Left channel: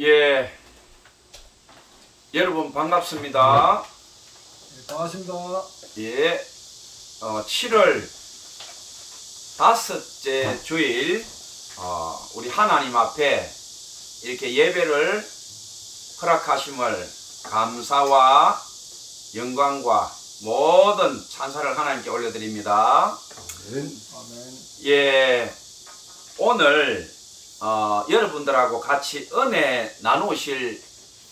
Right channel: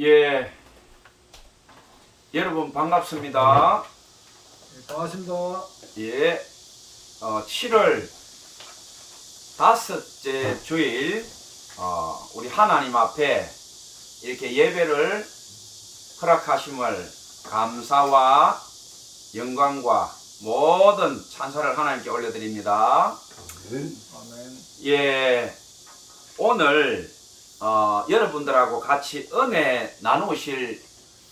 예, 여러분 반갑습니다. 네, 반갑습니다. 예, 7월 다섯째 주일, 우리 하나님 앞에 이렇게 예배를 허락하심을 감사와 영광과 모든 찬사를 하나님께 올려드립니다. 아멘. 예, 오늘 여러분들하고 같이 은혜 나누실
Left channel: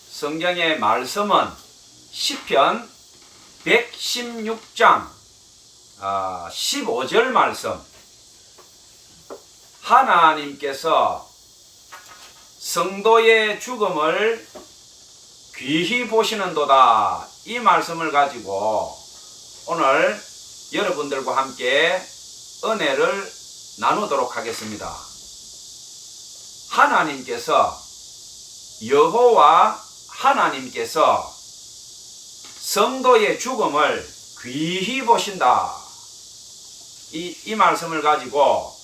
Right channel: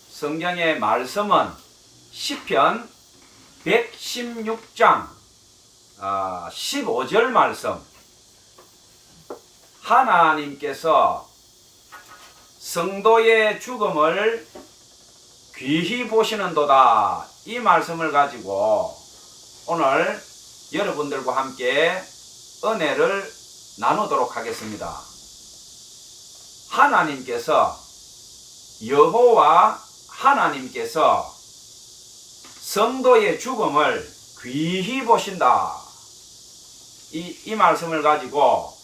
성경의 말씀은 시편 116장 15절 말씀. 하나님께서 성도의 죽음을 귀히 보시는도다, 이 말씀을 가지고 오늘 여러분들과 함께 은혜를 나누도록 하겠습니다. 하나님께서, 여호와 하나님께서 성도의 죽음을 귀히 보신다, 이 말씀을 가지고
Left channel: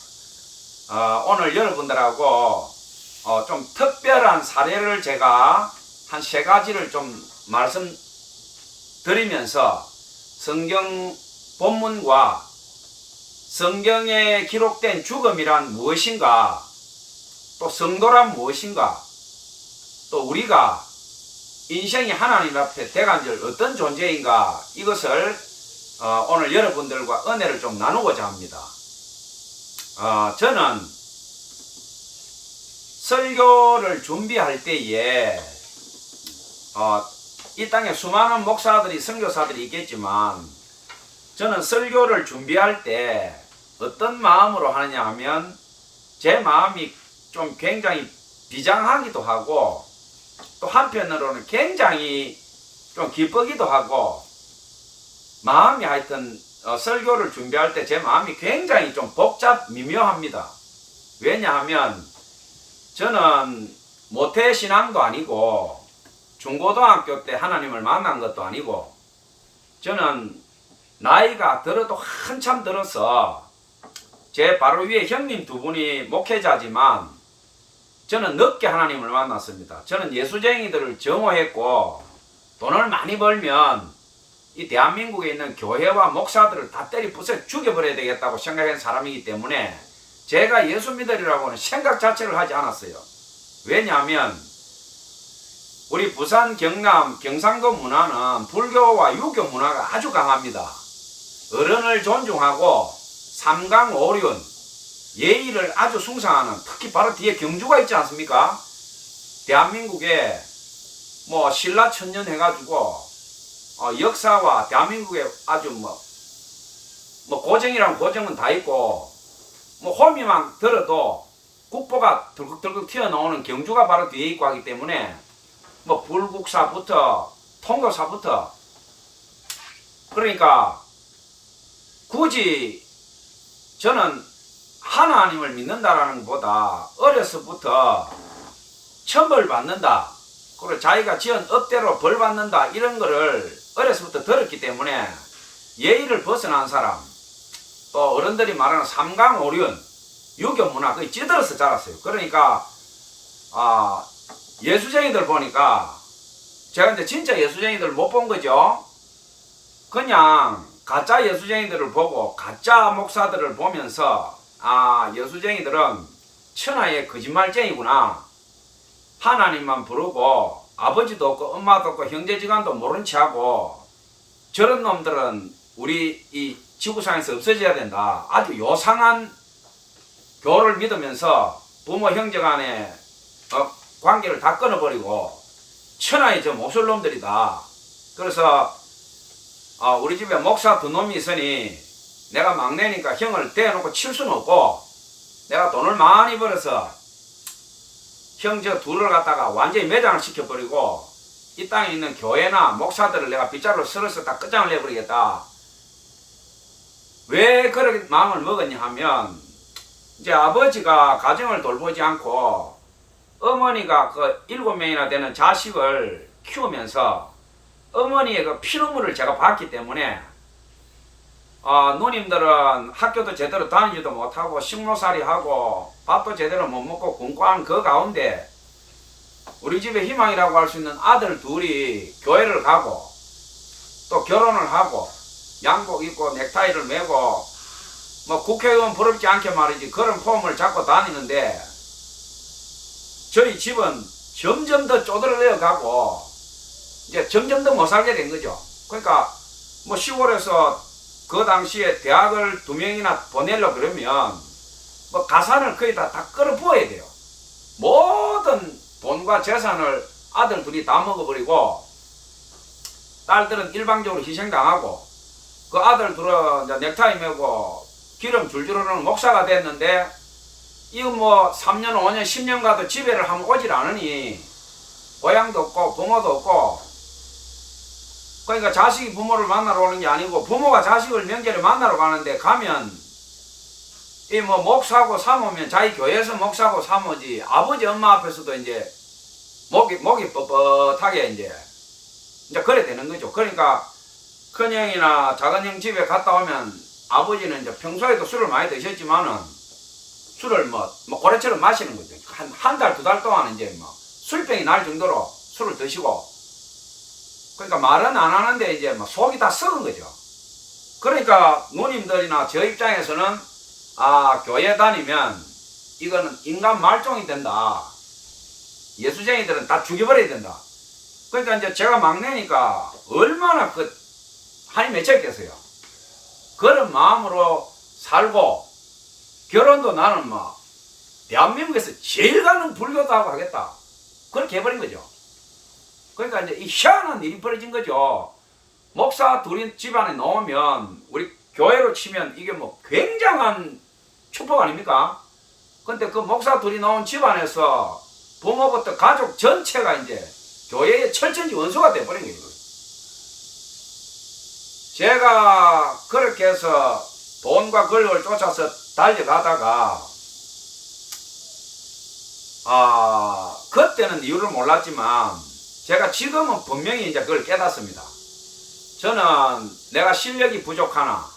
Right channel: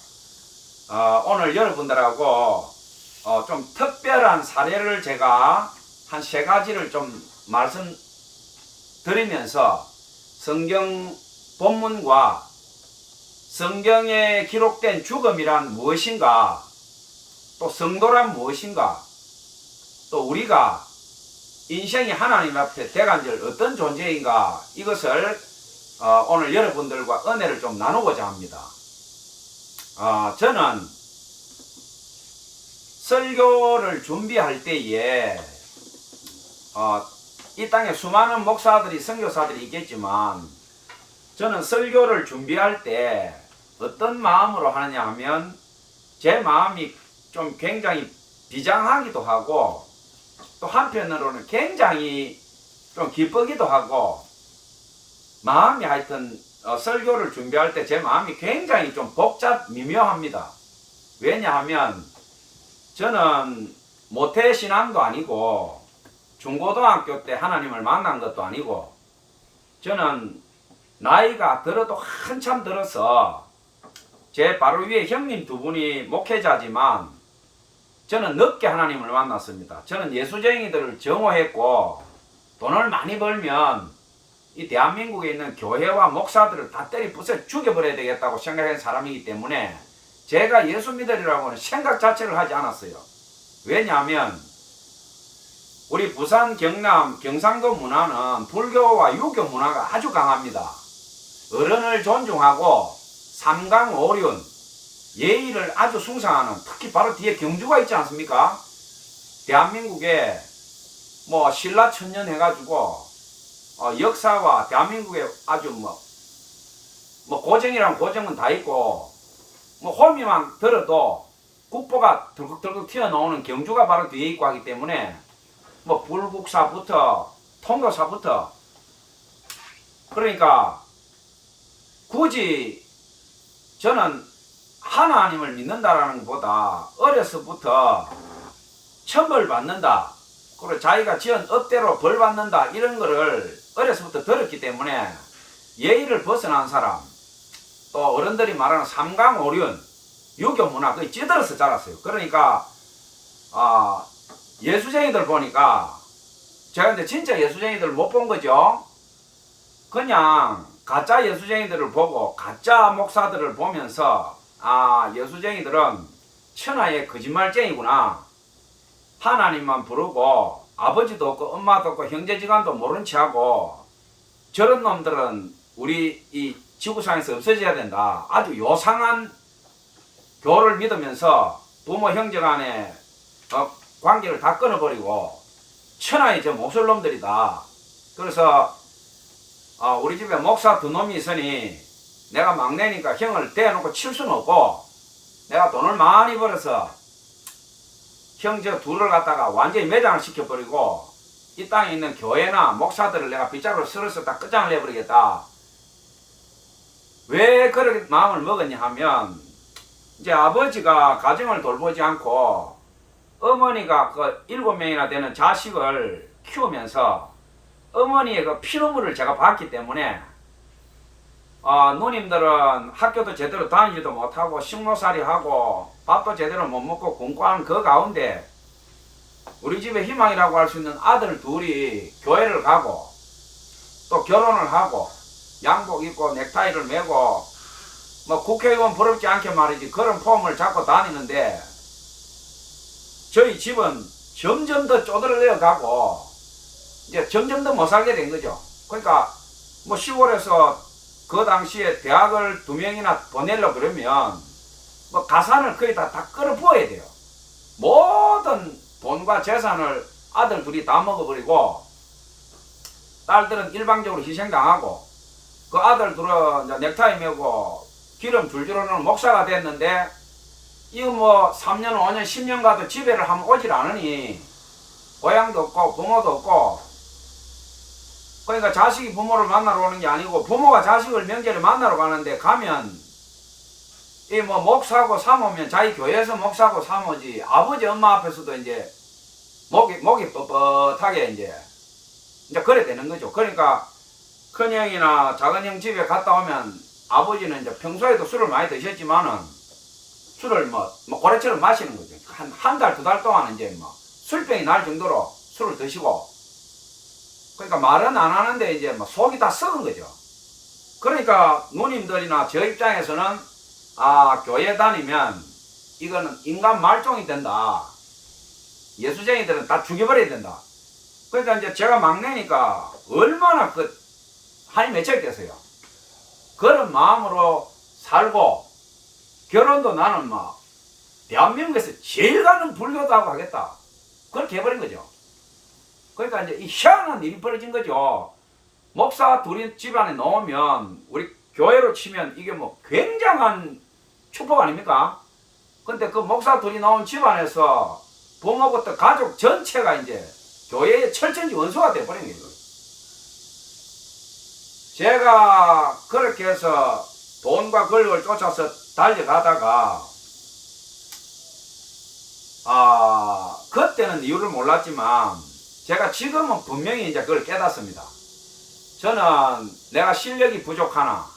오늘 여러분들하고 좀 특별한 사례를 제가 한 3가지를 좀 말씀드리면서 성경 본문과 성경에 기록된 죽음이란 무엇인가, 또 성도란 무엇인가, 또 우리가 인생이 하나님 앞에 대간절 어떤 존재인가, 이것을 오늘 여러분들과 은혜를 좀 나누고자 합니다. 저는 설교를 준비할 때에 이 땅에 수많은 목사들이, 선교사들이 있겠지만, 저는 설교를 준비할 때 어떤 마음으로 하느냐 하면, 제 마음이 좀 굉장히 비장하기도 하고, 또 한편으로는 굉장히 좀 기쁘기도 하고, 마음이 하여튼 설교를 준비할 때 제 마음이 굉장히 좀 미묘합니다. 왜냐하면 저는 모태신앙도 아니고 중고등학교 때 하나님을 만난 것도 아니고, 저는 나이가 들어도 한참 들어서 제 바로 위에 형님 2분이 목회자지만 저는 늦게 하나님을 만났습니다. 저는 예수쟁이들을 정오했고, 돈을 많이 벌면 이 대한민국에 있는 교회와 목사들을 다 때리 부숴 죽여버려야 되겠다고 생각한 사람이기 때문에 제가 예수 믿으리라고는 생각 자체를 하지 않았어요. 왜냐하면 우리 부산, 경남, 경상도 문화는 불교와 유교 문화가 아주 강합니다. 어른을 존중하고 삼강오륜, 예의를 아주 숭상하는, 특히 바로 뒤에 경주가 있지 않습니까? 대한민국에 뭐 신라천년 해가지고 역사와 대한민국에 아주 뭐 고정이란 고정은 다 있고, 뭐 호미만 들어도 국보가 덜컥덜컥 튀어나오는 경주가 바로 뒤에 있고 하기 때문에 뭐 불국사부터 통도사부터, 그러니까 굳이 저는 하나님을 믿는다라는 것보다 어려서부터 천벌 받는다, 그리고 자기가 지은 업대로 벌 받는다, 이런 거를 어려서부터 들었기 때문에 예의를 벗어난 사람, 또 어른들이 말하는 삼강오륜, 유교 문화, 그게 찌들어서 자랐어요. 그러니까 예수쟁이들 보니까, 제가 이제 진짜 예수쟁이들 못 본 거죠. 그냥 가짜 예수쟁이들을 보고 가짜 목사들을 보면서, 예수쟁이들은 천하의 거짓말쟁이구나, 하나님만 부르고 아버지도 없고 엄마도 없고 형제지간도 모른 체하고 저런 놈들은 우리 이 지구상에서 없어져야 된다, 아주 요상한 교를 믿으면서 부모 형제간의 관계를 다 끊어버리고 천하의 저 몹쓸 놈들이다. 그래서 우리 집에 목사 2놈이 있으니 내가 막내니까 형을 대놓고 칠 수는 없고, 내가 돈을 많이 벌어서 형제 2를 갖다가 완전히 매장을 시켜버리고 이 땅에 있는 교회나 목사들을 내가 빗자루로 쓸어서 다 끝장을 내버리겠다. 왜 그렇게 마음을 먹었냐 하면, 이제 아버지가 가정을 돌보지 않고 어머니가 그 7명이나 되는 자식을 키우면서 어머니의 그 피눈물을 제가 봤기 때문에, 누님들은 학교도 제대로 다니지도 못하고 식모살이 하고 밥도 제대로 못 먹고 굶고한 그 가운데 우리 집의 희망이라고 할 수 있는 아들 둘이 교회를 가고 또 결혼을 하고 양복 입고 넥타이를 메고 뭐 국회의원 부럽지 않게 말이지 그런 폼을 잡고 다니는데 저희 집은 점점 더 쪼들려 가고 이제 점점 더 못 살게 된 거죠. 그러니까 뭐 시골에서 그 당시에 대학을 2명이나 보내려고 그러면 뭐 가산을 거의 다 끌어 부어야 돼요. 모든 돈과 재산을 아들 둘이 다 먹어버리고 딸들은 일방적으로 희생당하고 그 아들 둘은 이제 넥타이 메고 기름 줄줄 흐르는 목사가 됐는데 이거 뭐 3년 5년 10년 가도 집에를 한번 오질 않으니 고향도 없고 부모도 없고 그러니까 자식이 부모를 만나러 오는 게 아니고 부모가 자식을 명절에 만나러 가는데 가면 이 뭐 목사고 사모면 자기 교회에서 목사고 사모지 아버지 엄마 앞에서도 이제 목이 뻣뻣하게 이제 그래 되는 거죠. 그러니까 큰형이나 작은형 집에 갔다 오면 아버지는 이제 평소에도 술을 많이 드셨지만은 술을 뭐 고래처럼 마시는 거죠. 한 달, 2달 동안 이제 뭐 술병이 날 정도로 술을 드시고 그러니까 말은 안 하는데 이제 뭐 속이 다 썩은 거죠. 그러니까 누님들이나 저 입장에서는 아, 교회 다니면 이거는 인간 말종이 된다. 예수쟁이들은 다 죽여버려야 된다. 그러니까 이제 제가 막내니까 얼마나 한이 맺혔겠어요. 그런 마음으로 살고 결혼도 나는 막 대한민국에서 제일 가는 불교도 하고 하겠다. 그렇게 해버린 거죠. 그러니까 이제 이 희한한 일이 벌어진 거죠. 목사 둘이 집안에 놓으면 우리 교회로 치면 이게 뭐 굉장한 축복 아닙니까? 근데 그 목사 둘이 나온 집안에서 부모부터 가족 전체가 이제 교회의 철천지 원수가 돼버린 거예요. 제가 그렇게 해서 돈과 권력을 쫓아서 달려가다가 그때는 이유를 몰랐지만 제가 지금은 분명히 이제 그걸 깨닫습니다. 저는 내가 실력이 부족하나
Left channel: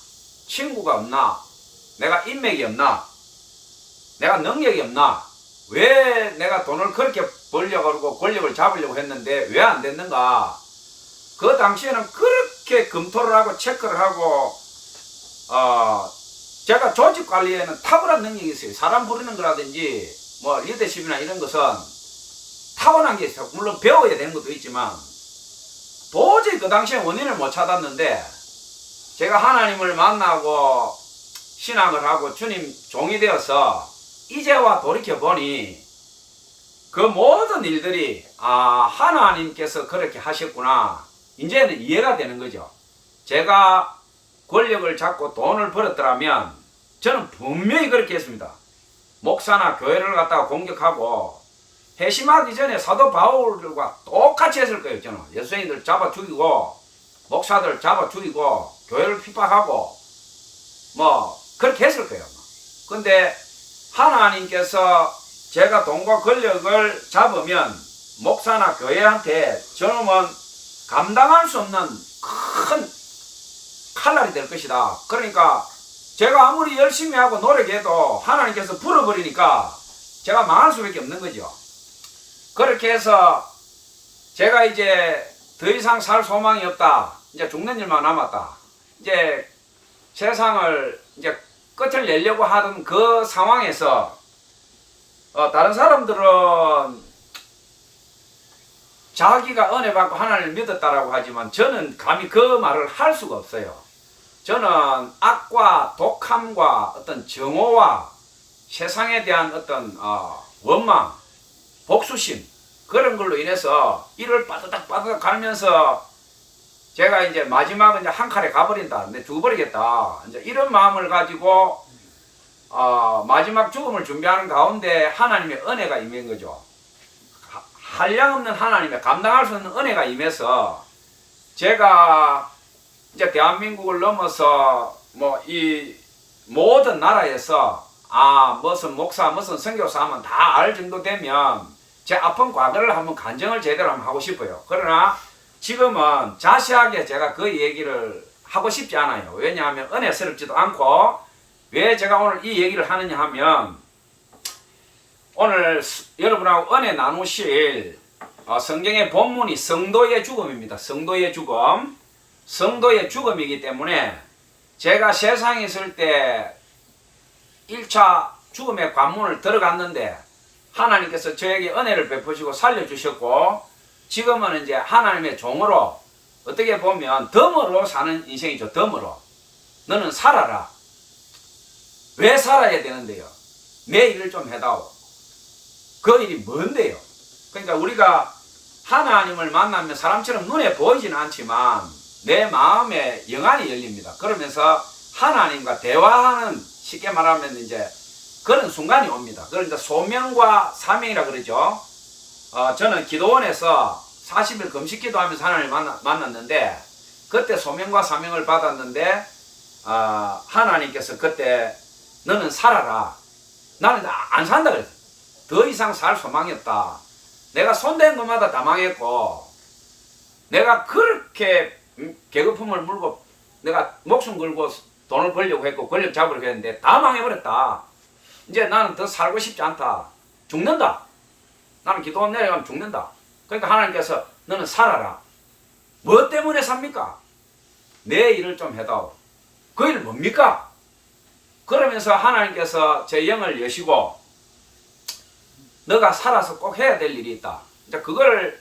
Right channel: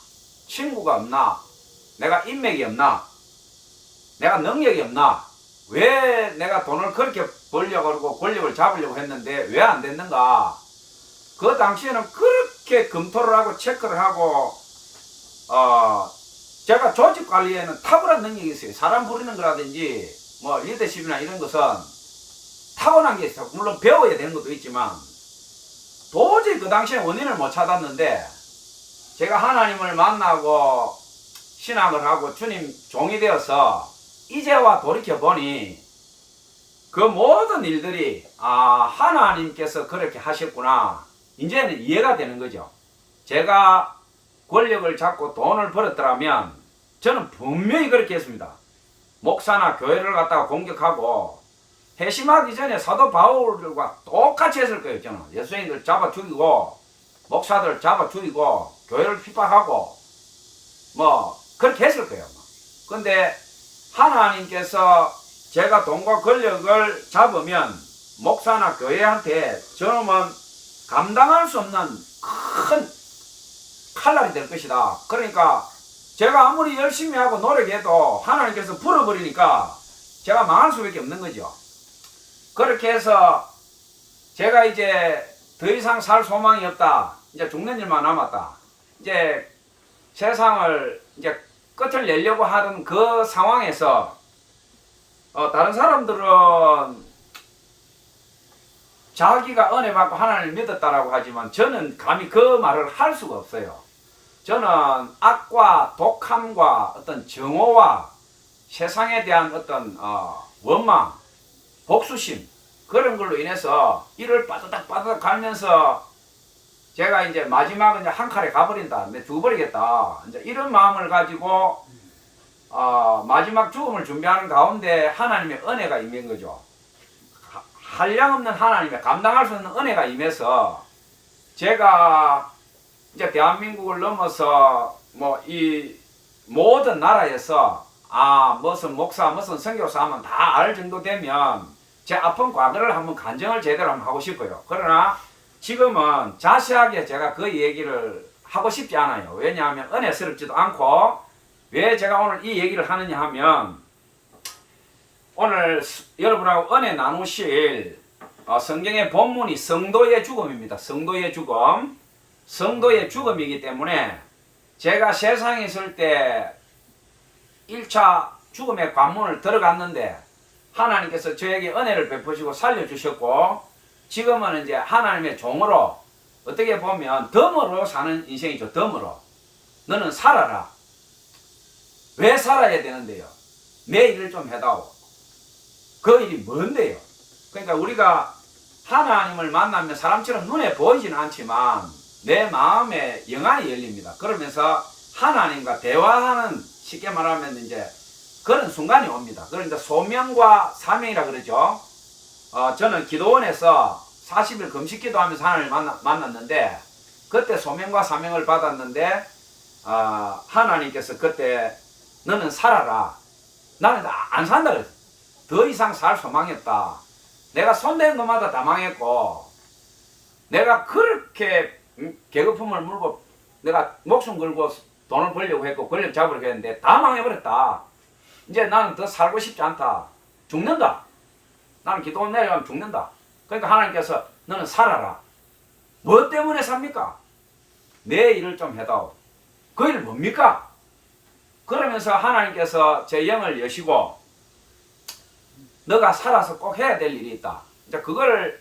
친구가 없나 내가 인맥이 없나 내가 능력이 없나 왜 내가 돈을 그렇게 벌려고 하고 권력을 잡으려고 했는데 왜 안 됐는가. 그 당시에는 그렇게 검토를 하고 체크를 하고 제가 조직 관리에는 탁월한 능력이 있어요. 사람 부리는 거라든지 뭐 리더십이나 이런 것은 타고난 게 있어요. 물론 배워야 되는 것도 있지만 도저히 그 당시에 원인을 못 찾았는데 제가 하나님을 만나고 신앙을 하고 주님 종이 되어서 이제와 돌이켜보니 그 모든 일들이 하나님께서 그렇게 하셨구나. 이제는 이해가 되는 거죠. 제가 권력을 잡고 돈을 벌었더라면 저는 분명히 그렇게 했습니다. 목사나 교회를 갖다가 공격하고 회심하기 전에 사도 바울과 똑같이 했을 거예요. 저는 예수님들 잡아 죽이고 목사들 잡아 죽이고 교회를 핍박하고 뭐 그렇게 했을 거예요. 근데 하나님께서 제가 돈과 권력을 잡으면 목사나 교회한테 저놈은 감당할 수 없는 큰 칼날이 될 것이다. 그러니까 제가 아무리 열심히 하고 노력해도 하나님께서 풀어버리니까 제가 망할 수밖에 없는 거죠. 그렇게 해서 제가 이제 더 이상 살 소망이 없다. 이제 죽는 일만 남았다. 이제 세상을 이제 끝을 내려고 하던 그 상황에서 다른 사람들은 자기가 은혜 받고 하나님을 믿었다라고 하지만 저는 감히 그 말을 할 수가 없어요. 저는 악과 독함과 어떤 정오와 세상에 대한 어떤 원망, 복수심 그런 걸로 인해서 이를 빠드닥 갈면서 제가 이제 마지막은 이제 한 칼에 가버린다. 근데 죽어버리겠다. 이제 이런 마음을 가지고 마지막 죽음을 준비하는 가운데 하나님의 은혜가 임한 거죠. 한량없는 하나님의 감당할 수 없는 은혜가 임해서 제가 이제 대한민국을 넘어서 뭐 이 모든 나라에서 무슨 목사 무슨 선교사 하면 다 알 정도 되면 제 아픈 과거를 한번 간증을 제대로 한번 하고 싶어요. 그러나 지금은 자세하게 제가 그 얘기를 하고 싶지 않아요. 왜냐하면 은혜스럽지도 않고 왜 제가 오늘 이 얘기를 하느냐 하면 오늘 여러분하고 은혜 나누실 성경의 본문이 성도의 죽음입니다. 성도의 죽음. 성도의 죽음이기 때문에 제가 세상에 있을 때 1차 죽음의 관문을 들어갔는데 하나님께서 저에게 은혜를 베푸시고 살려주셨고 지금은 이제 하나님의 종으로 어떻게 보면 덤으로 사는 인생이죠. 덤으로. 너는 살아라. 왜 살아야 되는데요? 내 일을 좀 해다오. 그 일이 뭔데요? 그러니까 우리가 하나님을 만나면 사람처럼 눈에 보이지는 않지만 내 마음에 영안이 열립니다. 그러면서 하나님과 대화하는 쉽게 말하면 이제 그런 순간이 옵니다. 그걸 이제 소명과 사명이라 그러죠. 저는 기도원에서 40일 금식 기도하면서 하나님을 만났는데 그때 소명과 사명을 받았는데 하나님께서 그때 너는 살아라. 나는 안 산다 그랬어요. 더 이상 살 소망이 없다. 내가 손댄 것마다 다 망했고 내가 그렇게 계급품을 물고 내가 목숨 걸고 돈을 벌려고 했고 권력 잡으려고 했는데 다 망해버렸다. 이제 나는 더 살고 싶지 않다. 죽는다. 나는 기도원 내려가면 죽는다. 그러니까 하나님께서 너는 살아라. 뭐 때문에 삽니까? 내 일을 좀 해다오. 그 일 뭡니까? 그러면서 하나님께서 제 영을 여시고 너가 살아서 꼭 해야 될 일이 있다. 이제 그걸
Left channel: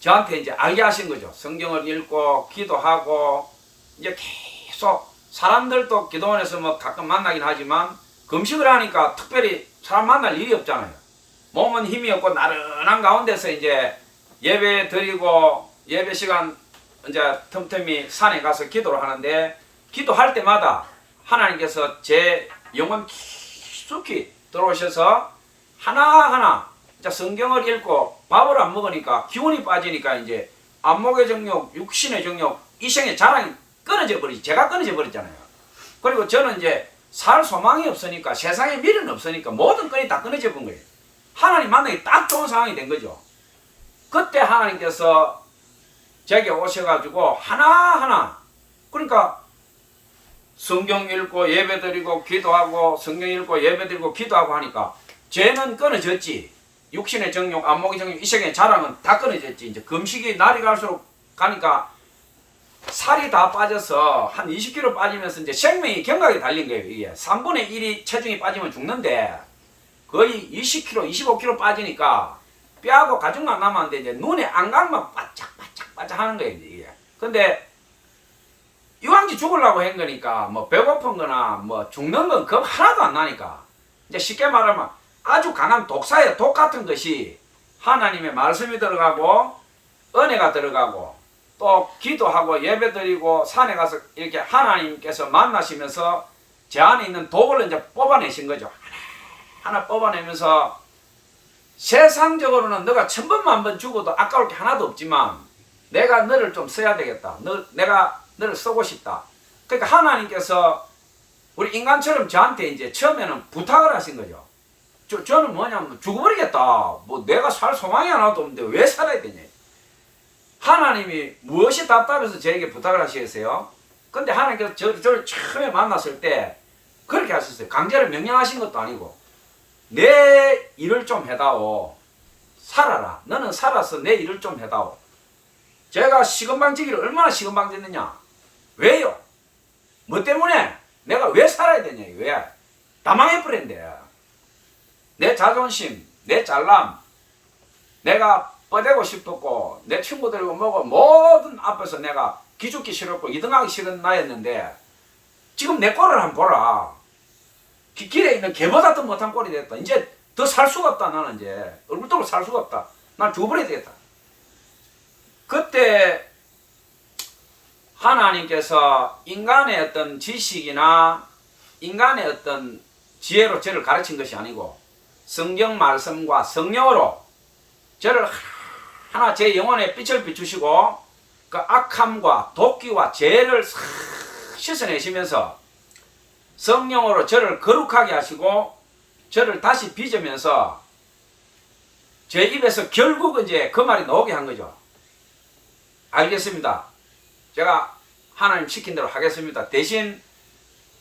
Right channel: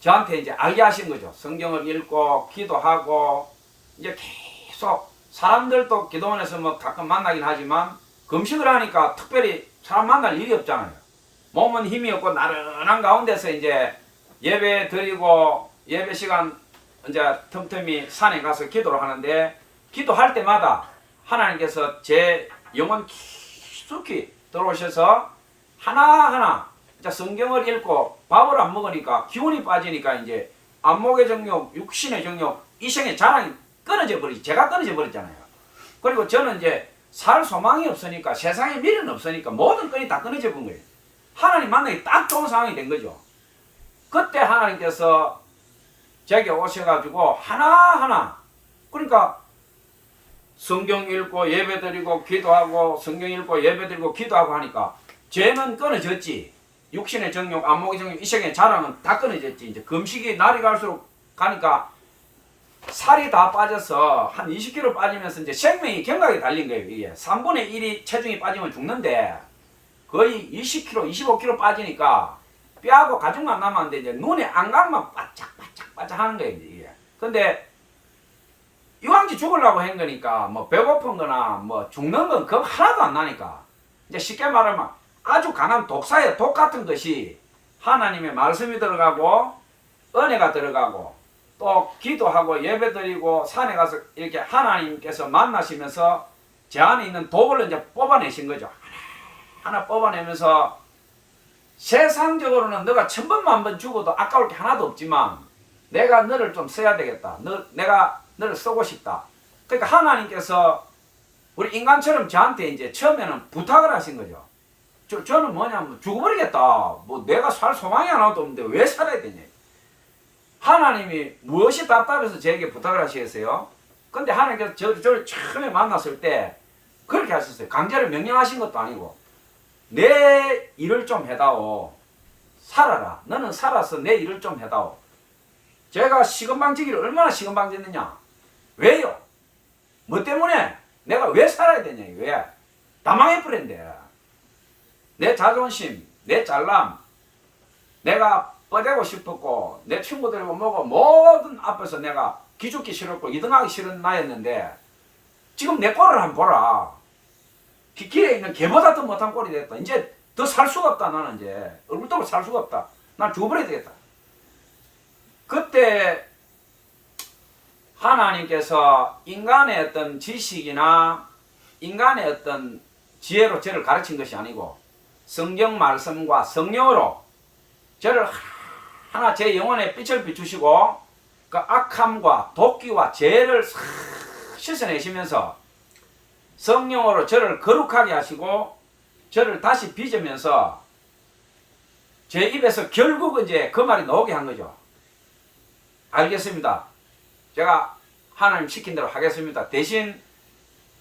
저한테 이제 알게 하신 거죠. 성경을 읽고 기도하고 이제 계속 사람들도 기도원에서 뭐 가끔 만나긴 하지만 금식을 하니까 특별히 사람 만날 일이 없잖아요. 몸은 힘이 없고 나른한 가운데서 이제 예배 드리고 예배 시간 이제 틈틈이 산에 가서 기도를 하는데 기도할 때마다 하나님께서 제 영혼 깊숙이 들어오셔서 하나하나 성경을 읽고 밥을 안 먹으니까 기운이 빠지니까 이제 안목의 정욕, 육신의 정욕, 이생의 자랑이 끊어져 버리지. 제가 끊어져 버렸잖아요. 그리고 저는 이제 살 소망이 없으니까 세상에 미련 없으니까 모든 끈이 다 끊어져 본 거예요. 하나님 만나기 딱 좋은 상황이 된 거죠. 그때 하나님께서 제게 오셔가지고 하나하나 그러니까 성경 읽고 예배 드리고 기도하고 성경 읽고 예배 드리고 기도하고 하니까 죄는 끊어졌지. 육신의 정욕, 안목의 정욕, 이생의 자랑은 다 끊어졌지. 이제 금식이 날이 갈수록 가니까 살이 다 빠져서 한 20kg 빠지면서 이제 생명이 경각에 달린 거예요. 이게 3분의 1이 체중이 빠지면 죽는데 거의 20kg, 25kg 빠지니까 뼈하고 가죽만 남았는데 이제 눈에 안각만 바짝바짝 하는 거예요. 이게. 근데 이왕지 죽으려고 한 거니까 뭐 배고픈 거나 뭐 죽는 건 겁 하나도 안 나니까 이제 쉽게 말하면 아주 강한 독사의 독 같은 것이 하나님의 말씀이 들어가고 은혜가 들어가고 또 기도하고 예배드리고 산에 가서 이렇게 하나님께서 만나시면서 제 안에 있는 독을 이제 뽑아내신 거죠. 하나 뽑아내면서 세상적으로는 너가 1000번 죽어도 아까울 게 하나도 없지만 내가 너를 좀 써야 되겠다. 내가 너를 쓰고 싶다. 그러니까 하나님께서 우리 인간처럼 저한테 이제 처음에는 부탁을 하신 거죠. 저는 뭐냐면 죽어버리겠다. 뭐 내가 살 소망이 하나도 없는데 왜 살아야 되냐. 하나님이 무엇이 답답해서 저에게 부탁을 하시겠어요? 근데 하나님께서 저를 처음에 만났을 때 그렇게 하셨어요. 강제로 명령하신 것도 아니고 내 일을 좀 해다오. 살아라. 너는 살아서 내 일을 좀 해다오. 제가 시건방지기를 얼마나 시건방졌느냐. 왜요? 뭐 때문에? 내가 왜 살아야 되냐. 왜? 다 망해버렸는데 내 자존심, 내 잘남, 내가 뻗대고 싶었고 내 친구들이고 뭐고 모든 앞에서 내가 기죽기 싫었고 2등하기 싫은 나였는데 지금 내 꼴을 한번 보라. 길에 있는 개보다 더 못한 꼴이 됐다. 이제 더 살 수가 없다. 나는 이제 얼굴도 살 수가 없다. 난 죽어버려야 되겠다. 그때 하나님께서 인간의 어떤 지식이나 인간의 어떤 지혜로 저를 가르친 것이 아니고 성경 말씀과 성령으로 저를 하나 제 영혼에 빛을 비추시고 그 악함과 도끼와 죄를 싹 씻어내시면서 성령으로 저를 거룩하게 하시고 저를 다시 빚으면서 제 입에서 결국 이제 그 말이 나오게 한 거죠. 알겠습니다. 제가 하나님 시킨 대로 하겠습니다. 대신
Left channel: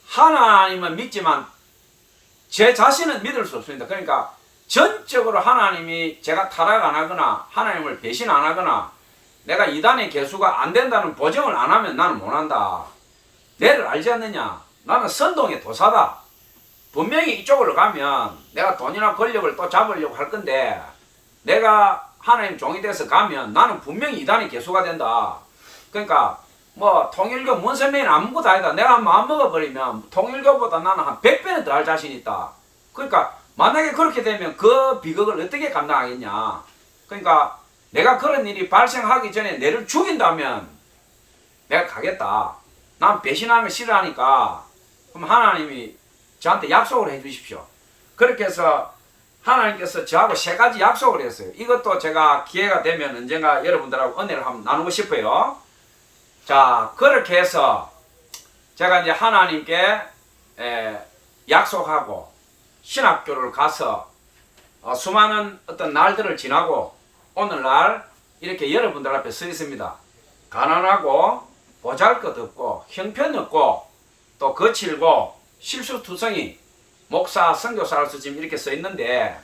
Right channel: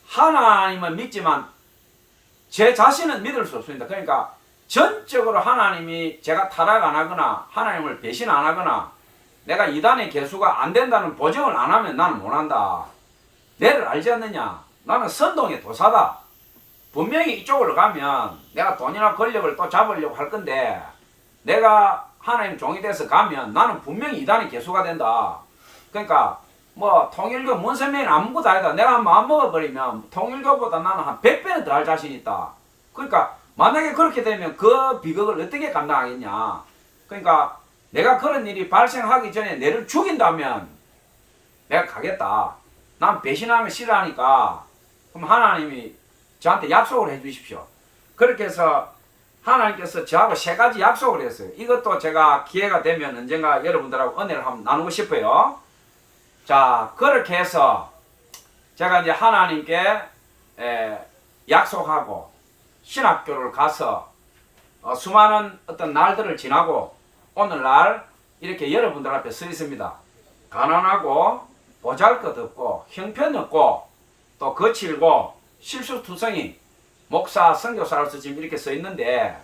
하나님은 믿지만 제 자신은 믿을 수 없습니다. 그러니까 전적으로 하나님이 제가 타락 안 하거나 하나님을 배신 안 하거나 내가 이단의 개수가 안 된다는 보증을 안 하면 나는 못 한다. 내를 알지 않느냐? 나는 선동의 도사다. 분명히 이쪽으로 가면 내가 돈이나 권력을 또 잡으려고 할 건데 내가 하나님 종이 돼서 가면 나는 분명히 이단의 개수가 된다. 그러니까 뭐 통일교 문선명이 아무것도 아니다. 내가 마음 먹어버리면 통일교보다 나는 한 100배는 더 할 자신 있다. 그러니까 만약에 그렇게 되면 그 비극을 어떻게 감당하겠냐. 그러니까 내가 그런 일이 발생하기 전에 내를 죽인다면 내가 가겠다. 난 배신하는 걸 싫어하니까 그럼 하나님이 저한테 약속을 해 주십시오. 그렇게 해서 하나님께서 저하고 3가지 약속을 했어요. 이것도 제가 기회가 되면 언젠가 여러분들하고 은혜를 한번 나누고 싶어요. 자, 그렇게 해서 제가 이제 하나님께 약속하고 신학교를 가서 수많은 어떤 날들을 지나고 오늘날 이렇게 여러분들 앞에 서 있습니다. 가난하고 보잘것없고 형편없고 또 거칠고 실수투성이 목사 선교사로서 지금 이렇게 써 있는데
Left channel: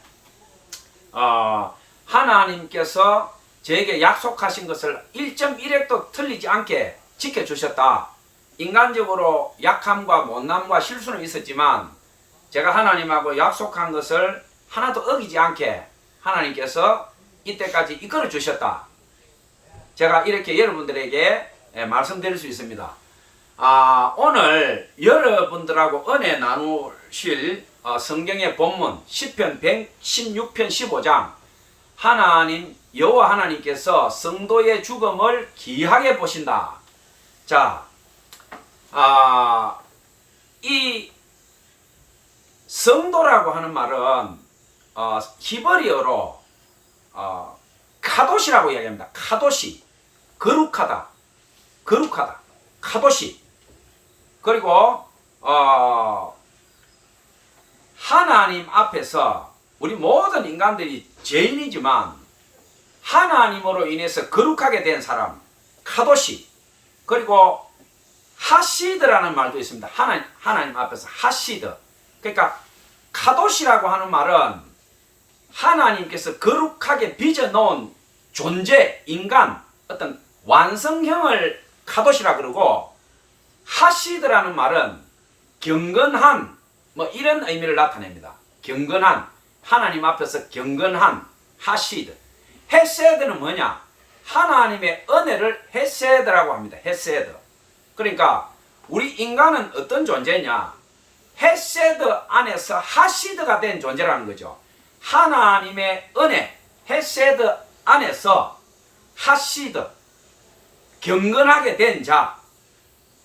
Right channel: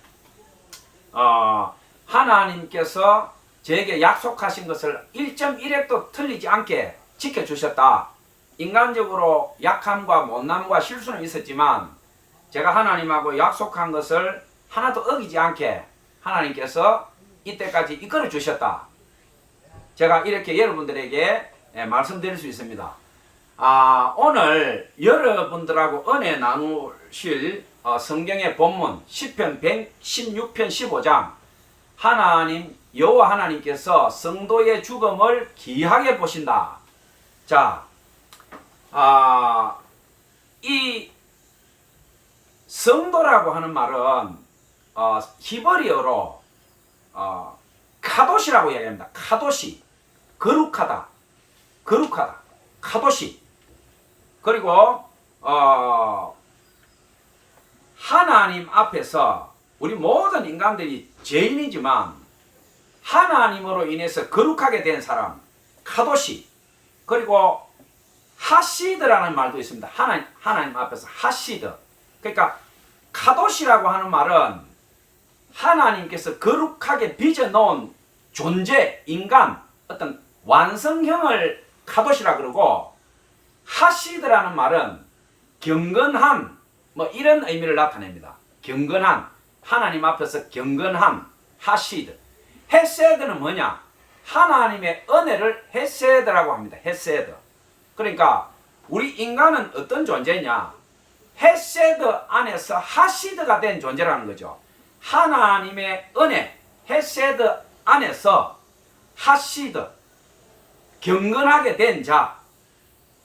하나님께서 저에게 약속하신 것을 1.1획도 틀리지 않게 지켜주셨다. 인간적으로 약함과 못남과 실수는 있었지만 제가 하나님하고 약속한 것을 하나도 어기지 않게 하나님께서 이때까지 이끌어 주셨다. 제가 이렇게 여러분들에게 말씀드릴 수 있습니다. 오늘 여러분들하고 은혜 나누실 성경의 본문 시편 116편 15장 하나님 여호와 하나님께서 성도의 죽음을 기이하게 보신다. 자, 이 성도라고 하는 말은 히브리어로 카도시라고 이야기합니다. 카도시, 거룩하다, 거룩하다, 카도시. 그리고 하나님 앞에서 우리 모든 인간들이 죄인이지만 하나님으로 인해서 거룩하게 된 사람, 카도시. 그리고 하시드라는 말도 있습니다. 하나님 앞에서 하시드. 그러니까 카도시라고 하는 말은 하나님께서 거룩하게 빚어놓은 존재, 인간, 어떤 완성형을 카도시라 그러고, 하시드라는 말은 경건한, 뭐 이런 의미를 나타냅니다. 경건한, 하나님 앞에서 경건한, 하시드. 헤세드는 뭐냐? 하나님의 은혜를 헤세드라고 합니다. 헤세드. 그러니까 우리 인간은 어떤 존재냐? 헤세드 안에서 하시드가 된 존재라는 거죠. 하나님의 은혜, 헤세드 안에서 하시드, 경건하게 된 자,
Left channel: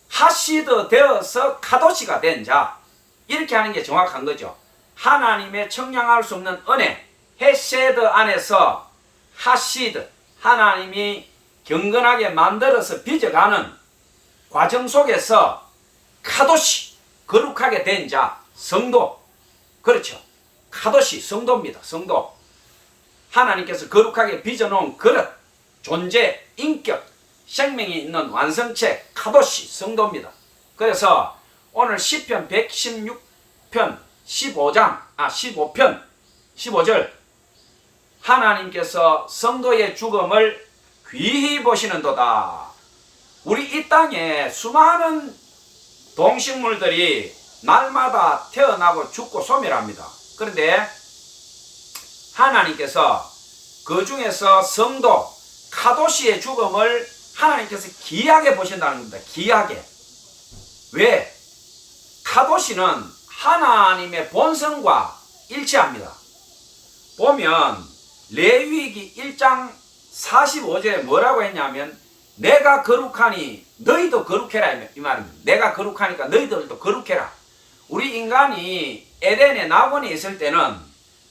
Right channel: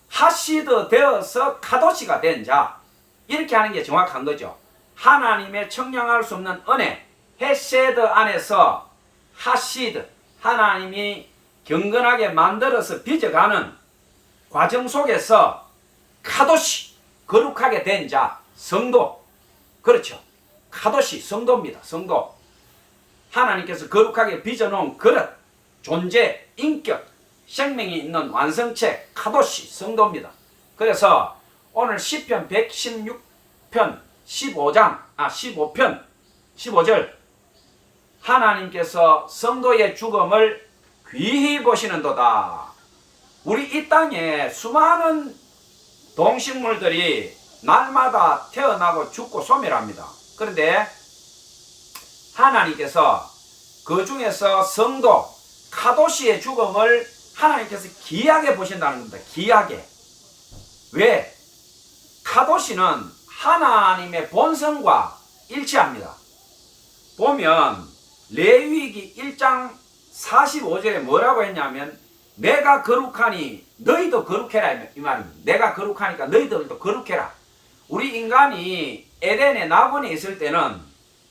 하시드 되어서 카도시가 된 자, 이렇게 하는 게 정확한 거죠. 하나님의 청량할 수 없는 은혜, 헤세드 안에서 하시드, 하나님이 경건하게 만들어서 빚어가는 과정 속에서 카도시, 거룩하게 된 자, 성도. 그렇죠. 카도시, 성도입니다. 성도. 하나님께서 거룩하게 빚어놓은 그릇, 존재, 인격, 생명이 있는 완성체, 카도시, 성도입니다. 그래서 오늘 시편 116편 15편 15절 하나님께서 성도의 죽음을 귀히 보시는도다. 우리 이 땅에 수많은 동식물들이 날마다 태어나고 죽고 소멸합니다. 그런데 하나님께서 그 중에서 성도, 카도시의 죽음을 하나님께서 기이하게 보신다는 겁니다. 기이하게. 왜? 카도시는 하나님의 본성과 일치합니다. 보면 레위기 1장 45절에 뭐라고 했냐면 내가 거룩하니 너희도 거룩해라 이 말입니다. 내가 거룩하니까 너희들도 거룩해라. 우리 인간이 에덴의 낙원에 있을 때는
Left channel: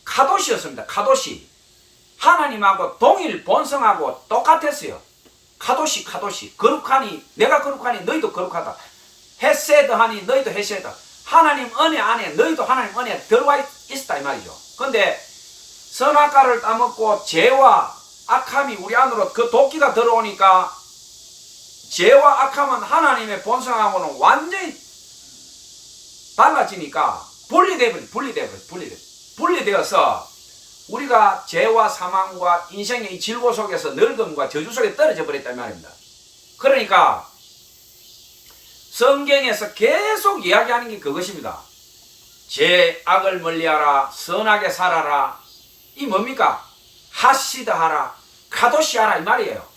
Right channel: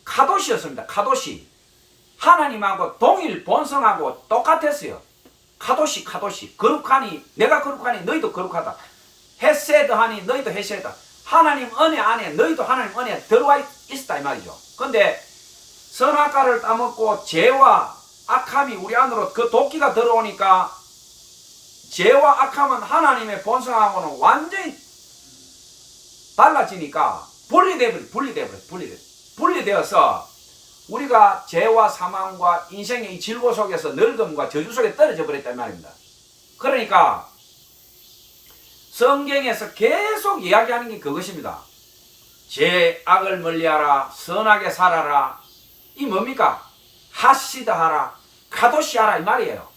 카도시였습니다. 카도시. 하나님하고 동일 본성하고 똑같았어요. 카도시, 카도시. 거룩하니 내가 거룩하니 너희도 거룩하다. 헤세드하니 너희도 헤세드. 하나님 은혜 안에 너희도 하나님 은혜에 들어와 있다 이 말이죠. 근데 선악과를 따먹고 죄와 악함이 우리 안으로 그 도끼가 들어오니까 죄와 악함은 하나님의 본성하고는 완전히 달라지니까 분리되어서 우리가 죄와 사망과 인생의 이 질고 속에서 늙음과 저주 속에 떨어져 버렸단 말입니다. 그러니까 성경에서 계속 이야기하는 게 그것입니다. 죄악을 멀리하라, 선하게 살아라. 이 뭡니까? 하시드하라, 카도시하라 이 말이에요.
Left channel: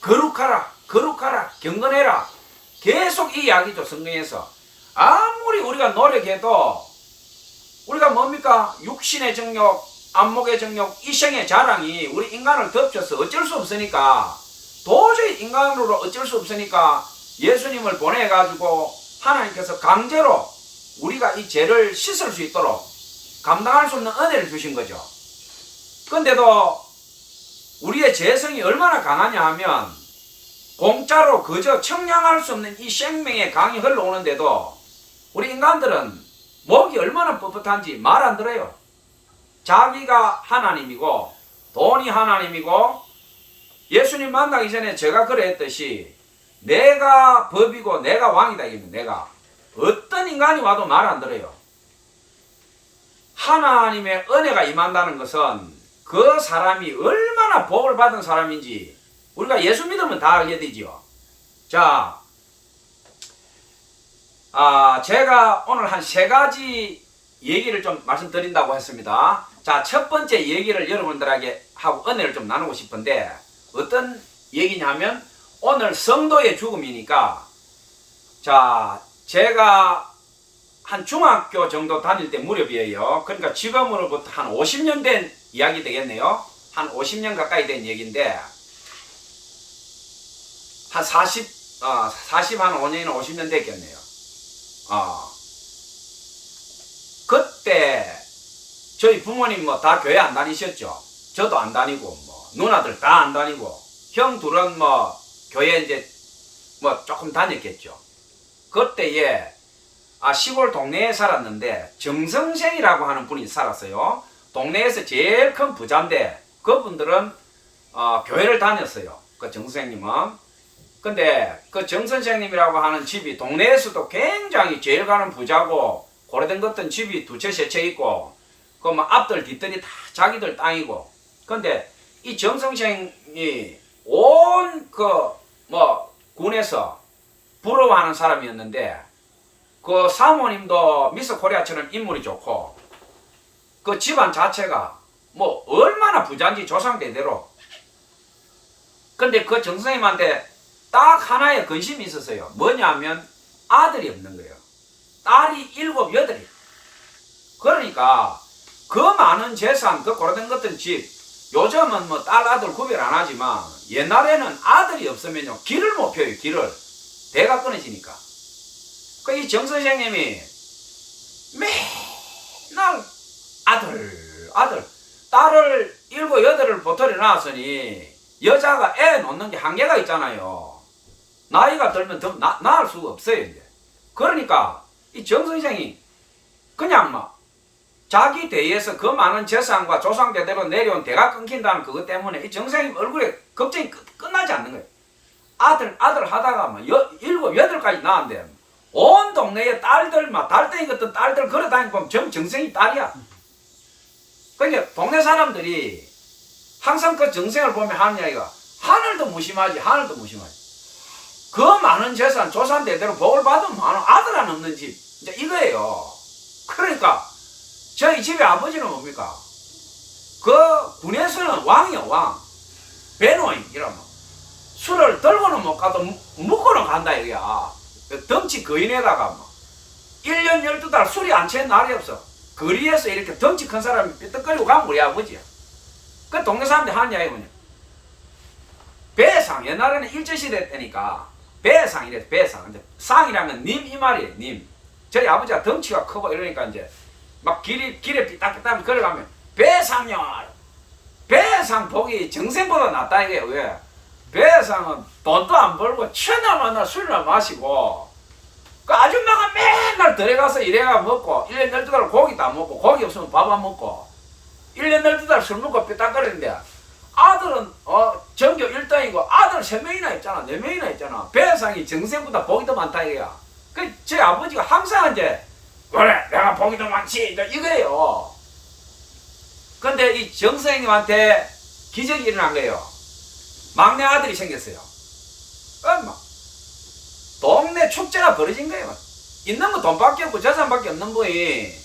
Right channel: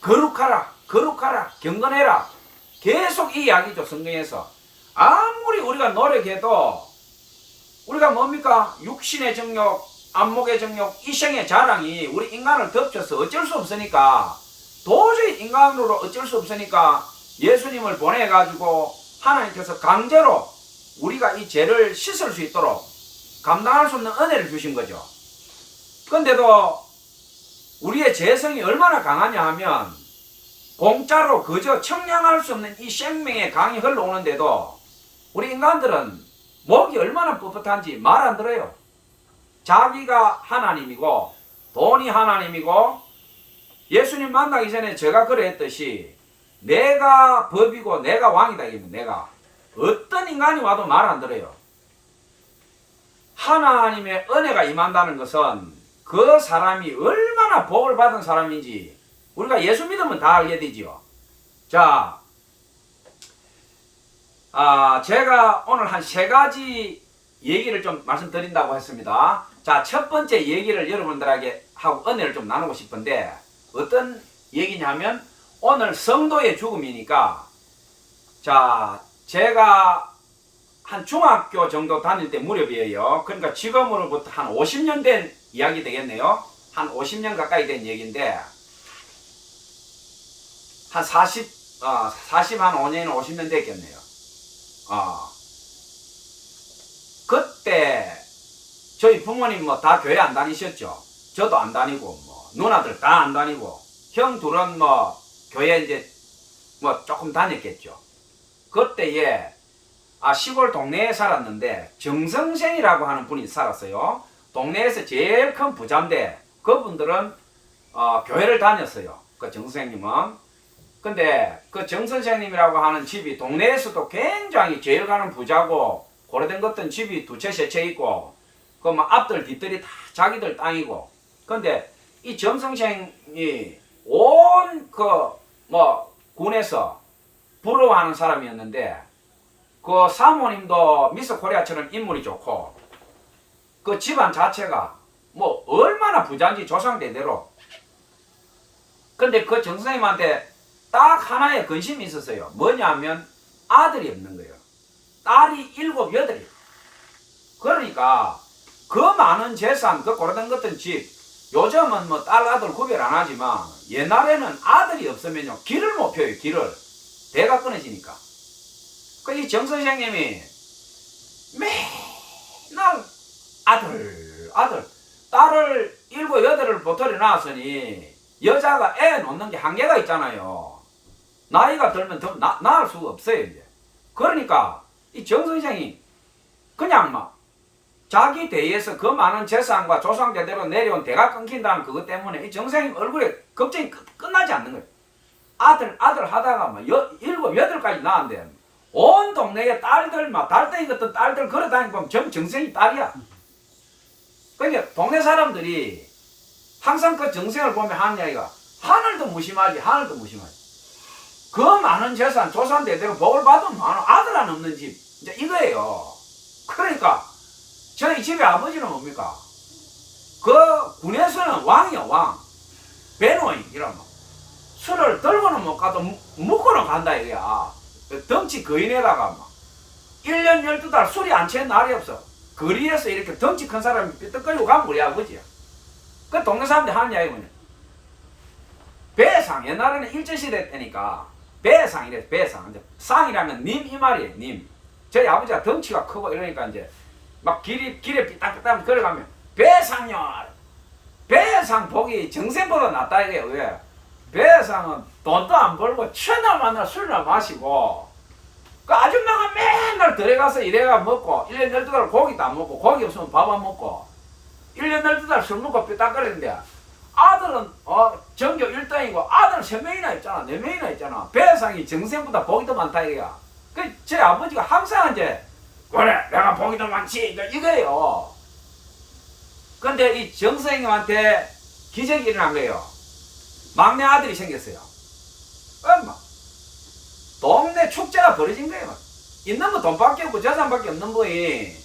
거룩하라, 거룩하라, 경건해라. 계속 이 이야기죠. 성경에서. 아무리 우리가 노력해도 우리가 뭡니까? 육신의 정욕, 안목의 정욕, 이생의 자랑이 우리 인간을 덮쳐서 어쩔 수 없으니까, 도저히 인간으로 어쩔 수 없으니까 예수님을 보내가지고 하나님께서 강제로 우리가 이 죄를 씻을 수 있도록 감당할 수 없는 은혜를 주신 거죠. 근데도 우리의 죄성이 얼마나 강하냐 하면 공짜로 그저 청량할 수 없는 이 생명의 강이 흘러오는데도 우리 인간들은 목이 얼마나 뻣뻣한지 말 안 들어요. 자기가 하나님이고 돈이 하나님이고, 예수님 만나기 전에 제가 그랬듯이 내가 법이고 내가 왕이다 이겁니다. 내가 어떤 인간이 와도 말 안 들어요. 하나님의 은혜가 임한다는 것은 그 사람이 얼마나 복을 받은 사람인지 우리가 예수 믿으면 다 알게 되지요. 자, 제가 오늘 한 3가지 얘기를 좀 말씀드린다고 했습니다. 자, 첫 번째 얘기를 여러분들에게 하고 은혜를 좀 나누고 싶은데, 어떤 얘기냐면 오늘 성도의 죽음이니까, 자, 제가 한 중학교 정도 다닐 때 무렵이에요. 그러니까 지금으로부터 한 50년 된 이야기 되겠네요. 한 50년 가까이 된 얘기인데, 한 5년, 50년 됐겠네요. 그때 저희 부모님 뭐 다 교회 안 다니셨죠. 저도 안 다니고, 뭐 누나들 다 안 다니고, 형 둘은 뭐 교회 이제 뭐 조금 다녔겠죠. 그때에 시골 동네에 살았는데 정성생이라고 하는 분이 살았어요. 동네에서 제일 큰 부자인데 그분들은 교회를 다녔어요. 그 정선생님은. 근데 그 정선생님이라고 하는 집이 동네에서도 굉장히 제일 가는 부자고, 오래된 것들은 집이 2채 3채 있고, 그 뭐 앞들 뒤들이 다 자기들 땅이고. 근데 이 정선생이 온 군에서 부러워하는 사람이었는데, 그 사모님도 미스 코리아처럼 인물이 좋고, 그 집안 자체가 뭐 얼마나 부자인지 조상대대로. 근데 그 정선생님한테 딱 하나의 근심이 있었어요. 뭐냐면 아들이 없는 거예요. 딸이 7, 8이에요. 그러니까 그 많은 재산, 그 고려된 것들 집, 요즘은 뭐 딸 아들 구별 안 하지만 옛날에는 아들이 없으면요 길을 못 펴요. 길을. 배가 끊어지니까. 그 이 정 선생님이 맨날 아들 딸을 7, 8을 보털이 낳았으니 여자가 애 놓는 게 한계가 있잖아요. 나이가 들면 더 낳을 수가 없어요 이제. 그러니까 이 정 선생이 그냥 막 자기 대에서 그 많은 재산과 조상대대로 내려온 대가 끊긴다는 그것 때문에 이 정 선생님 얼굴에 걱정이 끝나지 않는 거예요. 아들 하다가 막 7, 8까지 낳았는데 온 동네에 딸들 막 달덩이 같은 딸들 걸어다니고 보면 정 선생이 딸이야. 그러니까 동네 사람들이 항상 그 정생을 보면 하는 이야기가 하늘도 무심하지. 그 많은 재산 조상대대로 복을 받으면 아들 안 없는 집 이제 이거예요. 그러니까 저희 집의 아버지는 뭡니까? 그 군에서는 왕이요 왕. 배노인 이러면 술을 들고는 못 가도 묵고는 간다 이거야. 덩치 거인에다가 막 1년 12달 술이 안 취한 날이 없어. 거리에서 이렇게 덩치 큰 사람이 삐떡거리고 가면 우리 아버지야. 그 동네 사람들이 하는 이야기 뭐냐, 배상. 옛날에는 일제시대 때니까 배상이래. 배상. 이제 상이라면 님 이 말이에요. 님. 저희 아버지가 덩치가 크고 이러니까 이제 막 길에 삐딱삐딱 걸어가면 배상요. 배상 복이 정생보다 낫다 이거예요. 왜? 배상은 돈도 안 벌고 천하만나 술이나 마시고, 그 아줌마가 맨날 들어가서 이래가 먹고 1년 12달 고기도 안 먹고, 고기 없으면 밥 안 먹고 1년 12달 술 먹고 삐딱거리는데, 아들은 전교 1등이고 아들 3명이나 있잖아. 4명이나 있잖아. 배상이 정생보다 복이 더 많다 이거야. 그 제 아버지가 항상 이제 그래 내가 복이 더 많지 이거예요. 근데 이 정선생님한테 기적이 일어난 거예요. 막내 아들이 생겼어요. 엄마, 동네 축제가 벌어진 거예요. 있는 거 돈밖에 없고 재산밖에 없는 분이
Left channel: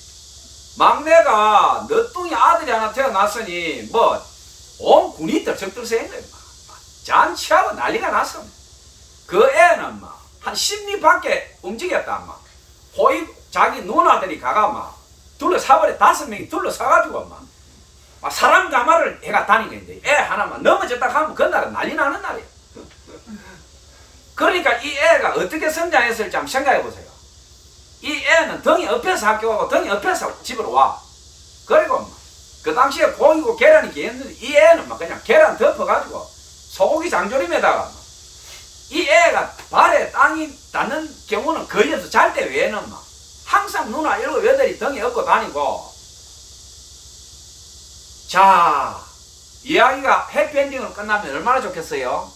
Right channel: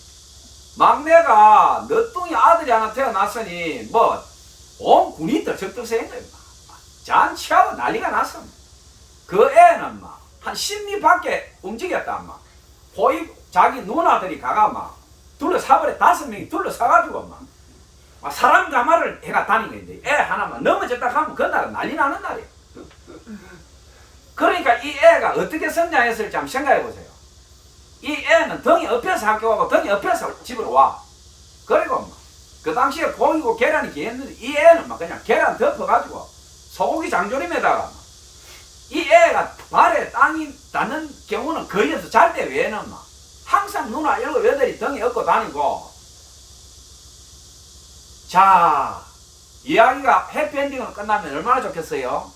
막내가 너뚱이 아들이 하나 태어났으니 뭐 온 군이 들썩들썩한 거예요. 잔치하고 난리가 났어. 그 애는 막 한 10리 밖에 움직였다. 막 자기 누나들이 가가 막 둘러사버려 5명이 둘러사가지고 막 사람 가마를 해가 다니는 거야. 애 하나만 넘어졌다 하면 그날은 난리 나는 날이야. 그러니까 이 애가 어떻게 성장했을지 한번 생각해 보세요. 이 애는 덩이 엎여서 학교 가고 덩이 엎여서 집으로 와. 그리고 막 그 당시에 고기고 계란이 귀했는데 이 애는 막 그냥 계란 덮어가지고 소고기 장조림에다가 막 이 애가 발에 땅이 닿는 경우는 거의 없어. 잘 때 외에는 막 항상 누나 7, 8이 덩이 업고 다니고. 자, 이야기가 해피엔딩으로 끝나면 얼마나 좋겠어요?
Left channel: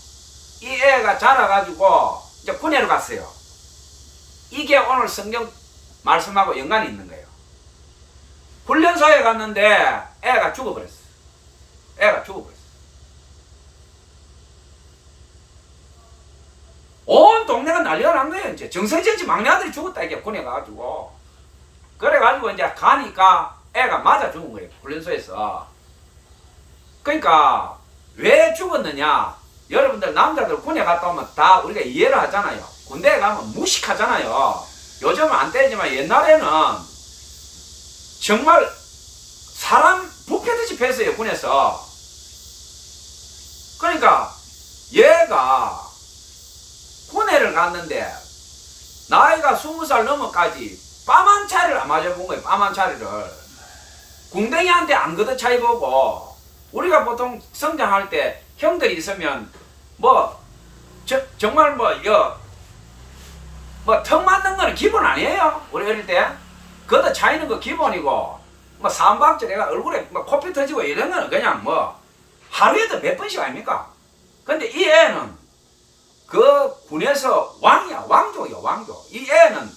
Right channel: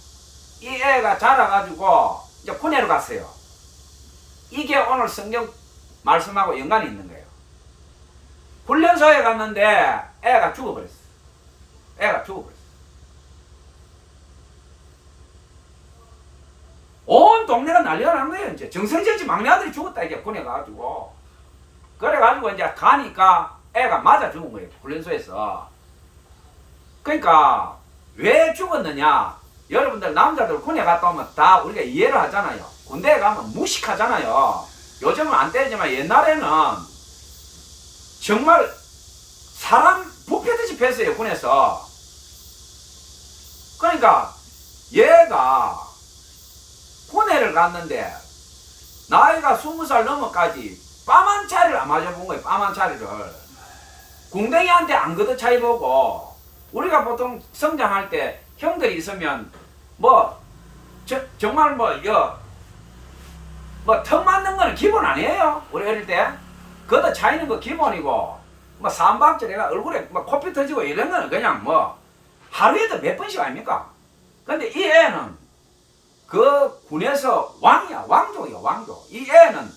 이 애가 자라가지고 이제 군에로 갔어요. 이게 오늘 성경 말씀하고 연관이 있는 거예요. 훈련소에 갔는데 애가 죽어버렸어. 애가 죽어버렸어. 온 동네가 난리가 난 거예요. 이제 정성진 씨 막내 아들이 죽었다 이게 군에 가가지고. 그래가지고 이제 가니까 애가 맞아 죽은 거예요. 훈련소에서. 그러니까 왜 죽었느냐? 여러분들 남자들 군에 갔다 오면 다 우리가 이해를 하잖아요. 군대에 가면 무식하잖아요. 요즘은 안 되지만 옛날에는 정말 사람 부패듯이 팼어요. 군에서. 그러니까 얘가 군에를 갔는데 나이가 20살 넘어까지 뺨 한 차례를 안 맞아본 거예요. 뺨 한 차례를. 궁뎅이한테 안 걷어 차이보고. 우리가 보통 성장할 때 형들이 있으면 정말 턱 맞는 거는 기본 아니에요. 우리 어릴 때 걷어 차이는 거 기본이고 삼박자 내가 얼굴에 코피 터지고 이런 거는 그냥 하루에도 몇 번씩 아닙니까? 근데 이 애는 그 군에서 왕이야. 왕족이야. 왕족. 이 애는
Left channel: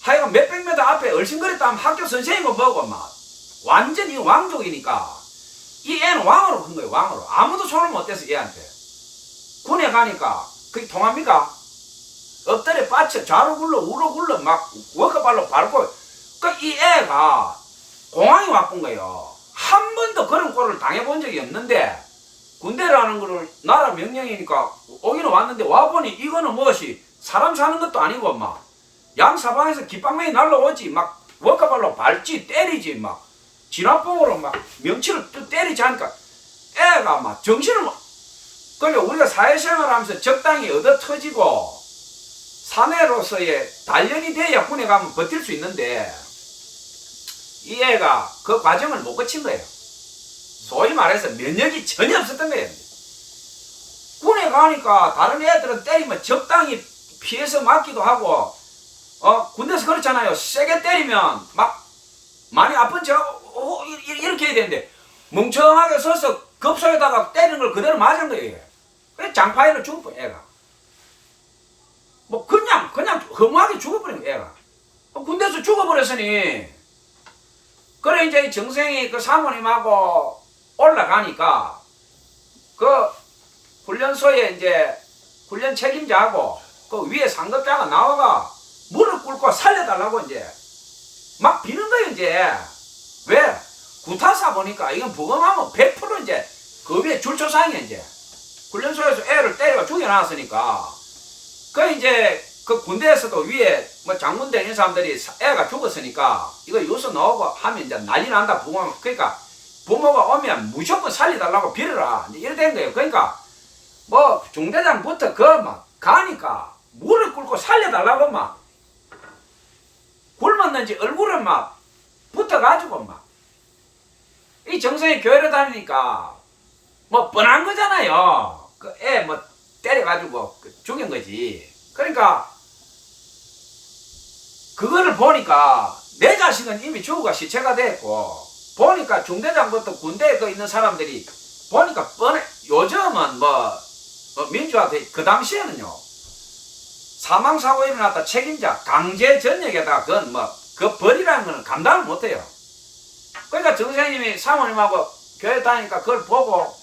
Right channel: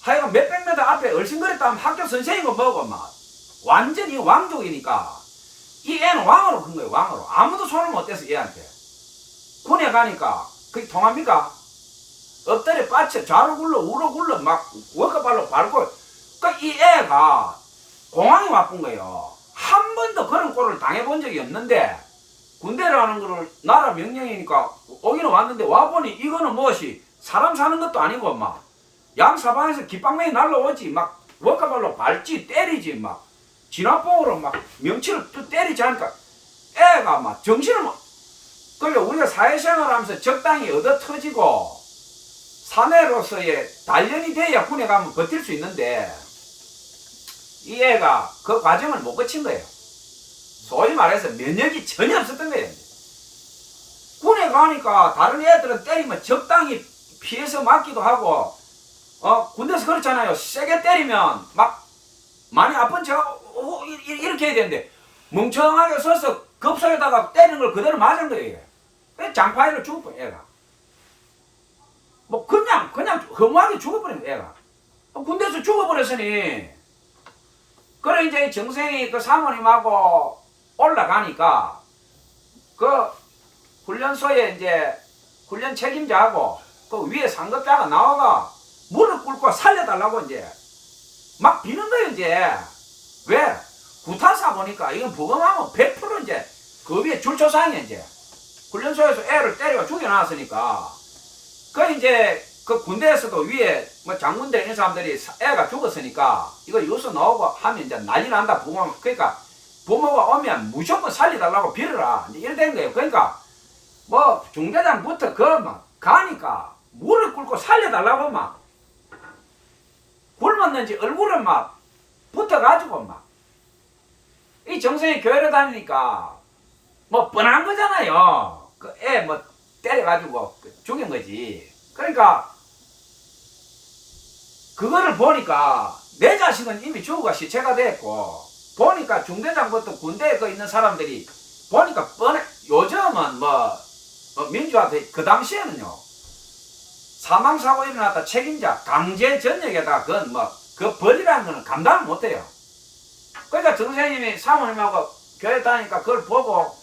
하여간 몇백 미터 앞에 얼씬거렸다면 학교 선생님고 뭐고 완전히 왕족이니까 이 애는 왕으로 큰 거예요. 왕으로. 아무도 손을 못 대서 얘한테. 군에 가니까 그게 통합니까? 엎드려 빠쳐 좌로 굴러 우로 굴러 막 워커발로 밟고. 그러니까 이 애가 공항이 와쁜 거예요. 한 번도 그런 꼴을 당해본 적이 없는데 군대라는 거를 나라 명령이니까 오기는 왔는데 와보니 이거는 무엇이 사람 사는 것도 아니고 양사방에서 깃방망이 날라오지 워커발로 밟지 때리지 진압봉으로 명치를 또 때리지 하니까 애가 정신을 그러니까 우리가 사회생활 하면서 적당히 얻어 터지고 사내로서의 단련이 돼야 군에 가면 버틸 수 있는데 이 애가 그 과정을 못 거친 거예요. 소위 말해서 면역이 전혀 없었던 거예요. 군에 가니까 다른 애들은 때리면 적당히 피해서 맞기도 하고 군대에서 그렇잖아요. 세게 때리면 많이 아픈 척 이렇게 해야 되는데 멍청하게 서서 급속에다가 때리는 걸 그대로 맞은 거예요. 장파이로 죽어버린 애가. 그냥 허무하게 죽어버린 애가. 군대에서 죽어버렸으니 그래 이제 정생이 그 사모님하고 올라가니까 그 훈련소에 이제 훈련 책임자하고 그 위에 상급자가 나와가 무릎 꿇고 살려달라고 이제 막 비는 거예요. 이제 왜? 구타사 보니까 이건 부검하면 100% 이제 그 위에 줄초상이야. 이제 훈련소에서 애를 때려 죽여놨으니까 그 이제 그 군대에서도 위에 장군대 이런 사람들이 애가 죽었으니까 이거 유서 나오고 하면 이제 난리 난다. 그러니까 부모가 오면 무조건 살려달라고 빌어라. 이제 이래 된 거예요. 그러니까 중대장부터 가니까 무릎 꿇고 살려달라고 굶었는지 얼굴에 붙어가지고 이 정성이 교회를 다니니까 뻔한 거잖아요. 그 애 때려가지고 죽인 거지. 그러니까 그거를 보니까 내 자식은 이미 죽어가 시체가 됐고 보니까 중대장부터 군대에 있는 사람들이 보니까 뻔해. 요즘은 민주화 그 당시에는요 사망사고 일어났다 책임자 강제 전역에다가 그건 그 벌이라는 거는 감당을 못해요. 그러니까 정선생님이 사모님하고 교회 다니니까 그걸 보고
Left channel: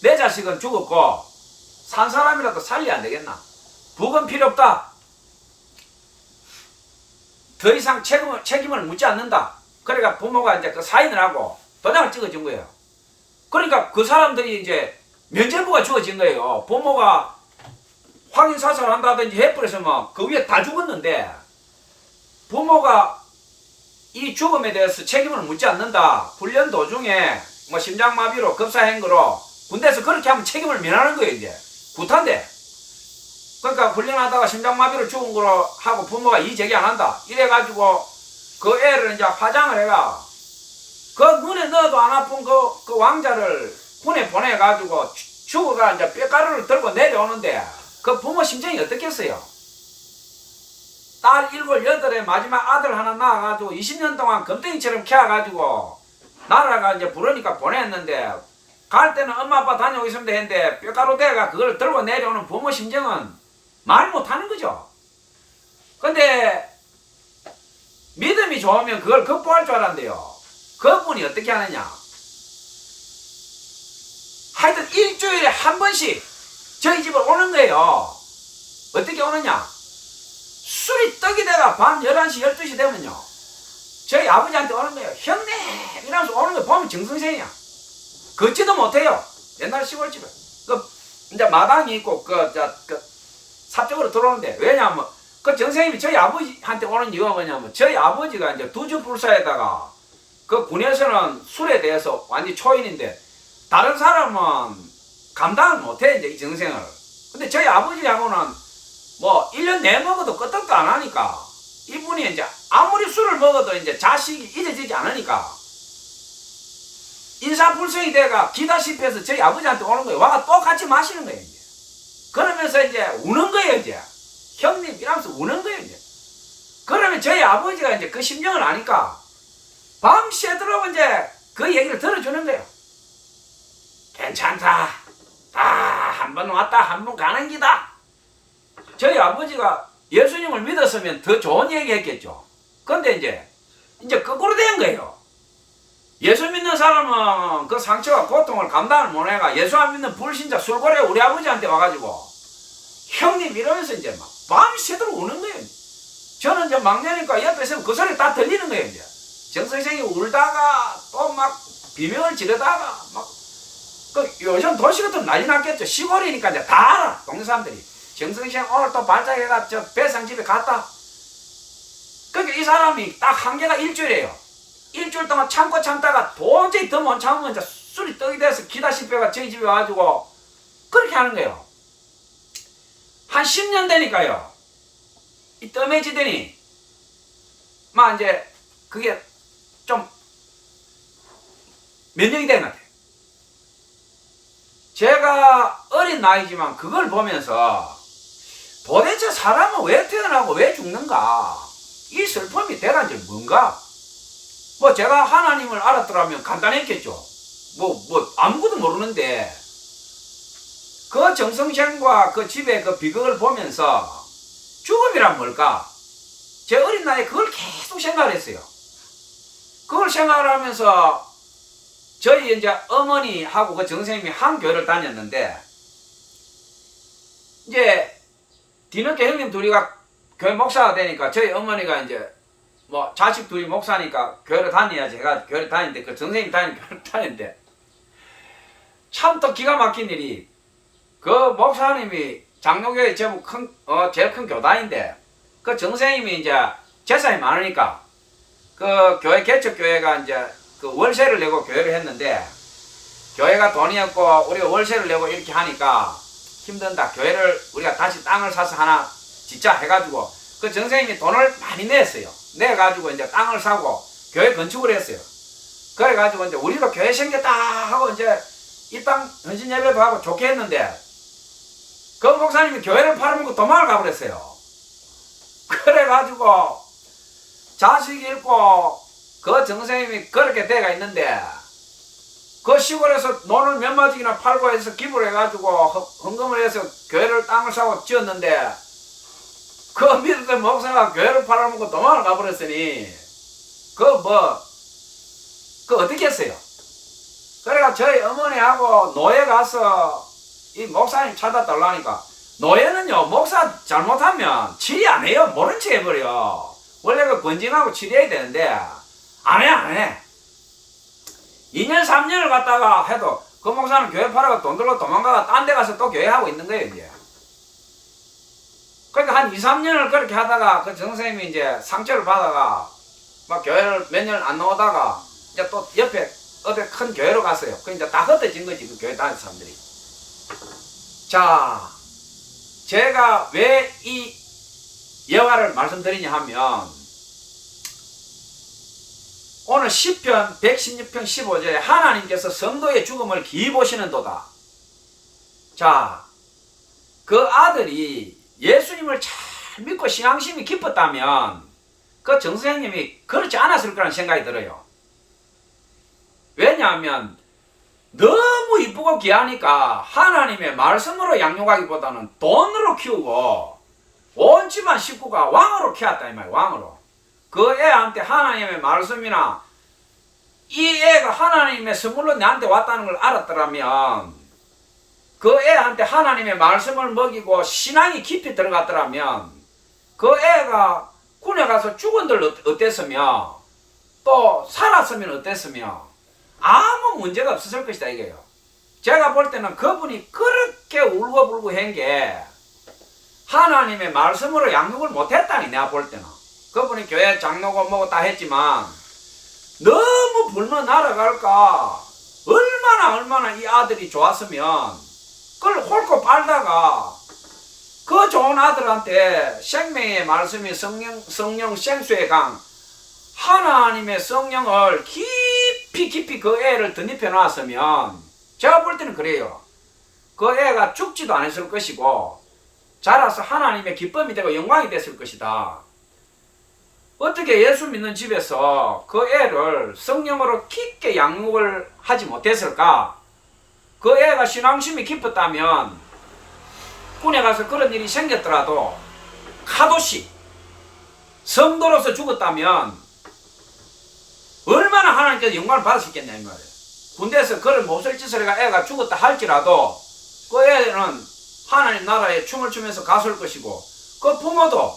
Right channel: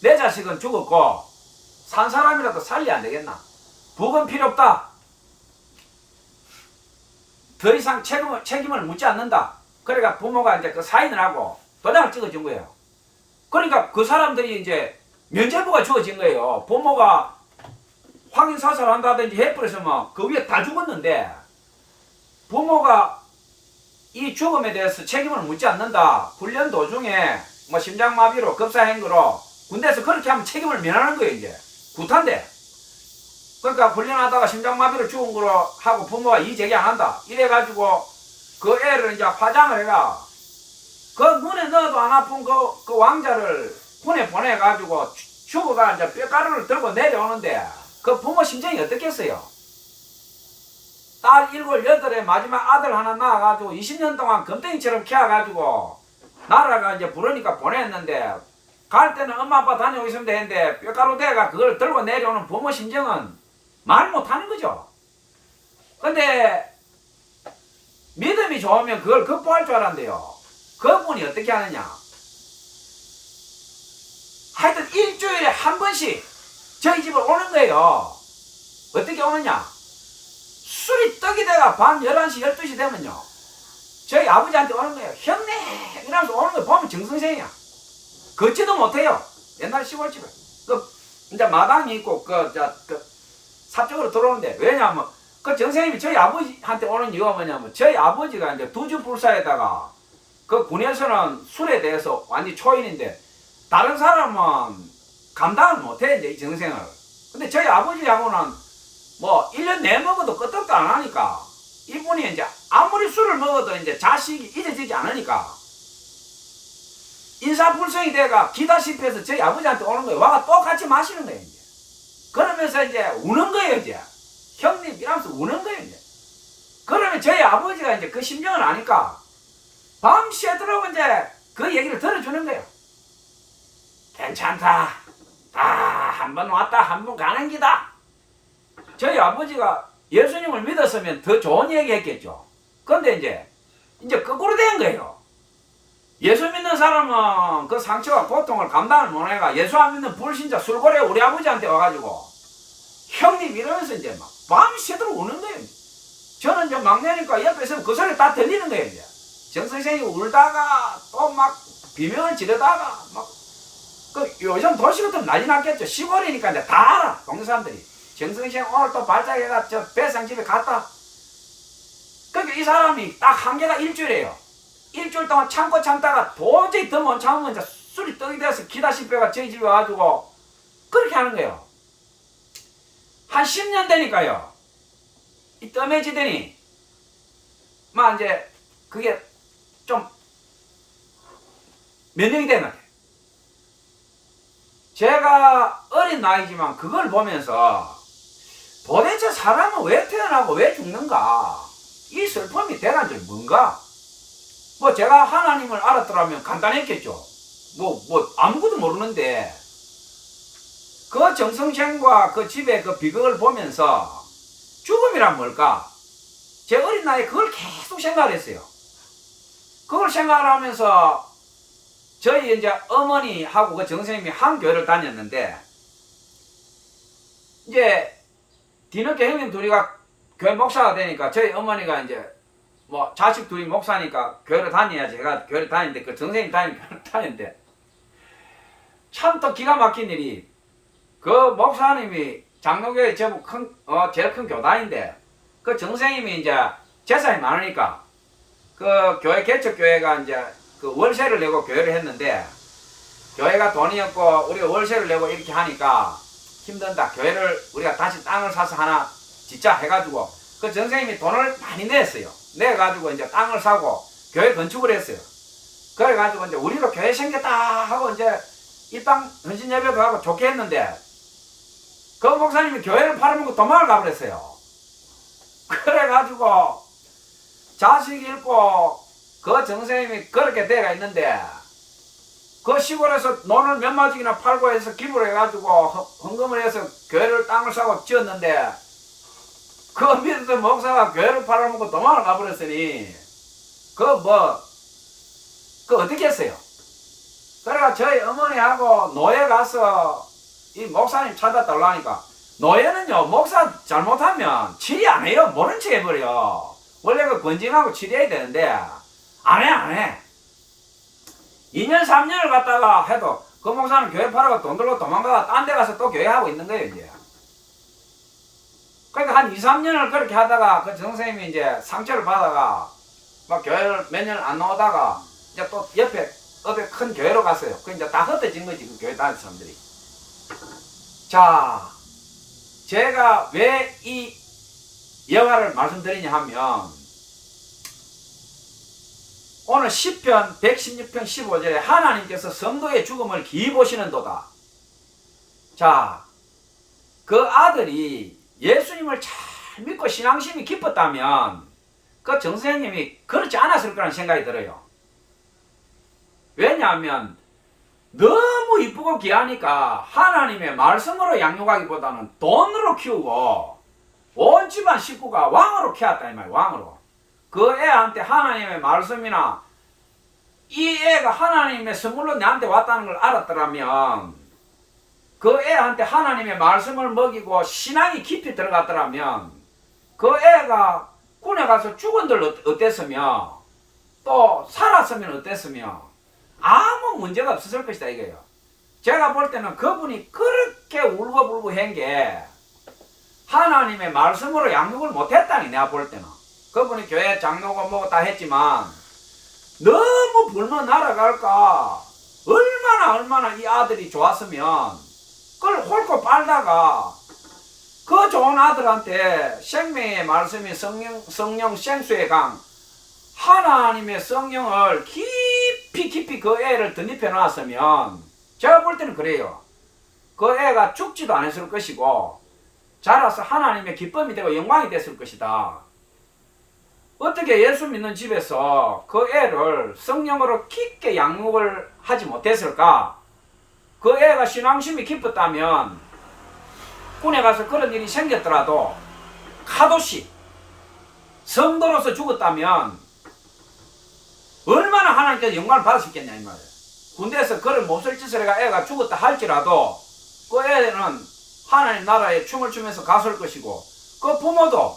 내 자식은 죽었고 산 사람이라도 살려야 안 되겠나? 부검 필요 없다. 더 이상 책임을 묻지 않는다. 그러니까 부모가 이제 그 사인을 하고 도장을 찍어준 거예요. 그러니까 그 사람들이 이제 면죄부가 주어진 거예요. 부모가 확인 사살을 한다든지 해버렸으면 그 위에 다 죽었는데 부모가 이 죽음에 대해서 책임을 묻지 않는다. 훈련 도중에 뭐 심장마비로 급사행거로 군대에서 그렇게 하면 책임을 면하는 거예요. 이제 구탄데. 그러니까 훈련하다가 심장마비로 죽은 거로 하고 부모가 이의 제기 안 한다. 이래가지고 그 애를 이제 화장을 해가 그 눈에 넣어도 안 아픈 그 왕자를 군에 보내가지고 죽어가 이제 뼈가루를 들고 내려오는데 그 부모 심정이 어떻겠어요? 딸 7, 8에 마지막 아들 하나 낳아가지고 20년 동안 금덩이처럼 키워가지고 나라가 이제 부르니까 보냈는데 갈 때는 엄마 아빠 다녀오고 있으면 되는데 뼈가루 대가 그걸 들고 내려오는 부모 심정은 말 못하는 거죠. 근데 믿음이 좋으면 그걸 극복할 줄 알았는데요. 그분이 어떻게 하느냐. 하여튼 일주일에 한 번씩 저희 집을 오는 거예요. 어떻게 오느냐. 술이 떡이 돼가 밤 11시 12시 되면요 저희 아버지한테 오는 거예요. 형님 이러면서 오는 거 보면 정선생이야. 걷지도 못해요. 옛날 시골집에 그 이제 마당이 있고 그 삽적으로 들어오는데 왜냐하면 그 정선생님이 저희 아버지한테 오는 이유가 뭐냐면 저희 아버지가 이제 두주불사에다가 그 군에서는 술에 대해서 완전 초인인데 다른 사람은 감당을 못해 이제 이 정생을. 근데 저희 아버지하고는 뭐 1년 내 먹어도 끄떡도 안 하니까 이분이 이제 아무리 술을 먹어도 이제 자식이 잊어지지 않으니까 인사불성이 돼가 기다시피 해서 저희 아버지한테 오는 거예요. 와가 또 같이 마시는 거예요. 이제. 그러면서 이제 우는 거예요. 이제 형님 이러면서 우는 거예요. 이제. 그러면 저희 아버지가 이제 그 심정을 아니까 밤새도록 이제 그 얘기를 들어주는 거예요. 괜찮다. 다 한 번 왔다 한 번 가는 기다. 저희 아버지가 예수님을 믿었으면 더 좋은 얘기 했겠죠. 근데 이제 거꾸로 된 거예요. 예수 믿는 사람은 그 상처와 고통을 감당을 못해가 예수 안 믿는 불신자 술고래 우리 아버지한테 와가지고 형님 이러면서 이제 막 밤새도록 우는 거예요. 저는 이제 막내니까 옆에 있으면 그 소리 다 들리는 거예요. 이제 정 선생이 울다가 또 막 비명을 지르다가 막 그 요즘 도시 같으면 난리 났겠죠. 시골이니까 이제 다 알아. 동네 사람들이. 정선생 오늘 또 발작해가 저 배상집에 갔다. 그러니까 이 사람이 딱 한계가 일주일이에요. 일주일 동안 참고 참다가 도저히 더 못 참으면 이제 술이 떡이 돼서 기다시피가 저희 집에 와가지고 그렇게 하는 거예요. 한 10년 되니까요. 이 뜸해지더니 막 이제 그게 좀 몇 년이 되는 것 같아요. 제가 어린 나이지만 그걸 보면서 도대체 사람은 왜 태어나고 왜 죽는가? 이 슬픔이 대단한 줄 뭔가? 뭐 제가 하나님을 알았더라면 간단했겠죠. 뭐 아무것도 모르는데 그 정성생과 그 집의 그 비극을 보면서 죽음이란 뭘까? 제 어린 나이에 그걸 계속 생각을 했어요. 그걸 생각을 하면서 저희 이제 어머니하고 그 정선생님이 한 교회를 다녔는데 이제 뒤늦게 형님 둘이가 교회 목사가 되니까 저희 어머니가 이제 뭐 자식 둘이 목사니까 교회를 다녀야지 제가 교회를 다니는데 그 정선생님 다니는 교회를 다니는데 참 또 기가 막힌 일이 그 목사님이 장로교회 제일 큰 교단인데 그 정선생님이 이제 재산이 많으니까 그 교회 개척교회가 이제 그 월세를 내고 교회를 했는데 교회가 돈이 없고 우리가 월세를 내고 이렇게 하니까 힘든다. 교회를 우리가 다시 땅을 사서 하나 짓자 해가지고 그 정선생님이 돈을 많이 냈어요. 내가지고 이제 땅을 사고 교회 건축을 했어요. 그래가지고 이제 우리도 교회 생겼다 하고 이제 이 땅 헌신 예배도 하고 좋게 했는데 그 목사님이 교회를 팔아먹고 도망을 가버렸어요. 그래가지고 자식 잃고 그 정선생님이 그렇게 돼가 있는데 그 시골에서 논을 몇 마디나 팔고 해서 기부를 해가지고 헌금을 해서 교회를 땅을 사고 지었는데 그 믿었던 목사가 교회를 팔아먹고 도망을 가버렸으니 그 뭐 그 어떻게 했어요? 그래가 저희 어머니하고 노예 가서 이 목사님 찾아달라니까, 노예는요 목사 잘못하면 치리 안 해요. 모른 척 해버려. 원래 그 권징하고 치리해야 되는데 안 해. 2년 3년을 갔다가 해도 그 목사는 교회 팔아가 돈 들고 도망가가 딴 데 가서 또 교회 하고 있는 거예요 이제. 그러니까 한 2, 3년을 그렇게 하다가 그 선생님이 이제 상처를 받아가 막 교회를 몇 년 안 나오다가 이제 또 옆에 어디 큰 교회로 갔어요. 그 이제 다 흩어진 거지, 그 교회 다니는 사람들이. 자, 제가 왜 이 여가를 말씀드리냐 하면, 오늘 시편 116편 15절에 하나님께서 성도의 죽음을 기이 보시는도다. 자, 그 아들이 예수님을 잘 믿고 신앙심이 깊었다면 그 정선생님이 그렇지 않았을 거라는 생각이 들어요. 왜냐하면 너무 이쁘고 귀하니까 하나님의 말씀으로 양육하기보다는 돈으로 키우고 온 집안 식구가 왕으로 키웠다 이 말이에요. 왕으로. 그 애한테 하나님의 말씀이나 이 애가 하나님의 선물로 내한테 왔다는 걸 알았더라면, 그 애한테 하나님의 말씀을 먹이고 신앙이 깊이 들어갔더라면 그 애가 군에 가서 죽은들 어땠으며 또 살았으면 어땠으며 아무 문제가 없었을 것이다 이거예요. 제가 볼 때는 그분이 그렇게 울고불고 한 게 하나님의 말씀으로 양육을 못했다니. 내가 볼 때는 그분이 교회 장로고 뭐고 다 했지만 너무 불면 날아갈까 얼마나 이 아들이 좋았으면 그걸 홀고 빨다가 그 좋은 아들한테 생명의 말씀이 성령 생수의 강 하나님의 성령을 깊이 그 애를 덧입혀 놨으면 제가 볼 때는 그래요. 그 애가 죽지도 않았을 것이고 자라서 하나님의 기쁨이 되고 영광이 됐을 것이다. 어떻게 예수 믿는 집에서 그 애를 성령으로 깊게 양육을 하지 못했을까? 그 애가 신앙심이 깊었다면 군에 가서 그런 일이 생겼더라도 카도시 성도로서 죽었다면 얼마나 하나님께서 영광을 받을 수 있겠냐 이 말이에요. 군대에서 그런 몹쓸 짓을 해가 애가 죽었다 할지라도 그 애는 하나님 나라에 춤을 추면서 갔을 것이고, 그 부모도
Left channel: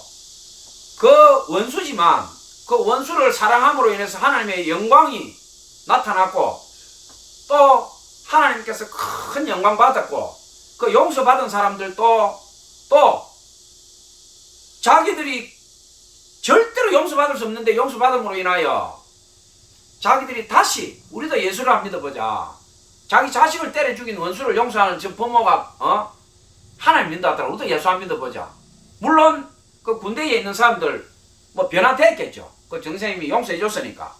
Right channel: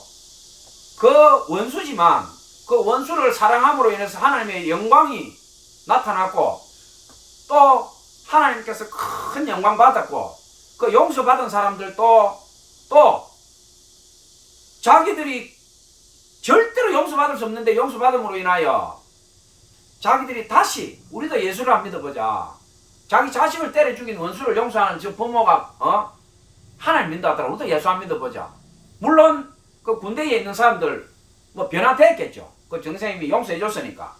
그 원수지만 그 원수를 사랑함으로 인해서 하나님의 영광이 나타났고 또 하나님께서 큰 영광 받았고, 그 용서받은 사람들도 또 자기들이 절대로 용서받을 수 없는데 용서받음으로 인하여 자기들이 다시 우리도 예수를 안 믿어보자. 자기 자식을 때려 죽인 원수를 용서하는 저 부모가 하나님 믿는다 하더라. 우리도 예수 안 믿어보자. 물론 그 군대에 있는 사람들 뭐 변화됐겠죠. 그 정선생님이 용서해 줬으니까.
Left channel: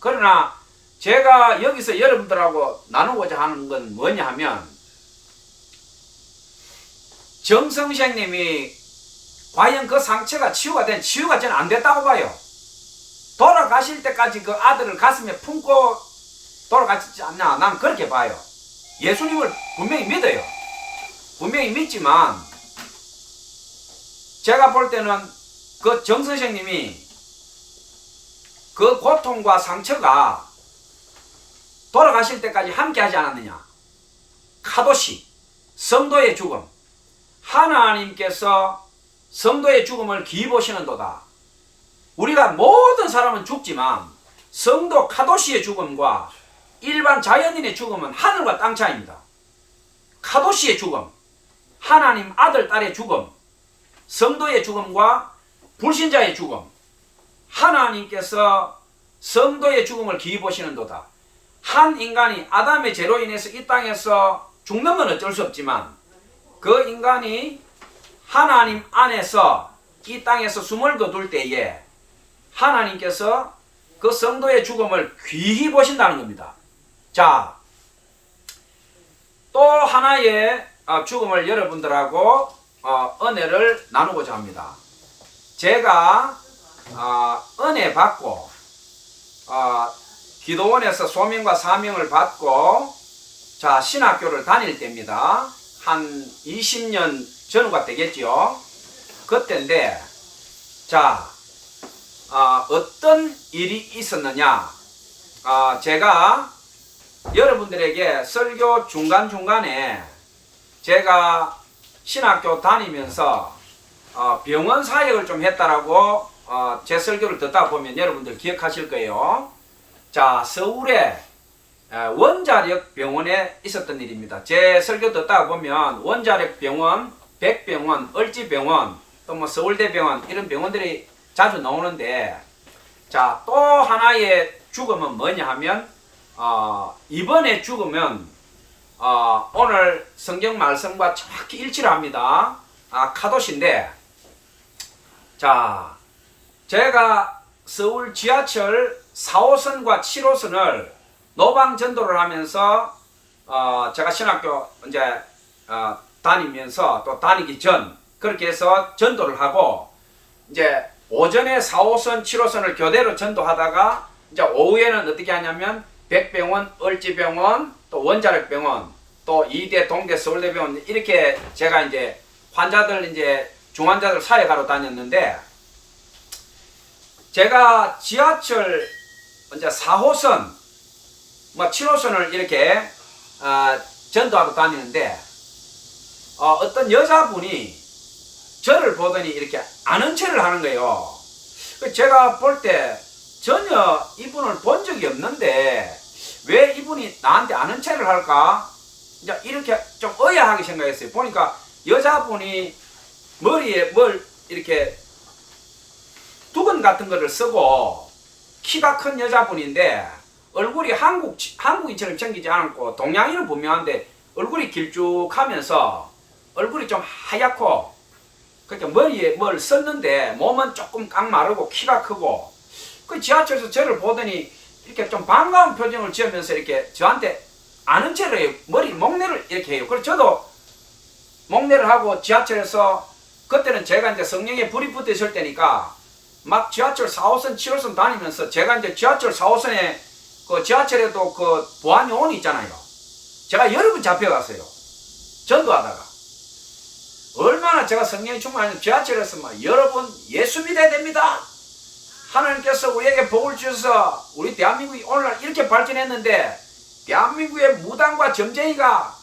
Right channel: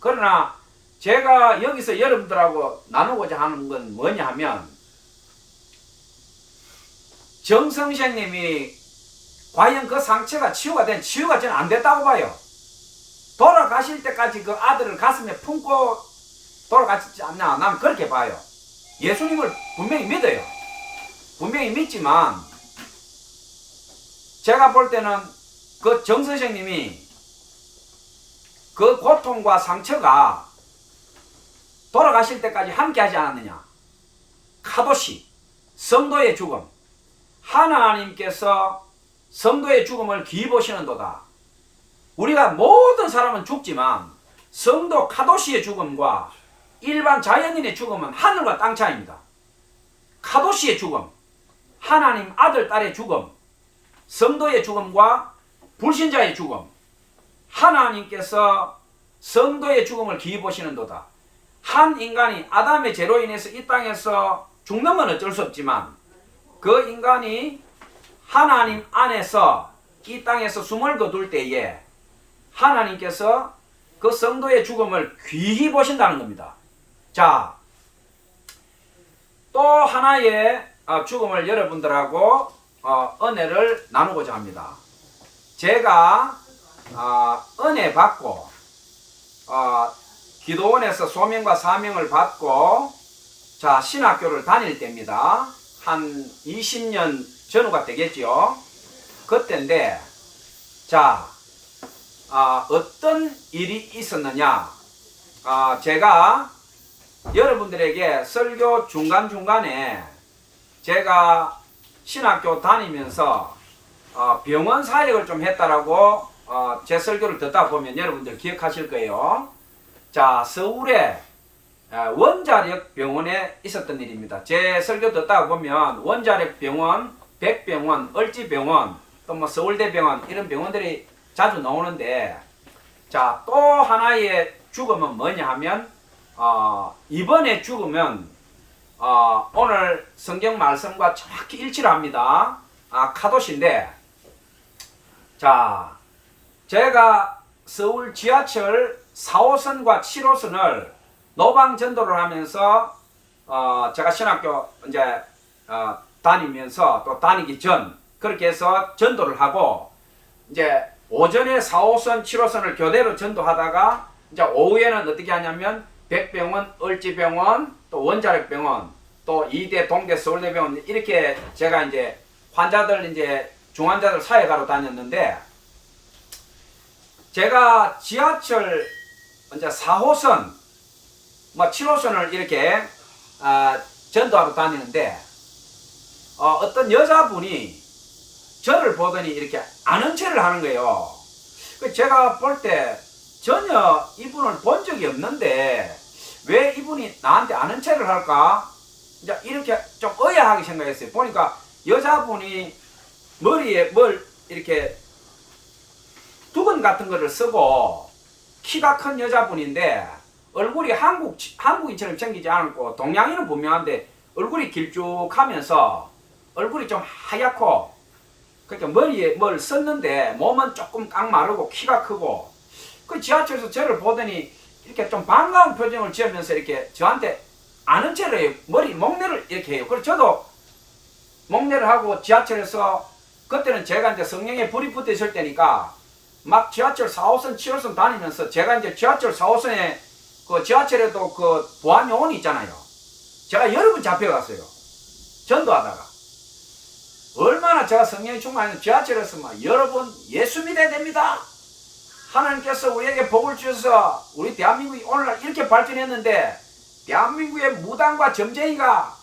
그러나 제가 여기서 여러분들하고 나누고자 하는 건 뭐냐 하면, 정선생님이 과연 그 상처가 치유가 저는 안 됐다고 봐요. 돌아가실 때까지 그 아들을 가슴에 품고 돌아가시지 않나, 나는 그렇게 봐요. 예수님을 분명히 믿어요. 분명히 믿지만 제가 볼 때는 그 정 선생님이 그 고통과 상처가 돌아가실 때까지 함께 하지 않았느냐. 카도시, 성도의 죽음. 하나님께서 성도의 죽음을 기이 보시는도다. 우리가 모든 사람은 죽지만 성도 카도시의 죽음과 일반 자연인의 죽음은 하늘과 땅 차이입니다. 카도시의 죽음, 하나님 아들 딸의 죽음, 성도의 죽음과 불신자의 죽음. 하나님께서 성도의 죽음을 기이 보시는도다. 한 인간이 아담의 죄로 인해서 이 땅에서 죽는 건 어쩔 수 없지만 그 인간이 하나님 안에서 이 땅에서 숨을 거둘 때에 하나님께서 그 성도의 죽음을 귀히 보신다는 겁니다. 자, 또 하나의 죽음을 여러분들하고 은혜를 나누고자 합니다. 제가 은혜 받고 기도원에서 소명과 사명을 받고 자 신학교를 다닐 때입니다. 한 20년 전후가 되겠지요. 그때인데 자 어떤 일이 있었느냐. 제가 여러분들에게 설교 중간중간에 제가 신학교 다니면서 병원 사역을 좀 했다라고 제 설교를 듣다 보면 여러분들 기억하실 거예요. 자, 서울에 원자력 병원에 있었던 일입니다. 제 설교 듣다 보면 원자력 병원, 백병원, 을지병원, 또 뭐 서울대병원 이런 병원들이 자주 나오는데, 자, 또 하나의 죽음은 뭐냐 하면 이번에 죽으면 오늘 성경 말씀과 정확히 일치를 합니다. 카도시인데, 자, 제가 서울 지하철 4호선과 7호선을 노방 전도를 하면서 제가 신학교 이제 다니면서 또 다니기 전 그렇게 해서 전도를 하고, 이제 오전에 4호선, 7호선을 교대로 전도하다가 이제 오후에는 어떻게 하냐면 백병원, 을지병원, 또 원자력병원, 또 이대, 동대, 서울대병원 이렇게 제가 이제 환자들 이제 중환자들 사역하러 다녔는데, 제가 지하철 이제 4호선, 뭐 7호선을 이렇게 전도하러 다니는데 어떤 여자분이 저를 보더니 이렇게 아는 체를 하는 거예요. 제가 볼 때 전혀 이분을 본 적이 없는데 왜 이분이 나한테 아는 체를 할까? 이제 이렇게 좀 의아하게 생각했어요. 보니까 여자분이 머리에 뭘 이렇게 두건 같은 거를 쓰고 키가 큰 여자분인데 얼굴이 한국인처럼 생기지 않았고 동양인은 분명한데 얼굴이 길쭉하면서 얼굴이 좀 하얗고, 그러니까 머리에 뭘 썼는데 몸은 조금 깡마르고 키가 크고, 그 지하철에서 저를 보더니 이렇게 좀 반가운 표정을 지으면서 이렇게 저한테 아는 체를 해요. 머리 목례를 이렇게 해요. 그래서 저도 목례를 하고 지하철에서, 그때는 제가 이제 성령에 불이 붙어 있을 때니까 막 지하철 4호선, 7호선 다니면서 제가 이제 지하철 4호선에 그 지하철에도 그 보안요원이 있잖아요. 제가 여러 번 잡혀갔어요. 전도하다가. 얼마나 제가 성령이 충만하면 지하철에서 막 여러 번 예수 믿어야 됩니다. 하나님께서 우리에게 복을 주셔서 우리 대한민국이 오늘날 이렇게 발전했는데 대한민국의 무당과 점쟁이가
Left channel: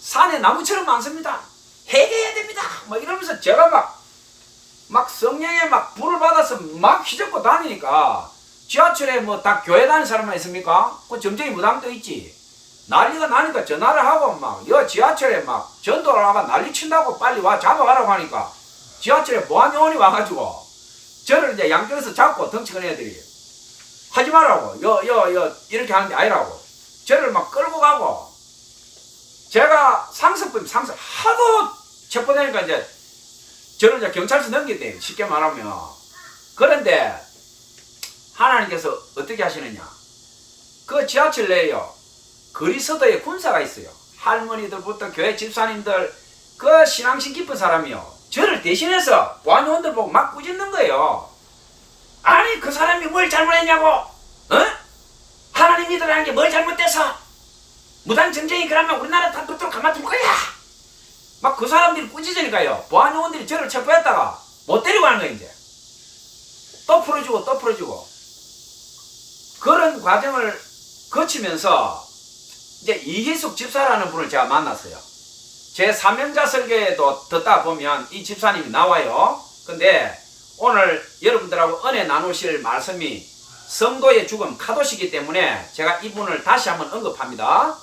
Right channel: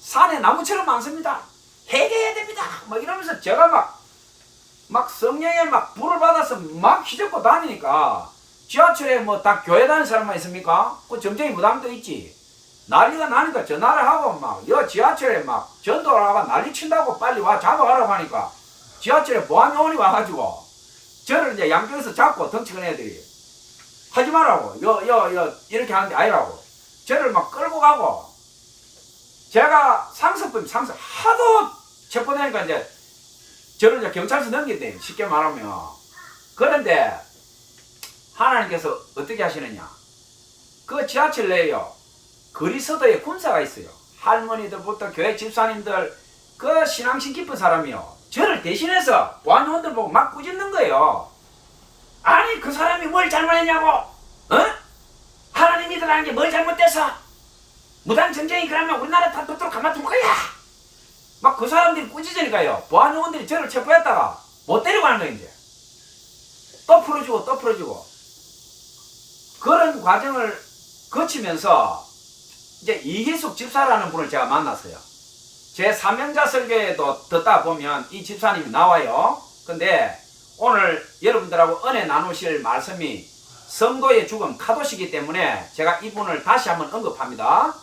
산에 나무처럼 많습니다. 해결해야 됩니다. 막 이러면서 제가 막 성령에 막 불을 받아서 막 휘젓고 다니니까, 지하철에 뭐 다 교회 다니는 사람만 있습니까? 그 점쟁이 무당도 있지. 난리가 나니까 전화를 하고 막 여 지하철에 막 전도를 하고 난리 친다고 빨리 와 잡아가라고 하니까 지하철에 보안요원이 와가지고 저를 이제 양쪽에서 잡고, 덩치 큰 애들이 하지 말라고 이렇게 하는데 아니라고 저를 막 끌고 가고, 제가 상습범 하도 체포되니까 이제 저를 이제 경찰서 넘겼대요. 쉽게 말하면. 그런데 하나님께서 어떻게 하시느냐, 그 지하철 내에요 그리스도의 군사가 있어요. 할머니들부터 교회 집사님들, 그 신앙심 깊은 사람이요, 저를 대신해서 보안요원들 보고 막 꾸짖는 거예요. 아니 그 사람이 뭘 잘못했냐고, 하나님 믿으라는 게 뭘 잘못돼서 무당 전쟁이 그러면 우리나라 다 붙들어 가만둘 거야. 막 그 사람들이 꾸짖으니까요, 보안요원들이 저를 체포했다가 못 데리고 가는 거예요. 이제 또 풀어주고 그런 과정을 거치면서 이제 이희숙 집사라는 분을 제가 만났어요. 제 사명자 설교에도 듣다 보면 이 집사님이 나와요. 근데 오늘 여러분들하고 은혜 나누실 말씀이 성도의 죽음 카도시기 때문에 제가 이분을 다시 한번 언급합니다.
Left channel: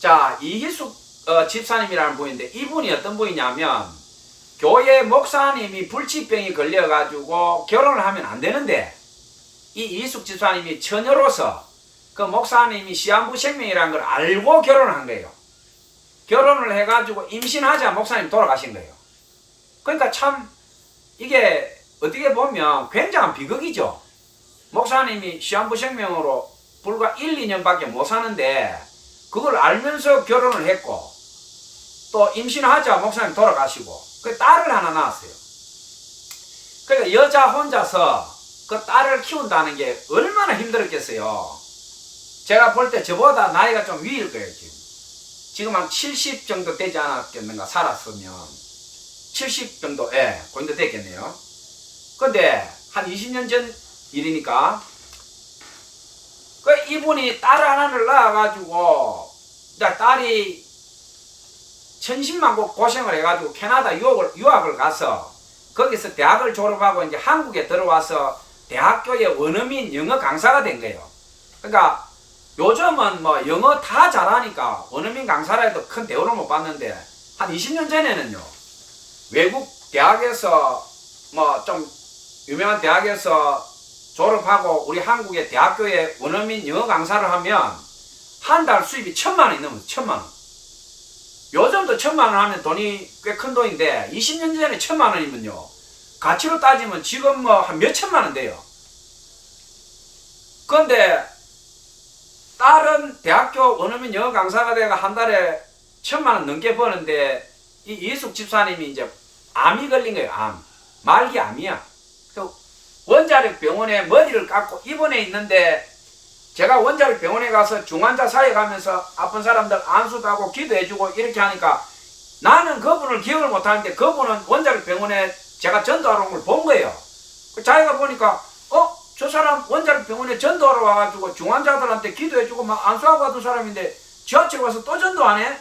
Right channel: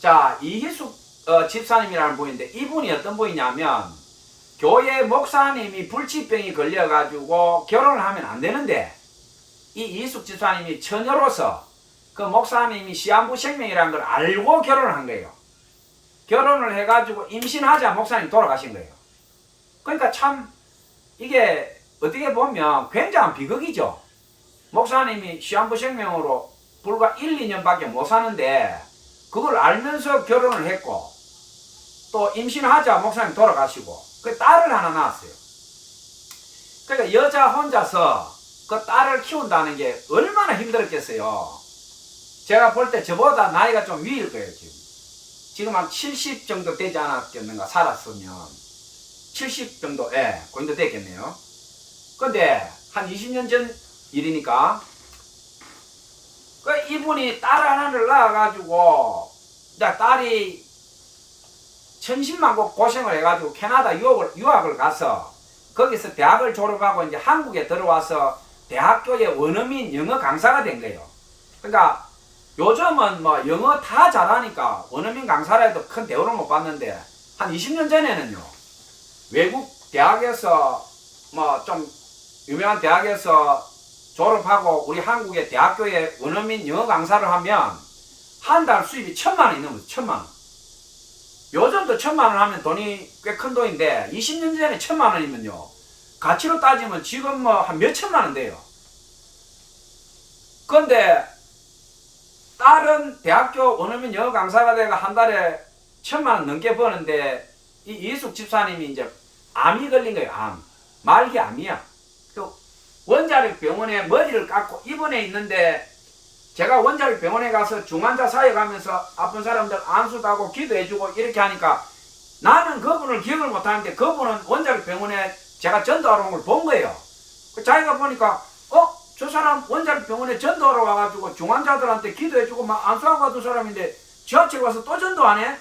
자, 이희숙 집사님이라는 분인데, 이분이 어떤 분이냐면 교회 목사님이 불치병이 걸려가지고 결혼을 하면 안 되는데, 이 이희숙 집사님이 처녀로서 그 목사님이 시한부 생명이라는 걸 알고 결혼을 한 거예요. 결혼을 해가지고 임신하자 목사님 돌아가신 거예요. 그러니까 참 이게 어떻게 보면 굉장한 비극이죠. 목사님이 시한부 생명으로 불과 1, 2년밖에 못 사는데 그걸 알면서 결혼을 했고, 또 임신하자 목사님 돌아가시고 그 딸을 하나 낳았어요. 그러니까 여자 혼자서 그 딸을 키운다는 게 얼마나 힘들었겠어요. 제가 볼 때 저보다 나이가 좀 위일 거예요. 지금 한 70 정도 되지 않았겠는가, 살았으면 70 정도, 그 정도 됐겠네요. 근데 한 20년 전 일이니까 그 이분이 딸 하나를 낳아가지고 이제 딸이 천신만고 고생을 해가지고 캐나다 유학을 가서 거기서 대학을 졸업하고 이제 한국에 들어와서 대학교의 원어민 영어 강사가 된 거예요. 그러니까 요즘은 뭐 영어 다 잘하니까 원어민 강사라 해도 큰 대우를 못 받는데 한 20년 전에는요, 외국 대학에서 뭐 좀 유명한 대학에서 졸업하고 우리 한국의 대학교에 원어민 영어 강사를 하면 한 달 수입이 1,000만 원이 넘어요. 1,000만 원. 요즘도 1,000만 원 하면 돈이 꽤 큰 돈인데 20년 전에 1,000만 원이면요, 가치로 따지면 지금 뭐 한 몇천만 원 돼요. 그런데 딸은 대학교 원어민 영어 강사가 돼가 한 달에 1,000만 원 넘게 버는데 이 이숙 집사님이 이제 암이 걸린 거예요. 암. 말기 암이야. 그 원자력 병원에 머리를 깎고 입원해 있는데 제가 원자력 병원에 가서 중환자 사회 가면서 아픈 사람들 안수하고 기도해주고 이렇게 하니까 나는 그분을 기억을 못하는데 그분은 원자력 병원에 제가 전도하러 온 걸 본 거예요. 자기가 보니까 저 사람 원자력 병원에 전도하러 와가지고 중환자들한테 기도해주고 막 안수하고 하던 사람인데 지하철 와서 또 전도하네?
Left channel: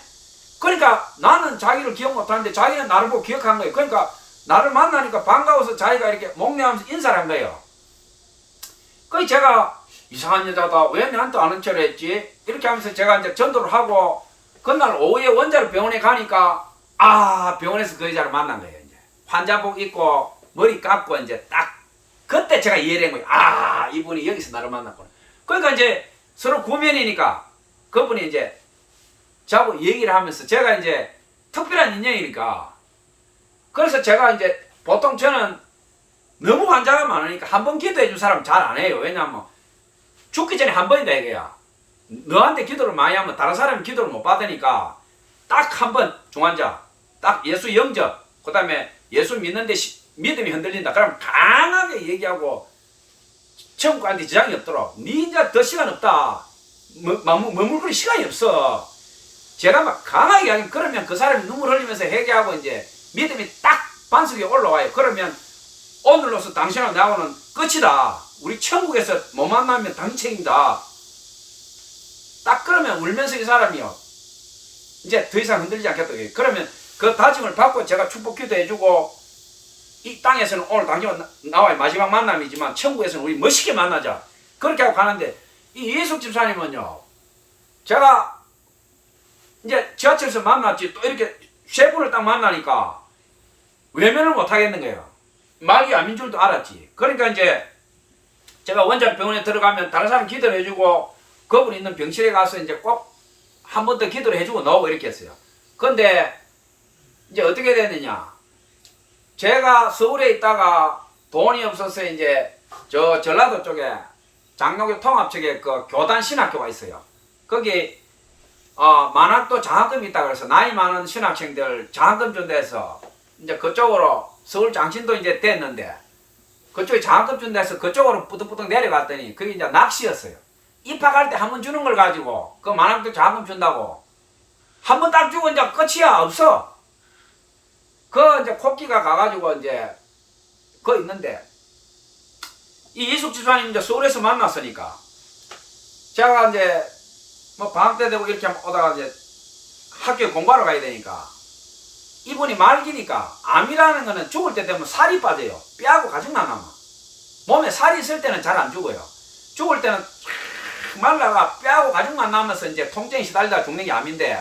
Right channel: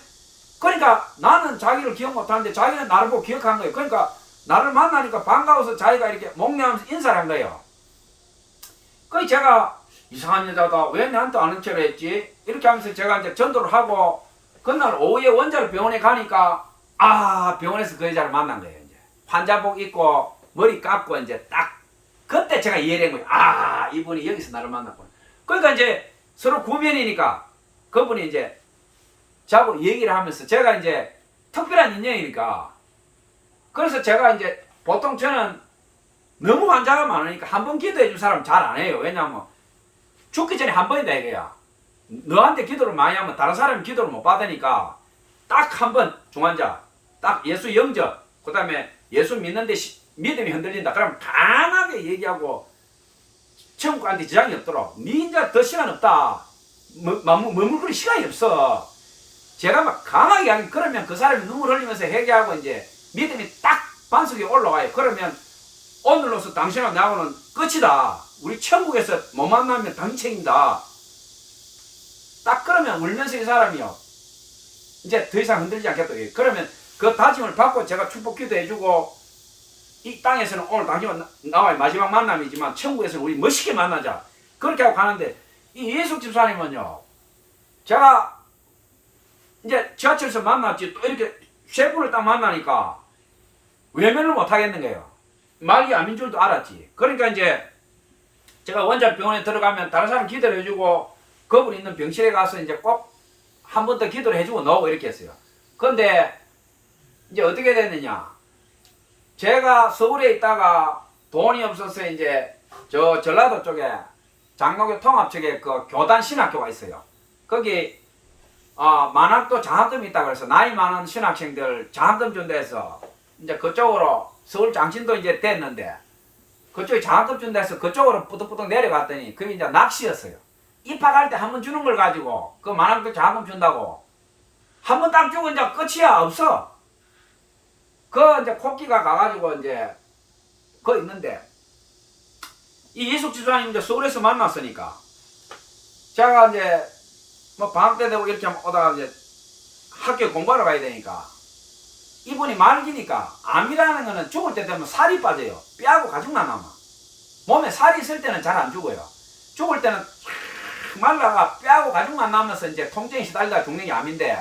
그러니까 나는 자기를 기억 못하는데 자기는 나를 보고 기억한 거예요. 그러니까 나를 만나니까 반가워서 자기가 이렇게 목례하면서 인사를 한 거예요. 그래서 제가 이상한 여자다, 왜 나한테 아는 척을 했지? 이렇게 하면서 제가 이제 전도를 하고 그날 오후에 원자력 병원에 가니까 병원에서 그 여자를 만난 거예요. 이제 환자복 입고 머리 깎고 이제 딱 그때 제가 이해를 한 거예요. 이분이 여기서 나를 만났구나. 그러니까 이제 서로 구면이니까 그분이 이제 저하고 얘기를 하면서 제가 이제 특별한 인연이니까 그래서 제가 이제 보통 저는 너무 환자가 많으니까 한 번 기도해 준 사람 잘 안 해요. 왜냐하면 죽기 전에 한 번이다 이거야. 너한테 기도를 많이 하면 다른 사람이 기도를 못 받으니까 딱 한 번 중환자, 딱 예수 영접, 그 다음에 예수 믿는데 믿음이 흔들린다. 그러면 강하게 얘기하고 천국한테 지장이 없도록 니 이제 더 시간 없다. 머물거릴 시간이 없어. 제가 막 강하게 하면 그러면 그 사람이 눈물 흘리면서 회개하고 이제 믿음이 딱 반석에 올라와요. 그러면 오늘로서 당신하고 나하고는 끝이다. 우리 천국에서 못 만나면 당신 책임다. 딱 그러면 울면서 이 사람이요, 이제 더 이상 흔들리지 않겠다. 그러면 그 다짐을 받고 제가 축복 기도해주고 이 땅에서는 오늘 당신과 나와의 마지막 만남이지만 천국에서는 우리 멋있게 만나자. 그렇게 하고 가는데 이 이숙 집사님은요, 제가 이제 지하철에서 만났지 또 이렇게 세 분을 딱 만나니까 외면을 못 하겠는 거예요. 말기 암인 줄도 알았지. 그러니까 이제 제가 원자력 병원에 들어가면 다른 사람 기도를 해주고 그분 있는 병실에 가서 이제 꼭 한 번 더 기도를 해주고 나오고 이렇게 했어요. 근데 이제 어떻게 됐느냐, 제가 서울에 있다가 돈이 없어서 이제 저 전라도 쪽에 장로교 통합 쪽에 그 교단 신학교가 있어요. 거기 만학도 장학금이 있다 그래서 나이 많은 신학생들 장학금 준다 해서 이제 그쪽으로 서울 장신도 이제 됐는데 그쪽에 장학금 준다 해서 그쪽으로 뿌득뿌득 내려갔더니 그게 이제 낚시였어요. 입학할 때 한 번 주는 걸 가지고 그 만학도 장학금 준다고 한 번 딱 주고 이제 끝이야. 없어. 그 이제 코끼가 가가지고 이제 그 있는데 이 이숙 집사님 이제 서울에서 만났으니까 제가 이제 뭐 방학 때 되고 이렇게 오다가 이제 학교에 공부하러 가야 되니까 이분이 말기니까 암이라는 거는 죽을 때 되면 살이 빠져요. 뼈하고 가죽만 남아. 몸에 살이 있을 때는 잘 안 죽어요. 죽을 때는 말라가 뼈하고 가죽만 남아서 이제 통증에 시달리다 죽는 게 암인데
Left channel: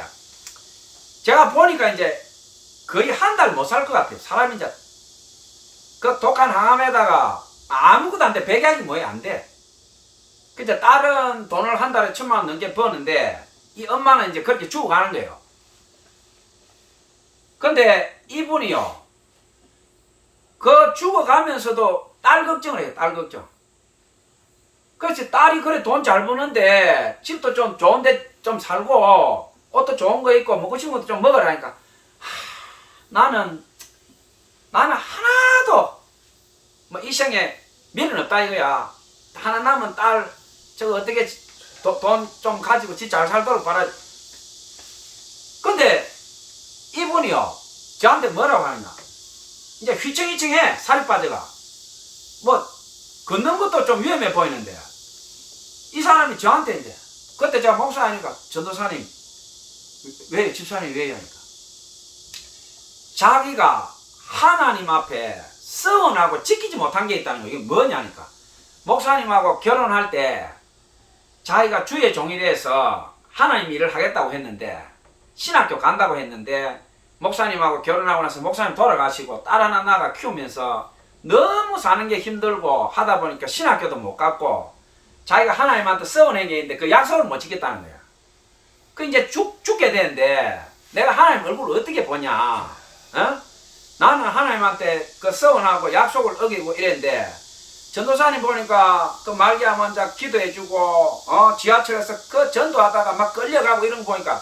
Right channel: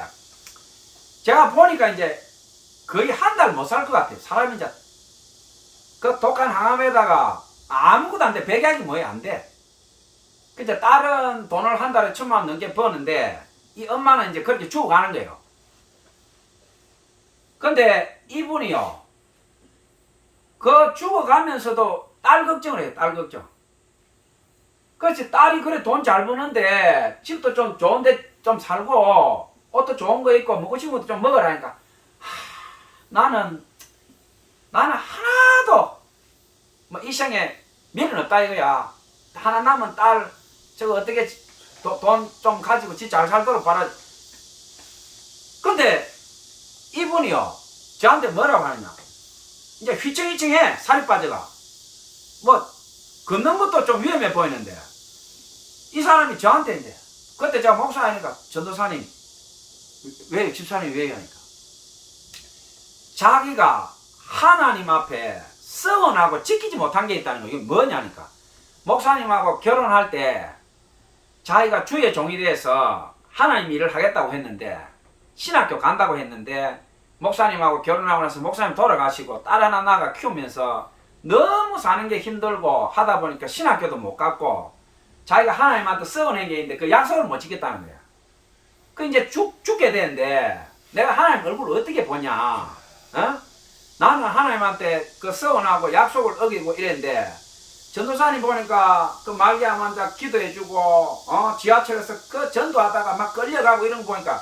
제가 보니까 이제 거의 한 달 못 살 것 같아요. 사람이 이제 그 독한 항암에다가 아무것도 안 돼. 백약이 뭐야 안 돼. 그때 딸은 돈을 한 달에 1,000만 원 넘게 버는데 이 엄마는 이제 그렇게 죽어가는 거예요. 근데 이분이요, 그 죽어가면서도 딸 걱정을 해요. 딸 걱정. 그렇지, 딸이 그래 돈 잘 버는데 집도 좀 좋은데 좀 살고 옷도 좋은 거 입고 먹고 싶은 것도 좀 먹으라니까 나는 하나도 뭐 이 생에 미련 없다 이거야. 하나 남은 딸 저거 어떻게 돈 좀 가지고 지 잘 살도록 바라. 근데 이분이요 저한테 뭐라고 하느냐, 이제 휘청휘청해. 살이 빠져가 뭐 걷는 것도 좀 위험해 보이는데 이 사람이 저한테 이제 그때 제가 목사니까 전도사님 왜 집사님 왜 하니까 자기가 하나님 앞에 서원하고 지키지 못한 게 있다는 거예요. 이게 뭐냐니까 목사님하고 결혼할 때 자기가 주의 종이 돼서 하나님 일을 하겠다고 했는데 신학교 간다고 했는데 목사님하고 결혼하고 나서 목사님 돌아가시고 딸 하나 낳아 키우면서 너무 사는 게 힘들고 하다 보니까 신학교도 못 갔고 자기가 하나님한테 서원한 게 있는데 그 약속을 못 지켰다는 거야. 그 이제 죽게 되는데 내가 하나님 얼굴을 어떻게 보냐? 어? 나는 하나님한테 그 서원하고 약속을 어기고 이랬는데 전도사님 보니까 그 말기암 환자 기도해주고 지하철에서 그 전도하다가 막 끌려가고 이런 거 보니까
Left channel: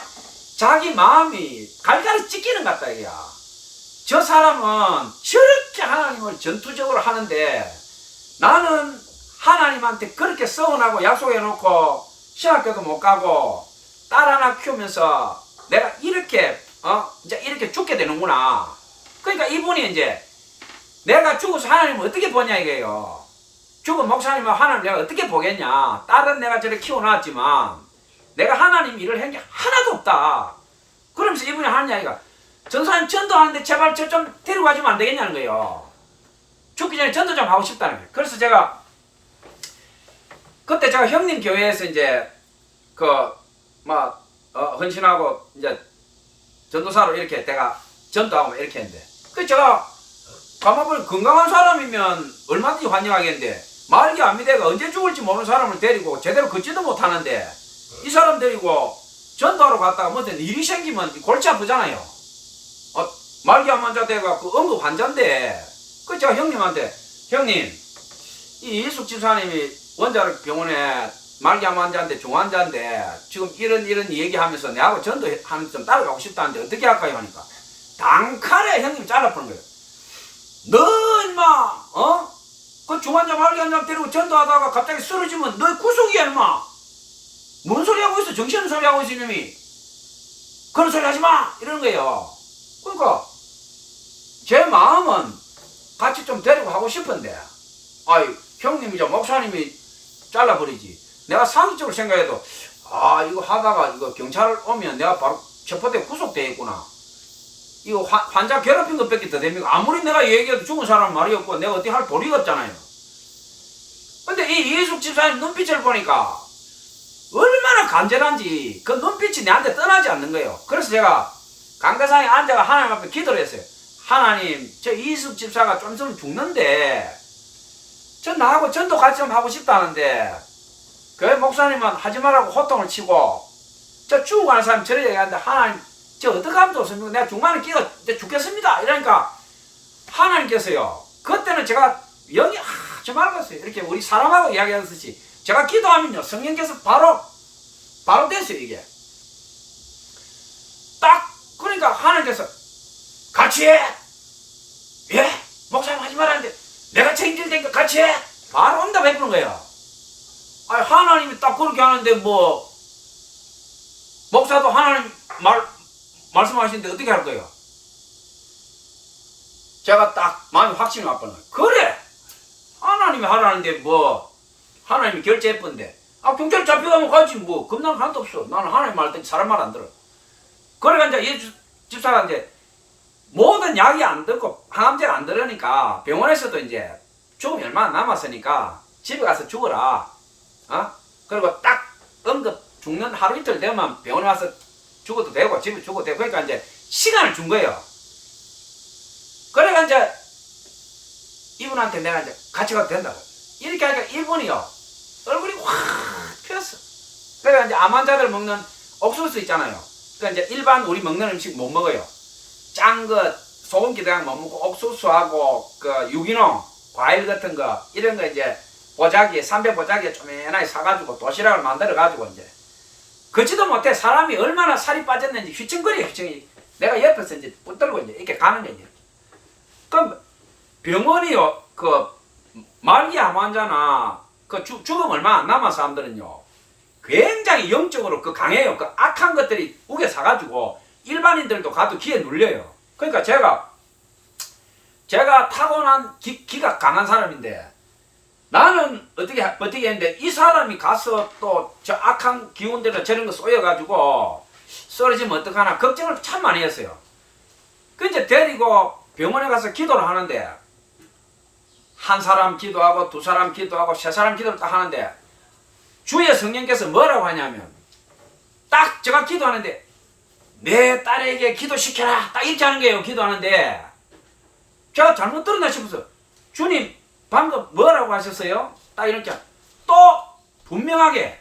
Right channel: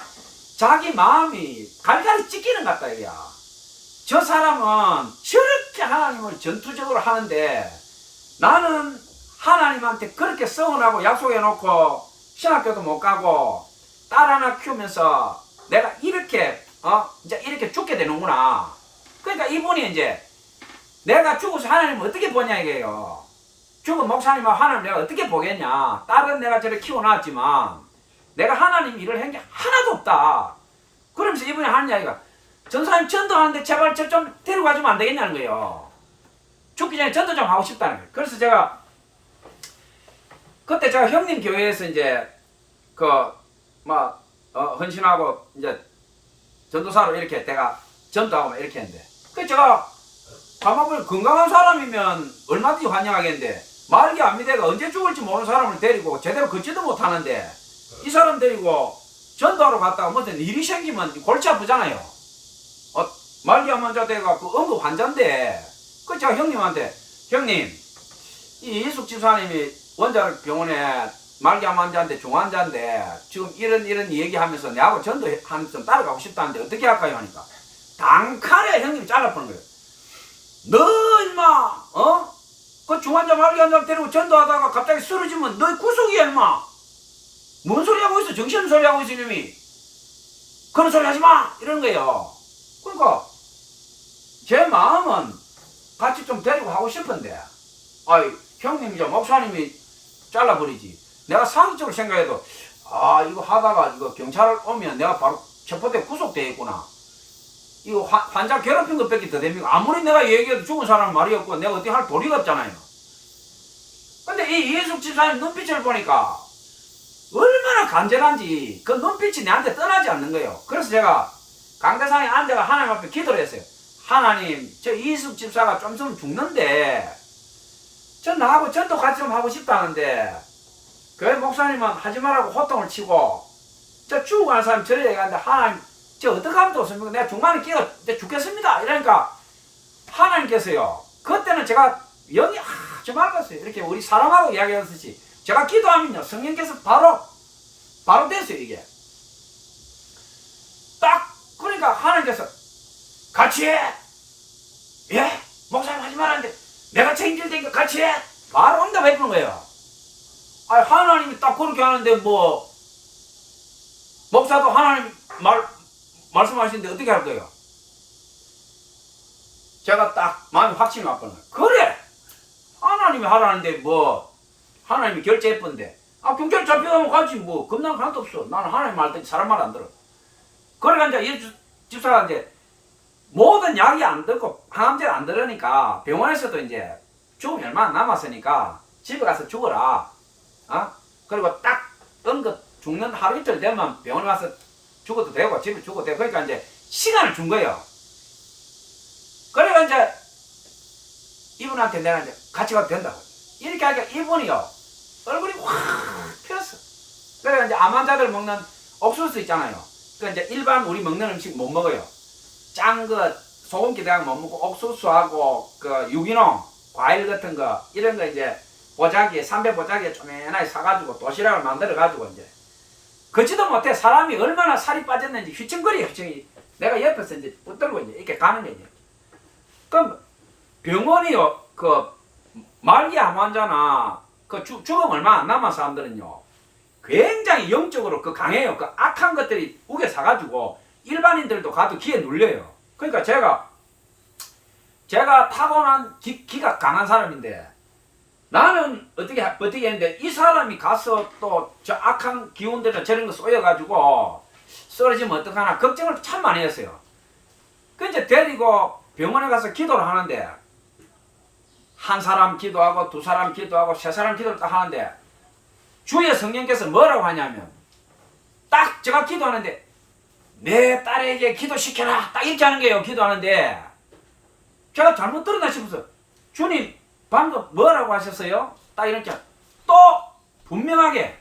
자기 마음이 갈갈이 찢기는 것 같다 이거야. 저 사람은 저렇게 하나님을 전투적으로 하는데 나는 하나님한테 그렇게 서운하고 약속해놓고 신학교도 못 가고 딸 하나 키우면서 내가 이렇게 이제 이렇게 죽게 되는구나. 그러니까 이분이 이제 내가 죽어서 하나님을 어떻게 보냐 이게요. 죽은 목사님하고 하나님 내가 어떻게 보겠냐. 딸은 내가 저를 키워놨지만 내가 하나님 일을 한 게 하나도 없다. 그러면서 이분이 하는 이야기가 전사님 전도하는데 제발 저 좀 데리고 가주면 안 되겠냐는 거예요. 죽기 전에 전도 좀 하고 싶다는 거예요. 그래서 제가 그때 제가 형님 교회에서 이제 헌신하고 이제 전도사로 이렇게 내가 전도하고 이렇게 했는데 그 제가 가만 보면 건강한 사람이면 얼마든지 환영하겠는데 말기 암미대가 언제 죽을지 모르는 사람을 데리고 제대로 걷지도 못하는데 이 사람 데리고 전도하러 갔다가 뭐 일이 생기면 골치 아프잖아요. 말기암 환자 돼가 그 응급 환자인데 그 제가 형님한테 형님 이 이숙 집사님이 원자력 병원에 말기암 환자인데 중환자인데 지금 이런 얘기하면서 내하고 전도하면서 좀 따라가고 싶다는데 어떻게 할까요 하니까 단칼에 형님이 잘라버린 거예요. 너 임마 그 중환자 말기암 데리고 전도하다가 갑자기 쓰러지면 너 구속이야 임마. 뭔 소리 하고 있어? 정신없는 소리 하고 있어 이놈이. 그런 소리 하지마 이러는 거예요. 그러니까 제 마음은 같이 좀 데리고 하고 싶은데 아이 형님이죠 목사님이 잘라버리지. 내가 상식적으로 생각해도 이거 하다가 이거 경찰 오면 내가 바로 체포돼 구속돼 있구나. 이거 환자 괴롭힌 것밖에 더 됩니까? 아무리 내가 얘기해도 죽은 사람은 말이 없고 내가 어떻게 할 도리가 없잖아요. 근데 이 이숙 집사님 눈빛을 보니까 얼마나 간절한지 그 눈빛이 내한테 떠나지 않는 거예요. 그래서 제가 강대상에 앉아가 하나님 앞에 기도를 했어요. 하나님 저 이숙 집사가 좀 있으면 죽는데 저 나하고 전도 같이 좀 하고 싶다는데 교회 목사님은 하지 말라고 호통을 치고 저 죽어가는 사람이 저리 얘기하는데 하나님 저 어떻게 하면 좋습니까? 내가 중간에 끼어 죽겠습니다. 이러니까 하나님께서요 그때는 제가 영이 아주 맑았어요. 이렇게 우리 사람하고 이야기하듯이 제가 기도하면요 성령께서 바로 됐어요. 이게 딱 그러니까 하나님께서 같이 해. 예? 목사님 하지 말았는데 내가 책임질 테니까 같이 해. 바로 응답해 주는 거예요. 아니 하나님이 딱 그렇게 하는데 뭐 목사도 하나님 말씀하시는데 어떻게 할 거예요? 제가 딱 마음이 확신이 왔거든요. 그래 하나님이 하라는데 뭐 하나님이 결제했던데 경찰 잡혀가면 가지 뭐 겁나는 거 하나도 없어. 나는 하나님 말 듣지 사람 말 안 들어. 그래가 이제 이 집사가 이제 모든 약이 안 듣고 항암제를 안 들으니까 병원에서도 이제 죽음이 얼마 안 남았으니까 집에 가서 죽어라. 그리고 딱 응급 죽는 하루 이틀 되면 병원에 와서 죽어도 되고 집에 죽어도 되고 그러니까 이제 시간을 준 거예요. 그래가 이제 이분한테 내가 이제 같이 가도 된다고 이렇게 하니까 이분이요 얼굴이 확 폈어. 그래가 이제 암 환자들 먹는 옥수수 있잖아요. 그러니까 이제 일반 우리 먹는 음식 못 먹어요. 짠 거 소금기 대학 못 먹고 옥수수하고 그 유기농 과일 같은 거 이런 거 이제 보자기에 300보자기에 쪼매나게 사가지고 도시락을 만들어 가지고 이제 걷지도 못해. 사람이 얼마나 살이 빠졌는지 휘청거려 휘청이. 내가 옆에서 이제 붙들고 이제 이렇게 가는 거지. 그럼 병원이요 그 말기암 환자나 그 죽음 얼마 안 남은 사람들은요 굉장히 영적으로 그 강해요. 그 악한 것들이 우겨 사가지고 일반인들도 가도 기에 눌려요. 그러니까 제가 타고난 기가 강한 사람인데 나는 어떻게 했는데 이 사람이 가서 또 저 악한 기운들이나 저런 거 쏘여가지고 쓰러지면 어떡하나 걱정을 참 많이 했어요. 그 이제 데리고 병원에 가서 기도를 하는데 한 사람 기도하고 두 사람 기도하고 세 사람 기도를 딱 하는데 주의 성령께서 뭐라고 하냐면 딱 제가 기도하는데 내 딸에게 기도시켜라 딱 이렇게 하는 거예요. 기도하는데 제가 잘못 들었나 싶어서 주님 방금 뭐라고 하셨어요? 딱 이렇게 또 분명하게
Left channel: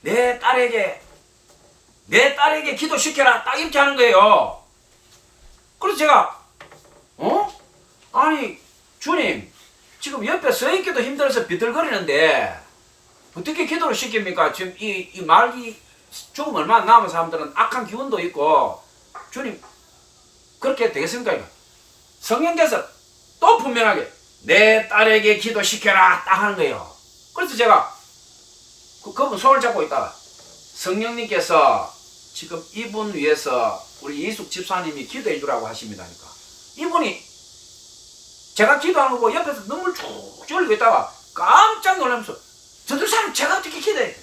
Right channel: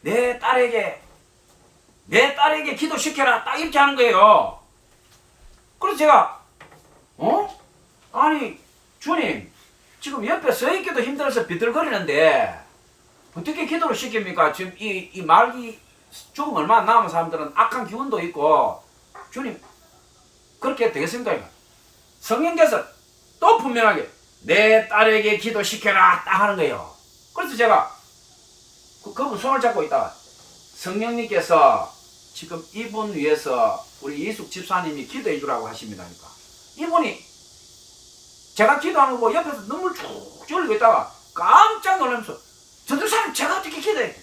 내 딸에게 기도시켜라 딱 이렇게 하는 거예요. 그래서 제가 아니 주님 지금 옆에 서 있기도 힘들어서 비틀거리는데 어떻게 기도를 시킵니까? 지금 이 말기 조금 얼마 안 남은 사람들은 악한 기운도 있고 주님 그렇게 되겠습니까? 성령께서 또 분명하게 내 딸에게 기도시켜라 딱 하는 거예요. 그래서 제가 그분 손을 잡고 있다가 성령님께서 지금 이분 위해서 우리 이숙 집사님이 기도해 주라고 하십니다니까. 이분이 제가 기도하는 거 보고 옆에서 눈물 쭉 흘리고 있다가 깜짝 놀라면서 전도사님 제가 어떻게 기도해?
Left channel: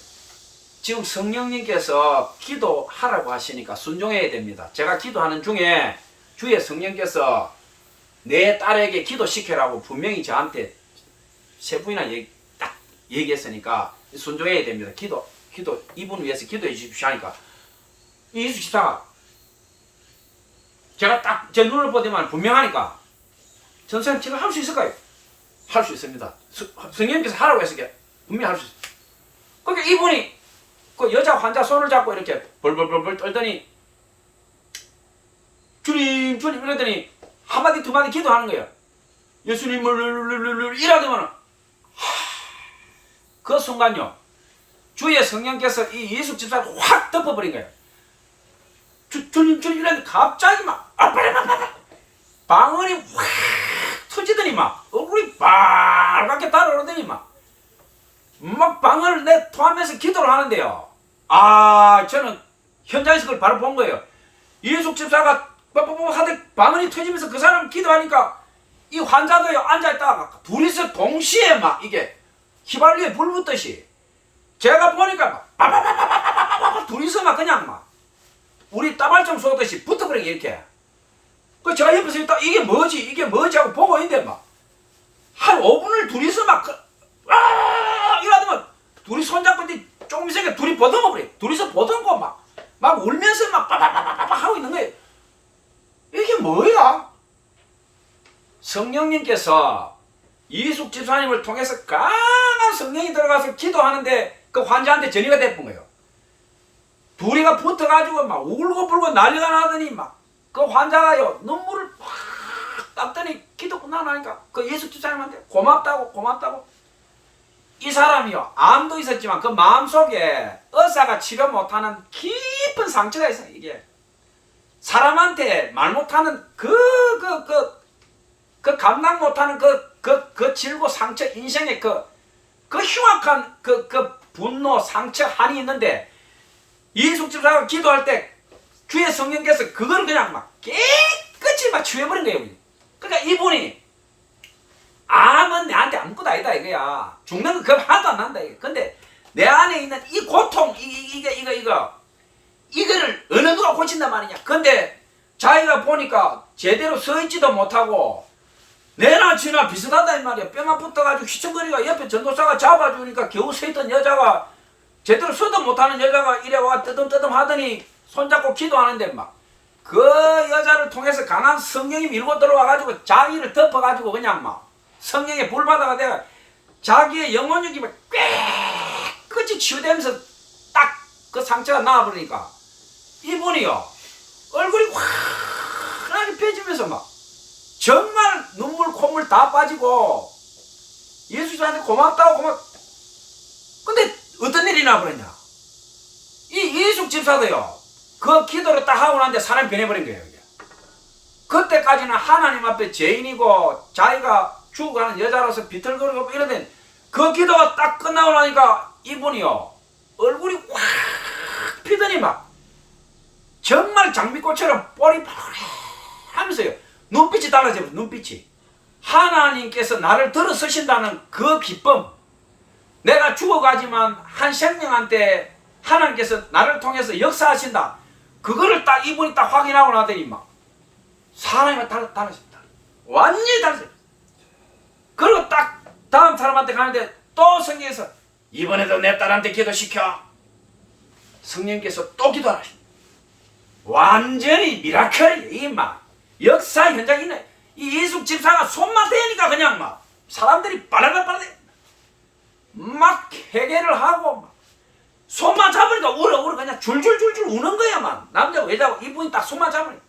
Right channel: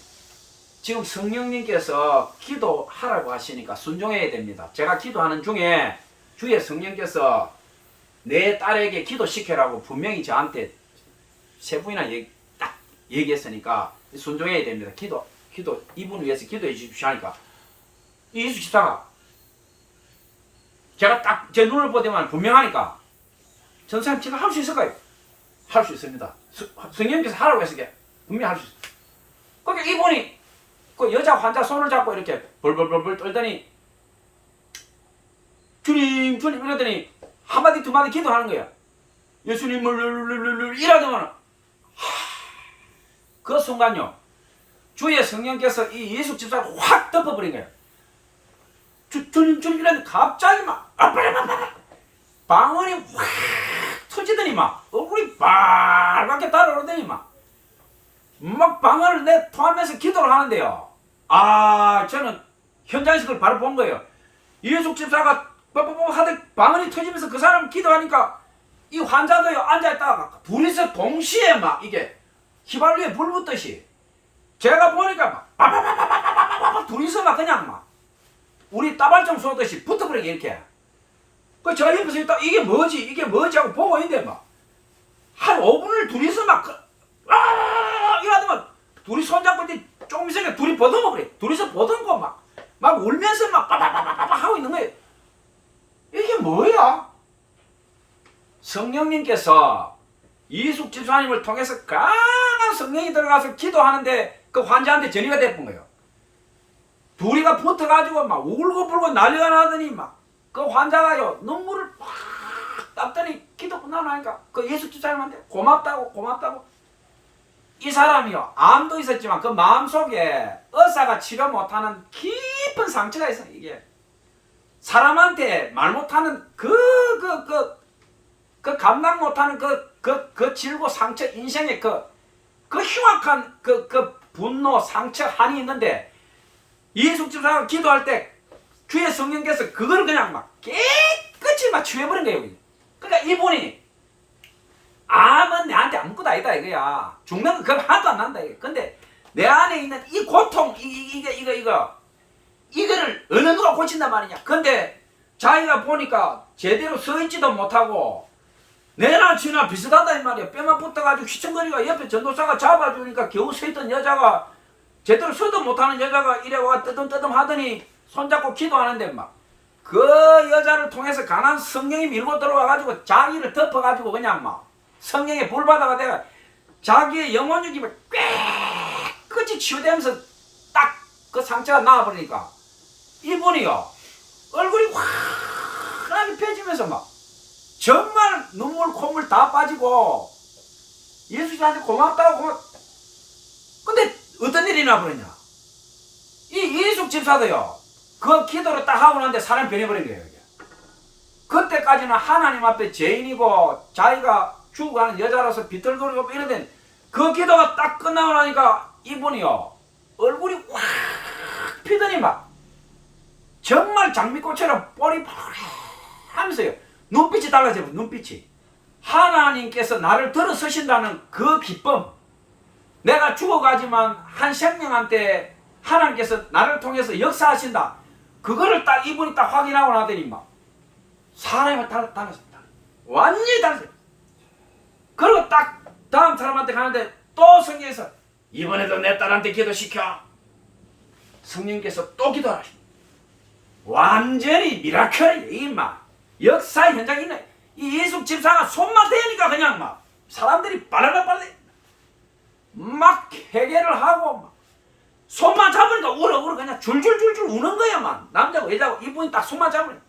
지금 성령님께서 기도하라고 하시니까 순종해야 됩니다. 제가 기도하는 중에 주의 성령께서 내 딸에게 기도시켜라고 분명히 저한테 세 분이나 딱 얘기했으니까 순종해야 됩니다. 기도 이분 위해서 기도해 주십시오 하니까 이수 집사가 제가 딱 제 눈을 보더만 분명하니까 전사님 제가 할 수 있을까요? 할 수 있습니다. 성령님께서 하라고 했으니까 분명히 할 수 있어요. 그러니까 이분이 그 여자 환자 손을 잡고 이렇게 벌벌벌벌 떨더니 주님 이러더니 한마디 두마디 기도하는 거예요. 예수님을 이러더만 그 순간요 주의 성령께서 이 예수 집사를 확 덮어버린 거예요. 주님 이러는데 갑자기 막 방언이 확 터지더니 막 얼굴이 빨갛게 달아오르더니 막 방언을 내 토하면서 기도를 하는데요. 저는 현장에서 그걸 바로 본 거예요. 예수 집사가 하다 방언이 터지면서 그 사람 기도하니까 이 환자도요 앉아있다가 둘이서 동시에 막 이게 휘발유에 불 붙듯이 제가 보니까 막 빠바바바바바바바 둘이서 막 그냥 막 우리 따발총 쏘듯이 붙어버리게 이렇게. 그 제가 옆에서 있다 이게 뭐지 하고 보고 있는데 막 한 5분을 둘이서 막 이러더만 둘이 손잡고 이제 조금 있으니까 둘이 버듬어버려. 둘이서 버듬고 막 울면서 막 빠바바바바 하고 있는 거예요. 이게 뭐야? 성령님께서 이숙 집사님을 통해서 강한 성령이 들어가서 기도하는데 그 환자한테 전이가 됐던 거예요. 둘이가 붙어가지고 막 울고불고 난리가 나더니 막 그 환자가요 눈물을 팍 닦더니 기도 끝나고 나니까 그 예수 집사님한테 고맙다고 이 사람이요 암도 있었지만 그 마음속에 의사가 치료 못하는 깊은 상처가 있어요. 이게 사람한테 말 못하는 그 감당 못하는 그 질고 상처 인생의 그 흉악한 그 분노 상처 한이 있는데 예수 집사가 기도할 때 주의 성령께서 그걸 그냥 막 깨끗이 막 치워버린 거예요. 그러니까 이분이 암은 내한테 아무것도 아니다 이거야. 죽는 거 그거 하나도 안 난다 이거. 근데 내 안에 있는 이 고통 이거를 어느 누가 고친단 말이냐. 근데 자기가 보니까 제대로 서 있지도 못하고 내나 지나 비슷하다 이 말이야. 뼈만 붙어가지고 휘청거리가 옆에 전도사가 잡아주니까 겨우 서 있던 여자가 제대로 서도 못하는 여자가 이래 와 뜨듬뜨듬 하더니 손잡고 기도하는데 막 그 여자를 통해서 강한 성령이 밀고 들어와가지고 자기를 덮어가지고 그냥 막 성령의 불바다가 돼가 자기의 영혼력이 막 깨끗이 치유되면서 딱 그 상처가 나와버리니까 이분이요 얼굴이 환하게 펴지면서 막 정말 눈물 콧물 다 빠지고 예수님한테 고맙다고 근데 어떤 일이 나버렸냐. 이 예숙 집사도요 그 기도를 딱 하고 나는데 사람이 변해버린 거예요. 이게. 그때까지는 하나님 앞에 죄인이고 자기가 죽어가는 여자로서 비틀거리고 이러던 그 기도가 딱 끝나고 나니까 이분이요 얼굴이 확 피더니 막 정말 장미꽃처럼 뽀리 하면서요 눈빛이 달라져요. 눈빛이 하나님께서 나를 들어서신다는 그 기쁨, 내가 죽어가지만 한 생명한테 하나님께서 나를 통해서 역사하신다, 그거를 딱 이분이 딱 확인하고 나더니 막 사람이 달라졌다. 완전히 달라졌다. 그리고 딱 다음 사람한테 가는데 또 성경에서 이번에도 내 딸한테 기도시켜. 성령께서 또 기도하라. 완전히 미라클이에요. 이 막 역사 현장이 있네. 이 예수 집사가 손만 대니까 그냥 막 사람들이 빨라빨라 막 회개를 하고 막 손만 잡으니까 울어 그냥 줄줄줄줄 우는 거야. 막 남자고 여자고 이분이 딱 손만 잡으니까.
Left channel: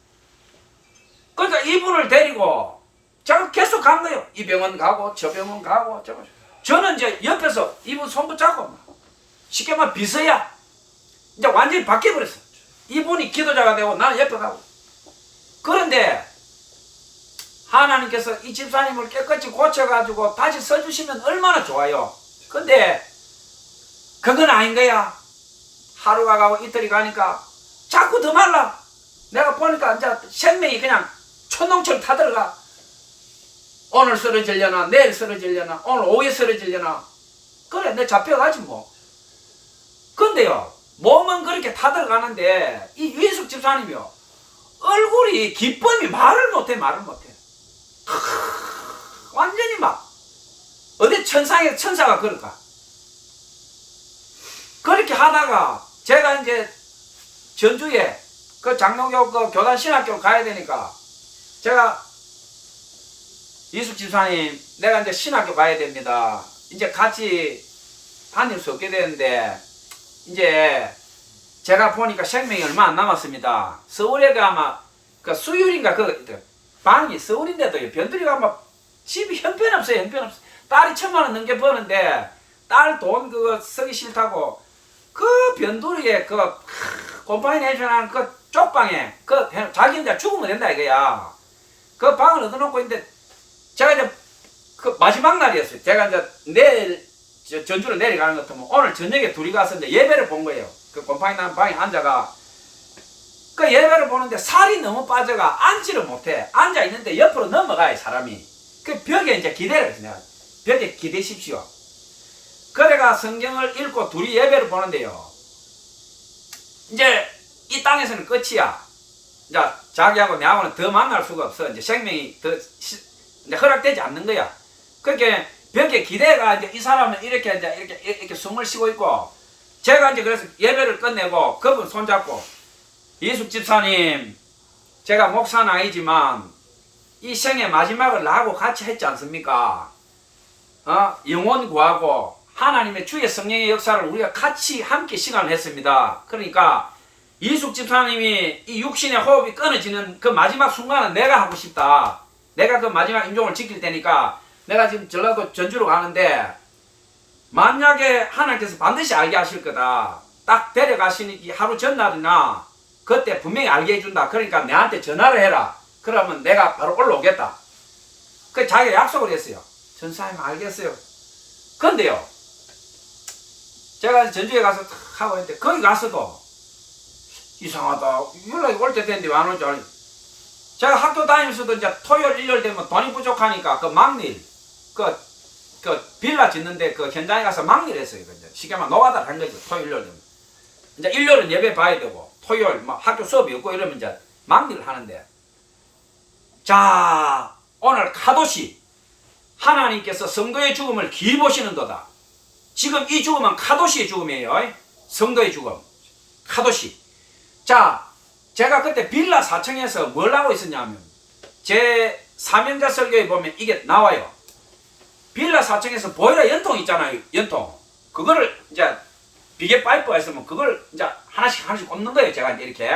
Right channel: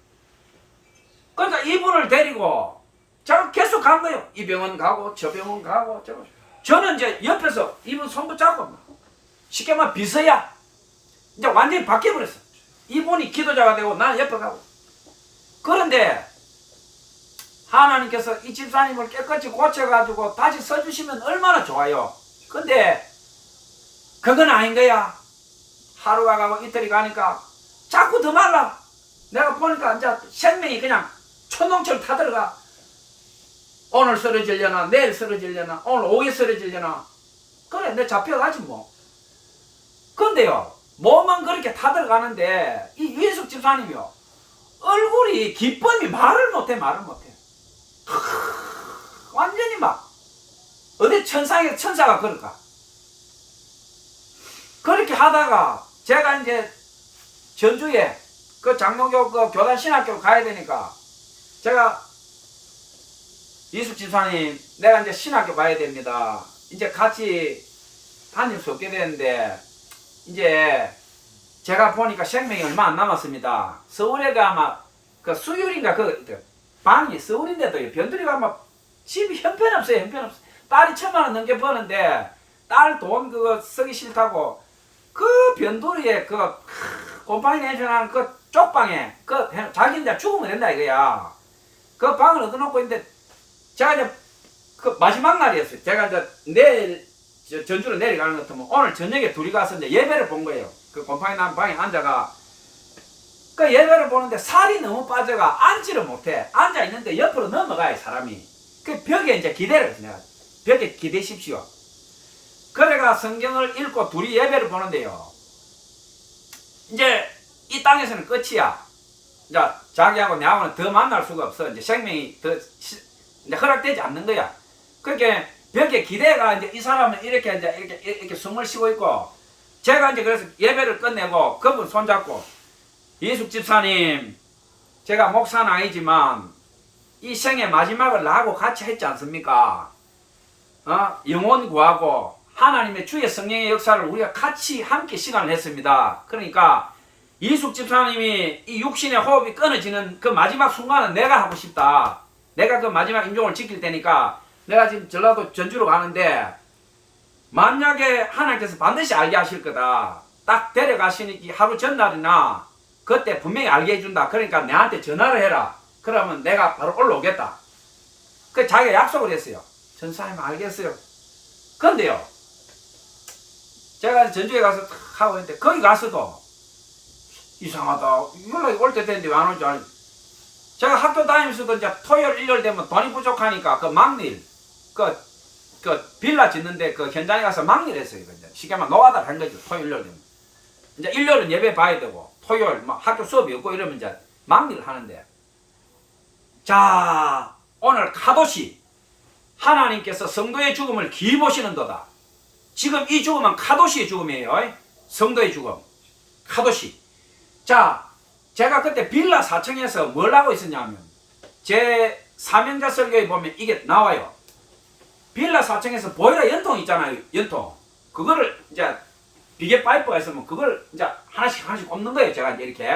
그러니까 이분을 데리고 제가 계속 간 거예요. 이 병원 가고 저 병원 가고 저는 이제 옆에서 이분 손 붙잡고 막 쉽게 말하면 비서야. 이제 완전히 바뀌어버렸어. 이분이 기도자가 되고 나는 옆에 가고. 그런데 하나님께서 이 집사님을 깨끗이 고쳐가지고 다시 써주시면 얼마나 좋아요. 근데 그건 아닌 거야. 하루가 가고 이틀이 가니까 자꾸 더 말라. 내가 보니까 이제 생명이 그냥 촌농처럼 타들어가. 오늘 쓰러지려나 내일 쓰러지려나 오늘 오후에 쓰러지려나. 그래 내 잡혀가지 뭐. 근데요 몸은 그렇게 타들어가는데 이 유해숙 집사님이요 얼굴이 기쁨이 말을 못해. 완전히 막 어디 천상에 천사가 그럴까. 그렇게 하다가 제가 이제 전주에 그 장로교 그 교단 신학교로 가야 되니까 제가 이숙 집사님 내가 이제 신학교 가야 됩니다. 이제 같이 다닐 수 없게 되는데 이제 제가 보니까 생명이 얼마 안 남았습니다. 서울에 아마 그 수율인가 그 방이 서울인데도 변두리가 아마 집이 형편없어요. 딸이 1,000만 원 넘게 버는데 딸 돈 그거 쓰기 싫다고 그 변두리에 그 곰팡이 내주는 그 쪽방에 그 자기 이제 죽으면 된다 이거야. 그 방을 얻어놓고 있는데 제가 이제 그 마지막 날이었어요. 제가 이제 내일 전주로 내려가는 것 같으면 오늘 저녁에 둘이 가서 이제 예배를 본 거예요. 그 곰팡이 난 방에 앉아가 그 예배를 보는데 살이 너무 빠져가 앉지를 못해. 앉아 있는데 옆으로 넘어가요 사람이. 그 벽에 이제 기대를 했어. 내가 벽에 기대십시오. 그래가 성경을 읽고 둘이 예배를 보는데요. 이제 이 땅에서는 끝이야. 이제 자기하고 내하고는 더 만날 수가 없어. 이제 생명이 더 이제 허락되지 않는 거야. 그렇게 벽에 기대가 이제 이 사람은 이렇게 이제 이렇게 숨을 쉬고 있고 제가 이제 그래서 예배를 끝내고 그분 손잡고 이숙 집사님 제가 목사는 아니지만 이 생의 마지막을 나하고 같이 했지 않습니까? 영혼 구하고 하나님의 주의 성령의 역사를 우리가 같이 함께 시간을 했습니다. 그러니까 이숙 집사님이 이 육신의 호흡이 끊어지는 그 마지막 순간은 내가 하고 싶다. 내가 그 마지막 임종을 지킬 테니까 내가 지금 전라도 전주로 가는데 만약에 하나님께서 반드시 알게 하실 거다. 딱 데려가시니 하루 전날이나 그때 분명히 알게 해준다. 그러니까 내한테 전화를 해라. 그러면 내가 바로 올라오겠다. 그 자기가 약속을 했어요. 전사님 알겠어요. 근데요 제가 전주에 가서 탁 하고 있는데 거기 가서도 이상하다. 연락이 올 때 됐는데 왜 안 오지? 제가 학교 다니면서도 이제 토요일 일요일 되면 돈이 부족하니까 그 막일 그 빌라 짓는데 그 현장에 가서 막일 했어요. 쉽게 말하면 노가다를 한 거죠. 토요일 일요일 되면 이제 일요일은 예배 봐야 되고 토요일 막 학교 수업이 없고 이러면 이제 막일을 하는데 자 오늘 카도시 하나님께서 성도의 죽음을 기이 보시는도다. 지금 이 죽음은 카도시의 죽음이에요. 성도의 죽음 카도시. 자 제가 그때 빌라 4층에서 뭘 하고 있었냐면 제 사명자 설교에 보면 이게 나와요. 빌라 4층에서 보일러 연통 있잖아요. 연통 그거를 이제 비계 파이프가 있으면 그걸 이제 하나씩 꼽는 거예요. 제가 이제 이렇게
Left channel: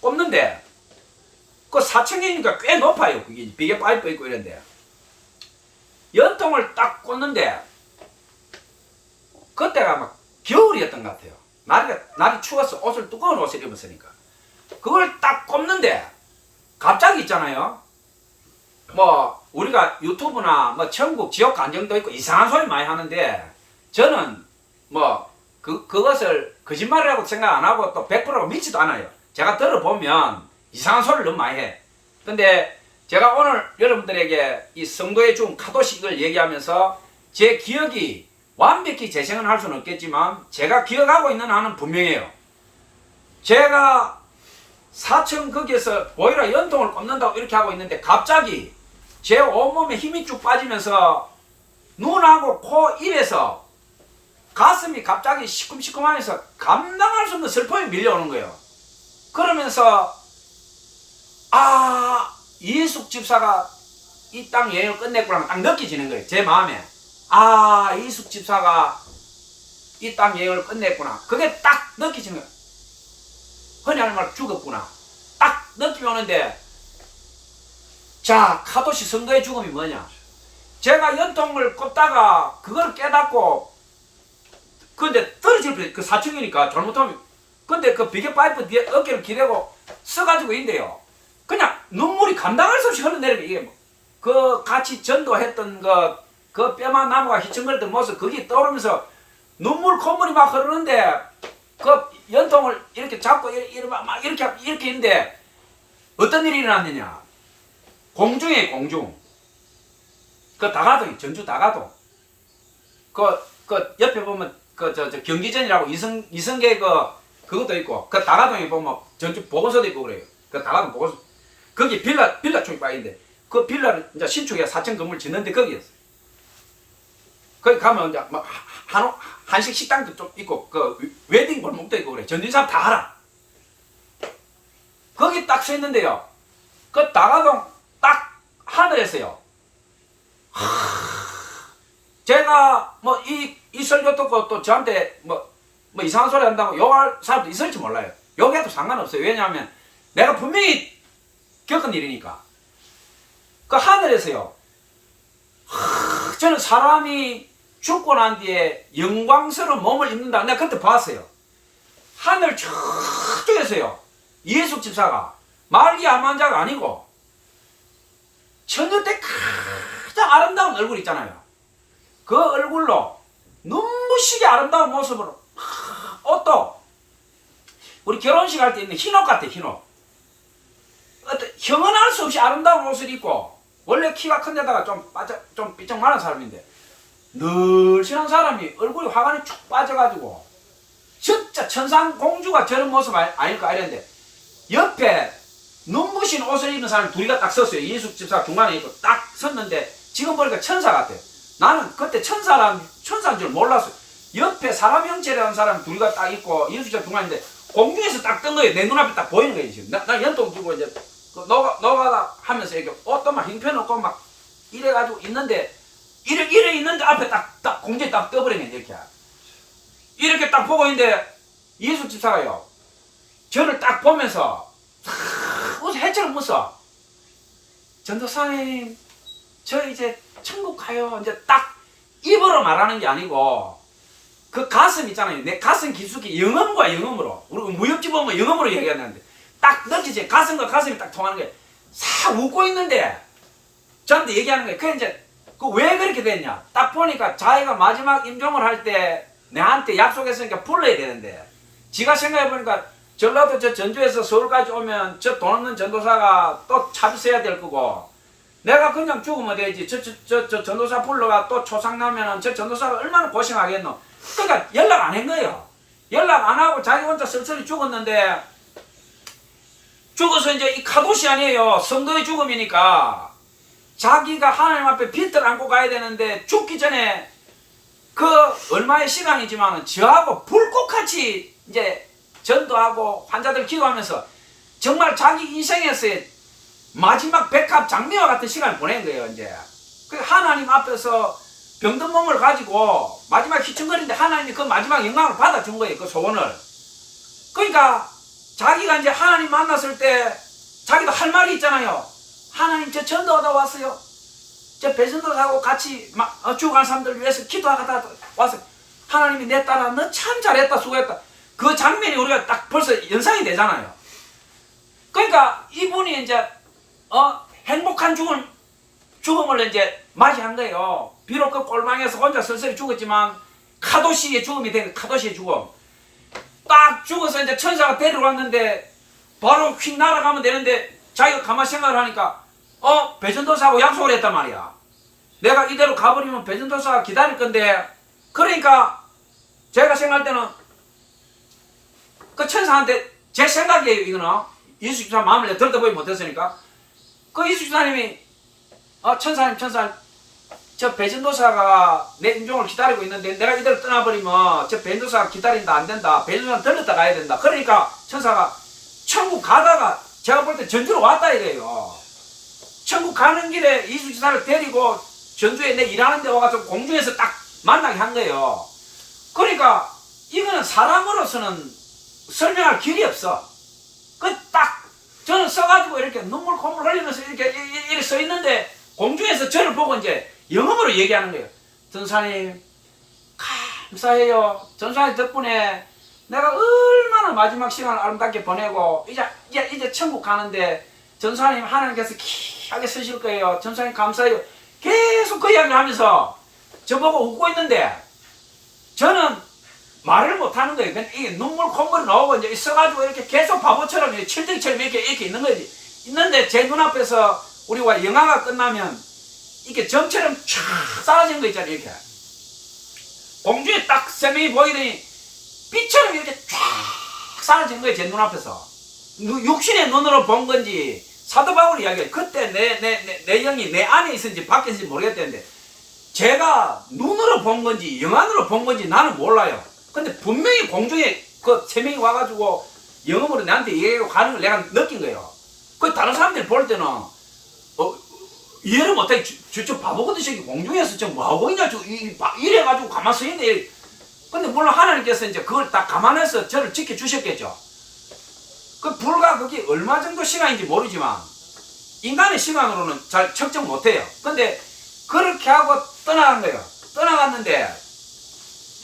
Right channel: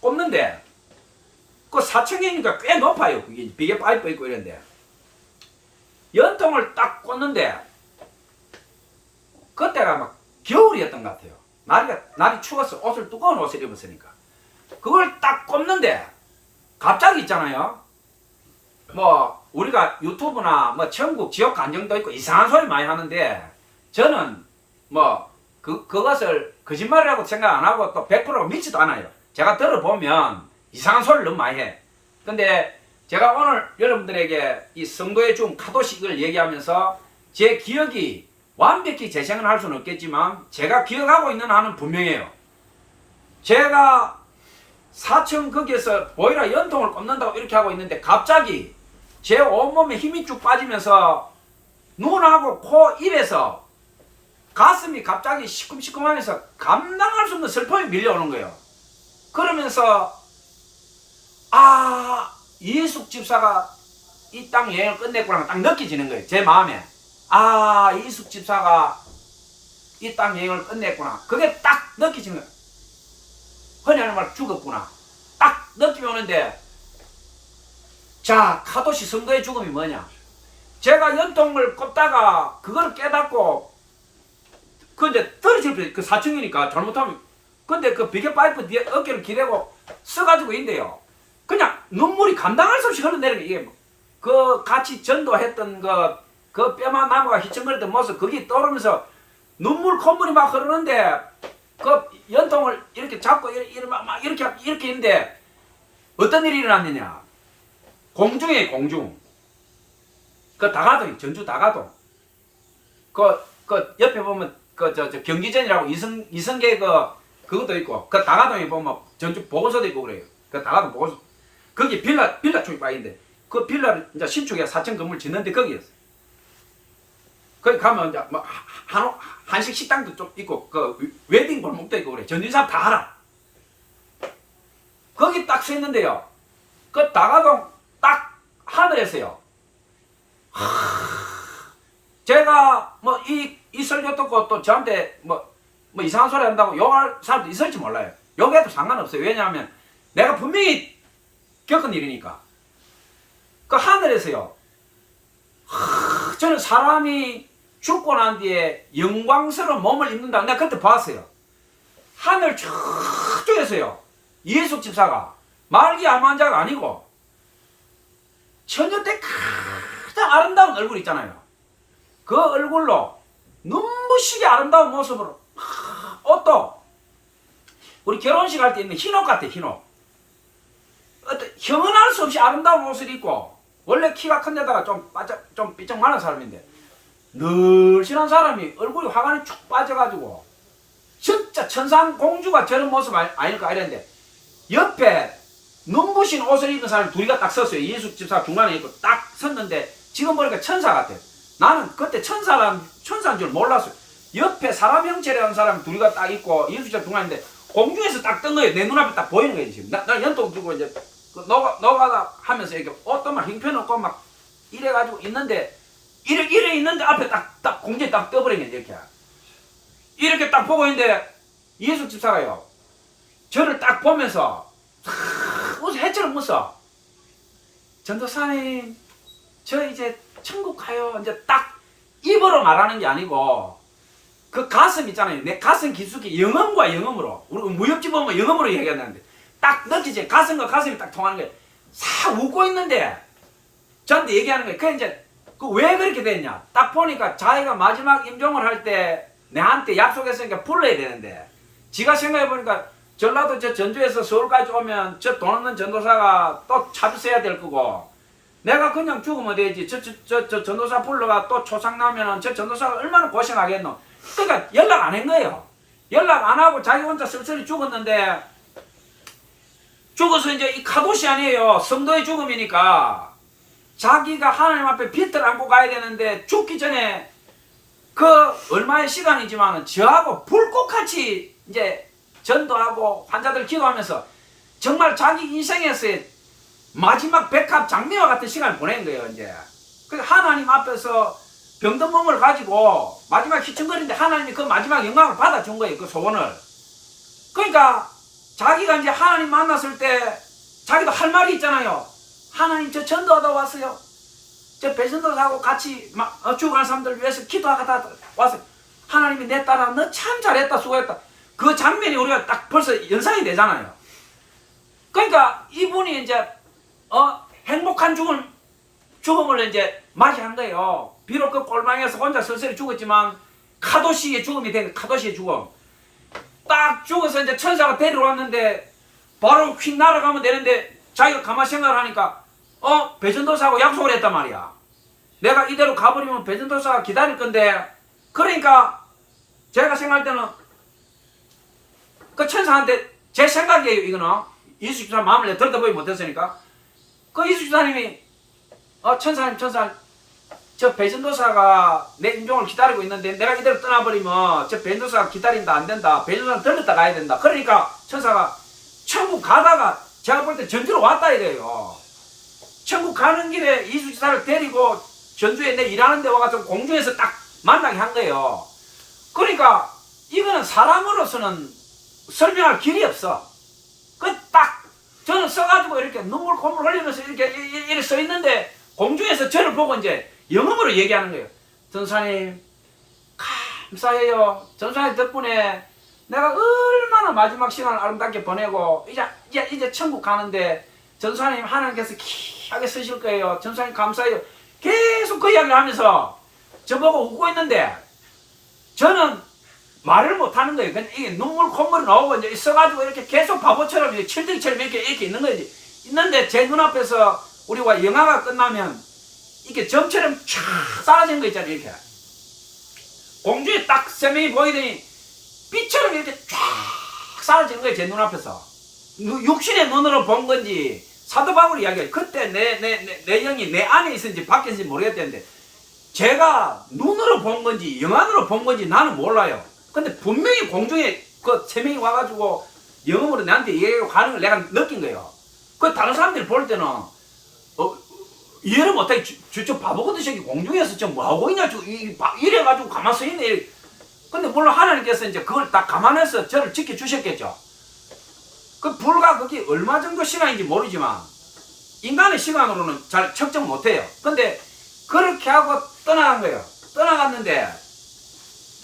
꼽는데 그 4층이니까 꽤 높아요. 그게 비계 파이프 있고 이런데 연통을 딱 꽂는데 그때가 막 겨울이었던 것 같아요. 날이 추워서 두꺼운 옷을 입었으니까 그걸 딱 꼽는데 갑자기 있잖아요. 뭐 우리가 유튜브나 뭐 천국 지옥 간정도 있고 이상한 소리 많이 하는데 저는 뭐 그것을 거짓말이라고 생각 안 하고 또 100% 믿지도 않아요. 제가 들어보면 이상한 소리를 너무 많이 해. 근데 제가 오늘 여러분들에게 이 성도의 죽음 카도시 이걸 얘기하면서 제 기억이 완벽히 재생을 할 수는 없겠지만 제가 기억하고 있는 한은 분명해요. 제가 사층 거기에서 보이라 연통을 꼽는다고 이렇게 하고 있는데 갑자기 제 온몸에 힘이 쭉 빠지면서 눈하고 코, 입에서 가슴이 갑자기 시큼시큼하면서 감당할 수 없는 슬픔이 밀려오는 거예요. 그러면서 아, 이숙 집사가 이 땅 여행을 끝냈구나 딱 느껴지는 거예요. 제 마음에. 아, 이숙 집사가 이 땅 여행을 끝냈구나. 그게 딱 느껴지는 거예요. 흔히 하는 말 죽었구나. 딱 느낌이 오는데 자, 카도시 성도의 죽음이 뭐냐? 제가 연통을 꼽다가 그걸 깨닫고 근데 떨어질 그 4층이니까 잘못하면 근데 그 비계 파이프 뒤에 어깨를 기대고 써가지고 있는데요. 그냥 눈물이 감당할 수 없이 흘러내리는 이게 그 같이 전도했던 그 뼈만 나무가 휘청거리던 모습 그게 떠오르면서 눈물 콧물이 막 흐르는데 그 연통을 이렇게 잡고 막 이렇게 있는데 어떤 일이 일어났느냐? 공중에 공중. 그 다가동이 전주 다가동. 그 옆에 보면 저 경기전이라고 이성계 그것도 있고 그 다가동에 보면 전주 보건소도 있고 그래요. 그 다가동 보건소. 거기 빌라 쪽이 빠인데 그 빌라를 이제 신축에 4층 건물 짓는데 거기였어요. 거기 가면 이제 막 한식 식당도 좀 있고 그 웨딩 골목도 있고 그래. 전주 사람 다 알아. 거기 딱 서 있는데요. 그 다가동 딱 하늘에서요. 제가 뭐 이 설교 듣고 또 저한테 뭐 이상한 소리 한다고 욕할 사람도 있을지 몰라요. 욕해도 상관없어요. 왜냐하면 내가 분명히 겪은 일이니까. 그 하늘에서요. 저는 사람이 죽고 난 뒤에 영광스러운 몸을 입는다. 내가 그때 봤어요. 하늘 저쪽에서요. 이해숙 집사가 말기 암환자가 아니고 처녀 때 가장 아름다운 얼굴 있잖아요. 그 얼굴로 눈부시게 아름다운 모습으로 옷도 우리 결혼식 할 때 있는 흰옷 같아. 흰옷. 어떤 형언할 수 없이 아름다운 옷을 입고 원래 키가 큰 데다가 좀 삐쩍 마른 사람인데 늘씬한 사람이 얼굴이 화관이 쭉 빠져가지고 진짜 천상 공주가 저런 모습 아닐까 이랬는데 옆에 눈부신 옷을 입은 사람이 둘이가 딱 섰어요. 이해숙 집사 중간에 있고 딱 섰는데 지금 보니까 천사 같아요. 나는 그때 천사인 줄 몰랐어요. 옆에 사람 형체라는 사람이 둘이가 딱 있고 이해숙 집사 중간인데 공중에서 딱 뜬 거예요. 내 눈앞에 딱 보이는 거예요. 지금 나 연통 들고 이제 너가다 하면서 이렇게 옷도 막 형편없고 막 이래가지고 있는데 이래 있는데 앞에 딱 공중에 딱 떠버린 거예요. 이렇게 딱 보고 있는데 이해숙 집사가요. 저를 딱 보면서 웃어 해처럼 웃어. 전도사님 저 이제 천국 가요. 이제 딱 입으로 말하는 게 아니고 그 가슴 있잖아요. 내 가슴 깊숙이 영음과 영음으로 우리 무협지 보면 영음으로 얘기하는데 딱 느끼지. 가슴과 가슴이 딱 통하는 거예요. 싹 웃고 있는데 저한테 얘기하는 거예요. 그 이제 왜 그렇게 됐냐? 딱 보니까 자기가 마지막 임종을 할 때 내한테 약속했으니까 불러야 되는데 지가 생각해 보니까 전라도 저 전주에서 서울까지 오면 저 돈 없는 전도사가 또 차비서야 될 거고 내가 그냥 죽으면 되지. 저 전도사 불러가 또 초상 나면은 저 전도사가 얼마나 고생하겠노. 그러니까 연락 안 한 거예요. 연락 안 하고 자기 혼자 쓸쓸히 죽었는데 죽어서 이제 이 카도시 아니에요. 성도의 죽음이니까 자기가 하나님 앞에 빚을 안고 가야 되는데 죽기 전에 그 얼마의 시간이지만은 저하고 불꽃같이 이제 전도하고 환자들 기도하면서 정말 자기 인생에서의 마지막 백합 장미와 같은 시간을 보낸 거예요. 이제 그 하나님 앞에서 병든 몸을 가지고 마지막 휘청거리는데 하나님이 그 마지막 영광을 받아준 거예요. 그 소원을. 그러니까 자기가 이제 하나님 만났을 때 자기도 할 말이 있잖아요. 하나님 저 전도하다 왔어요. 저 배전도사하고 같이 죽어간 사람들 위해서 기도하다 왔어요. 하나님이 내 딸아 너 참 잘했다 수고했다. 그 장면이 우리가 딱 벌써 연상이 되잖아요. 그러니까 이분이 이제 행복한 죽음을 이제 맞이한 거예요. 비록 그 꼴망에서 혼자 쓸쓸히 죽었지만 카도시의 죽음이 된 거예요. 카도시의 죽음. 딱 죽어서 이제 천사가 데리러 왔는데 바로 휙 날아가면 되는데 자기가 가만히 생각을 하니까 배전도사하고 약속을 했단 말이야. 내가 이대로 가버리면 배전도사가 기다릴 건데, 그러니까 제가 생각할 때는 그 천사한테, 제 생각이에요 이거는, 이수 집사 마음을 들어보지 못했으니까, 그 이수 집사님이 천사님 저 배전도사가 내 임종을 기다리고 있는데 내가 이대로 떠나버리면 저 배전도사가 기다린다, 안 된다, 배전도사 들렸다 가야 된다. 그러니까 천사가 천국 가다가 제가 볼 때 전주로 왔다 이래요. 천국 가는 길에 이수 집사를 데리고 전주에 내 일하는 데 와가지고 공중에서 딱 만나게 한 거예요. 그러니까 이거는 사람으로서는 설명할 길이 없어. 그 딱 저는 써가지고 이렇게 눈물 콧물 흘리면서 이렇게 서 있는데 공중에서 저를 보고 이제 영어로 얘기하는 거예요. 전사님 감사해요. 전사님 덕분에 내가 얼마나 마지막 시간을 아름답게 보내고 이제 천국 가는데 전사님 하나님께서 귀하게 쓰실 거예요. 전사님 감사해요. 계속 그 이야기를 하면서 저보고 웃고 있는데 저는 말을 못 하는 거예요. 그냥 이게 눈물 콧물이 나오고 이제 있어가지고 이렇게 계속 바보처럼 칠등이처럼 이렇게 있는 거지. 있는데 제 눈앞에서 우리가 영화가 끝나면 이게 점처럼 쫙 쌓아진 거 있잖아요. 이렇게 공중에 딱 세 명이 보이더니 빛처럼 이렇게 쫙 쌓아진 거예요. 제 눈앞에서. 육신의 눈으로 본 건지 사도 바울 이야기가 그때 내 영이 내 안에 있었는지 밖에 있는지 모르겠다는데 제가 눈으로 본 건지 영안으로 본 건지 나는 몰라요. 근데 분명히 공중에 그 세 명이 와가지고 영음으로 나한테 얘기하고 가는 걸 내가 느낀 거예요. 그 다른 사람들이 볼 때는 이해를 못하게 저 바보거든. 공중에서 저 뭐하고 있냐 이래가지고 가만히 서 있네. 근데 물론 하나님께서 이제 그걸 다 감안해서 저를 지켜주셨겠죠. 그 불과 그게 얼마 정도 시간인지 모르지만 인간의 시간으로는 잘 측정 못해요. 근데 그렇게 하고 떠나간 거예요. 떠나갔는데